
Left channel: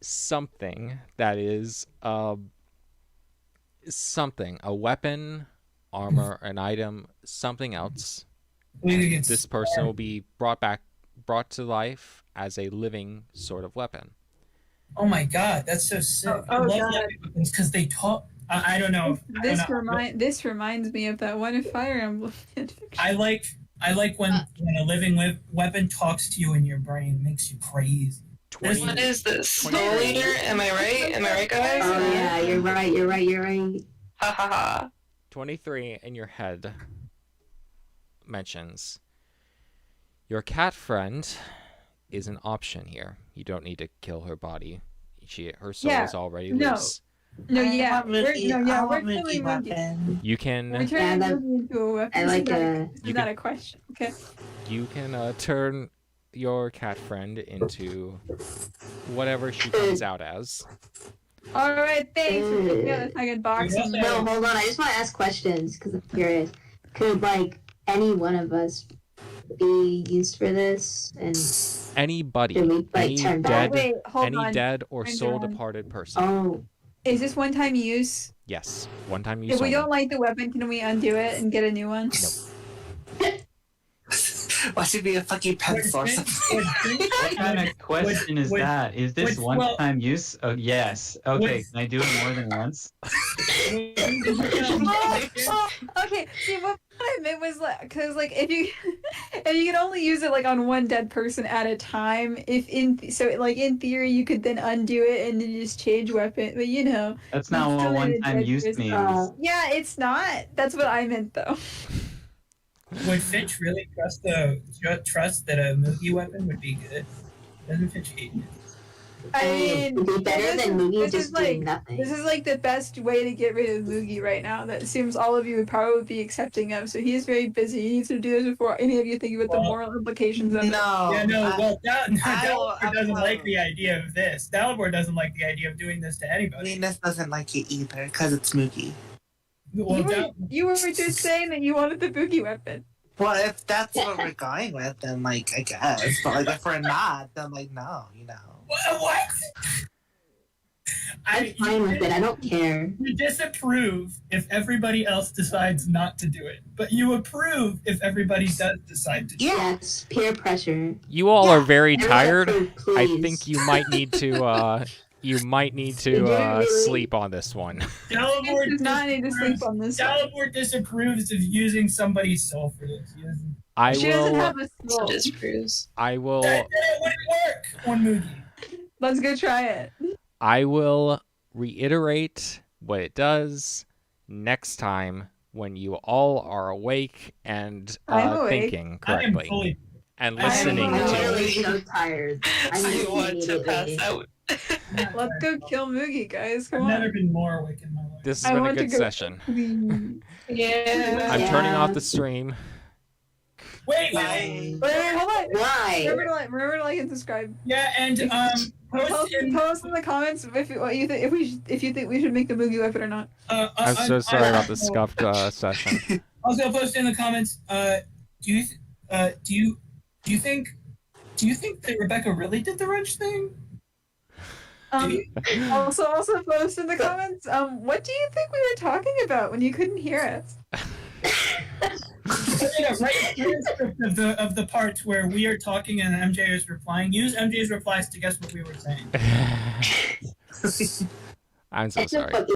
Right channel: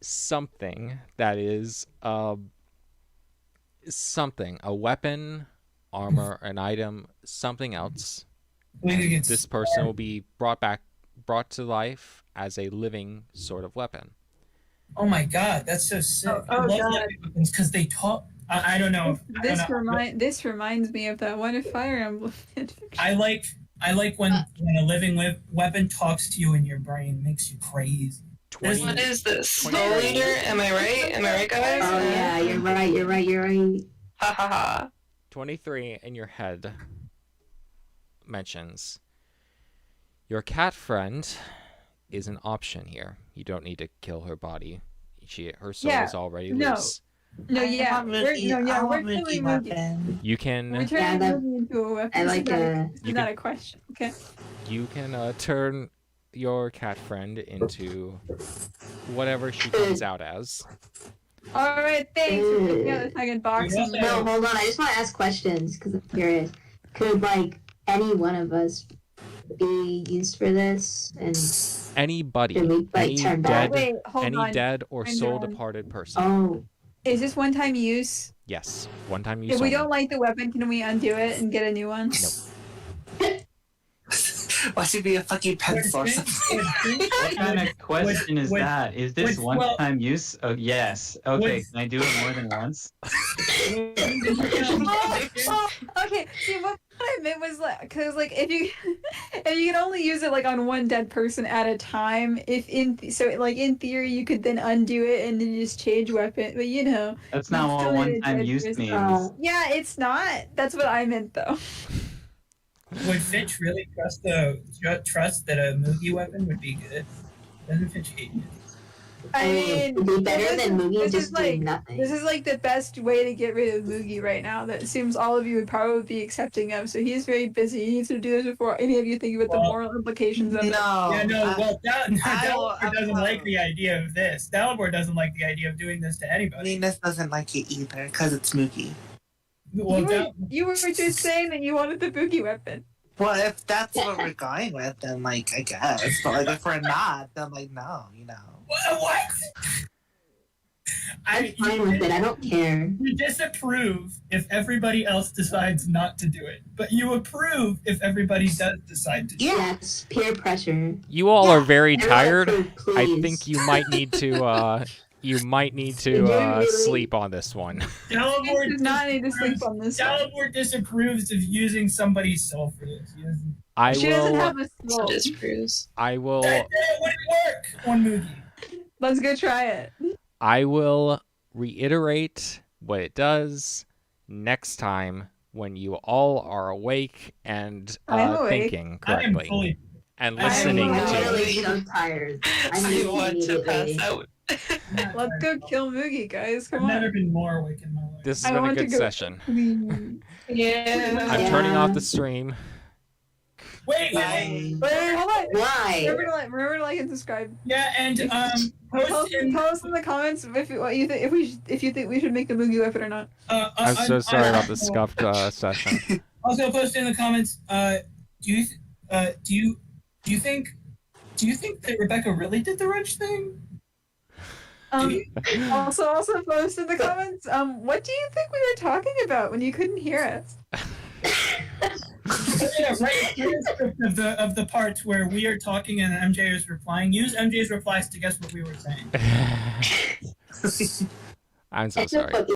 something that is something, a weapon, armor, an item, something else. And this person will be brought to life as a living sort of weapon. Oh my god, that's so sick. I love God. weapons because they talk. I don't know. This reminds me of that one Fire Emblem. I like when a living weapon talks to you in your brain, makes you crazy. What is this? Soul Eater? Am I right? Am I right, guys? Oh yeah, you're right. Ha ha ha. 23 in your head mentions your cat friend is an option here. You don't need to kill her body. Her soul is already loose. No, yeah, we're killing Moogie Moogie. weapon. You can We're turning Moogie into a weapon. I like It's not a question. Okay. turn your cat friend into whatever she comes out as. All right, thanks for picking out the second box. Yeah. No, hold on. I just want to ask questions because I'm curious. Could like any one of us be used for this? And Anybody, Can we, like, any turn back? dead, Wait, hold any on. dead or Turn soul down. departed person. oh, Is this one-time use? Yes, one time use If we only. don't like the weapon, can we undo it and get a new one? Nope. Why should be a fucking pencil or something? What kind of question is that? Is this one-time use? Oh, yes. Okay, can I do it more than once? Okay, see what I meant was like, because like if you can only use it like on one dead person at a time, in theory you could then undo it and then just change weapon, but you know. That's not you what still need a one-time dead use person. means. Yeah, it's not. That's what I meant though. Would Fitch really trust that a Moogie weapon would be good? Doesn't Fitch hate it? I mean, it'd be better than Moogie this just is like doing nothing. this is like the best way to get rid of Moogie right now. That seems all of you would probably be accepting of. So he's very busy. He needs to do this before any of you think about the moral implications of it. No. Yeah, no. Well, I Dalibor doesn't will- like the idea of this. Dalibor doesn't like the idea of doing this to anybody. Venus doesn't like it either because it's Moogie. Well, You were just saying that you wanted the Moogie weapon. Well, if that's what we're going with, then like I guess. But like if we're not, then like no, you know. What? I'm fine with it. I don't care. You disapprove if everybody else decides not to do it, but you approve if everybody does decide to do it. Yeah. That's peer pressure. You all are very Everyone tired. approve, I please. think you might need to sleep on this one. Dalibor Does not need to sleep on this one. Dalibor disapproves of using somebody's soul for this. He doesn't. I She doesn't will have a soul. Disproves. I will That wouldn't work on Moogie. Let's go try it. I will reiterate what it does next time when you all are awake and I'm awake. thinking I am correctly fully. and I am listening I'm to. really so tired. I need I want to pass immediately. out. Let's go kill Moogie, guys. I've Come never on. been more awake in my life. This has I been a want to good go- session. Yeah. I'm Yeah. turning off the stream. Wait. Wait, hold on. Why? Remember to like and subscribe. Yeah, and Tell us in the comments what you think if you think we should make the Moogie weapon or not. I'm so sorry about the scuffed session. Also, post in the comments. Do you think that Rebecca really did the wrench thing? Also post in the comments. What do you think we were talking about when you couldn't hear us? Write a transcript of the parts where we are talking and MJ is replying. Use MJ's replies to guess what we were saying. I'm so It's a sorry. fucking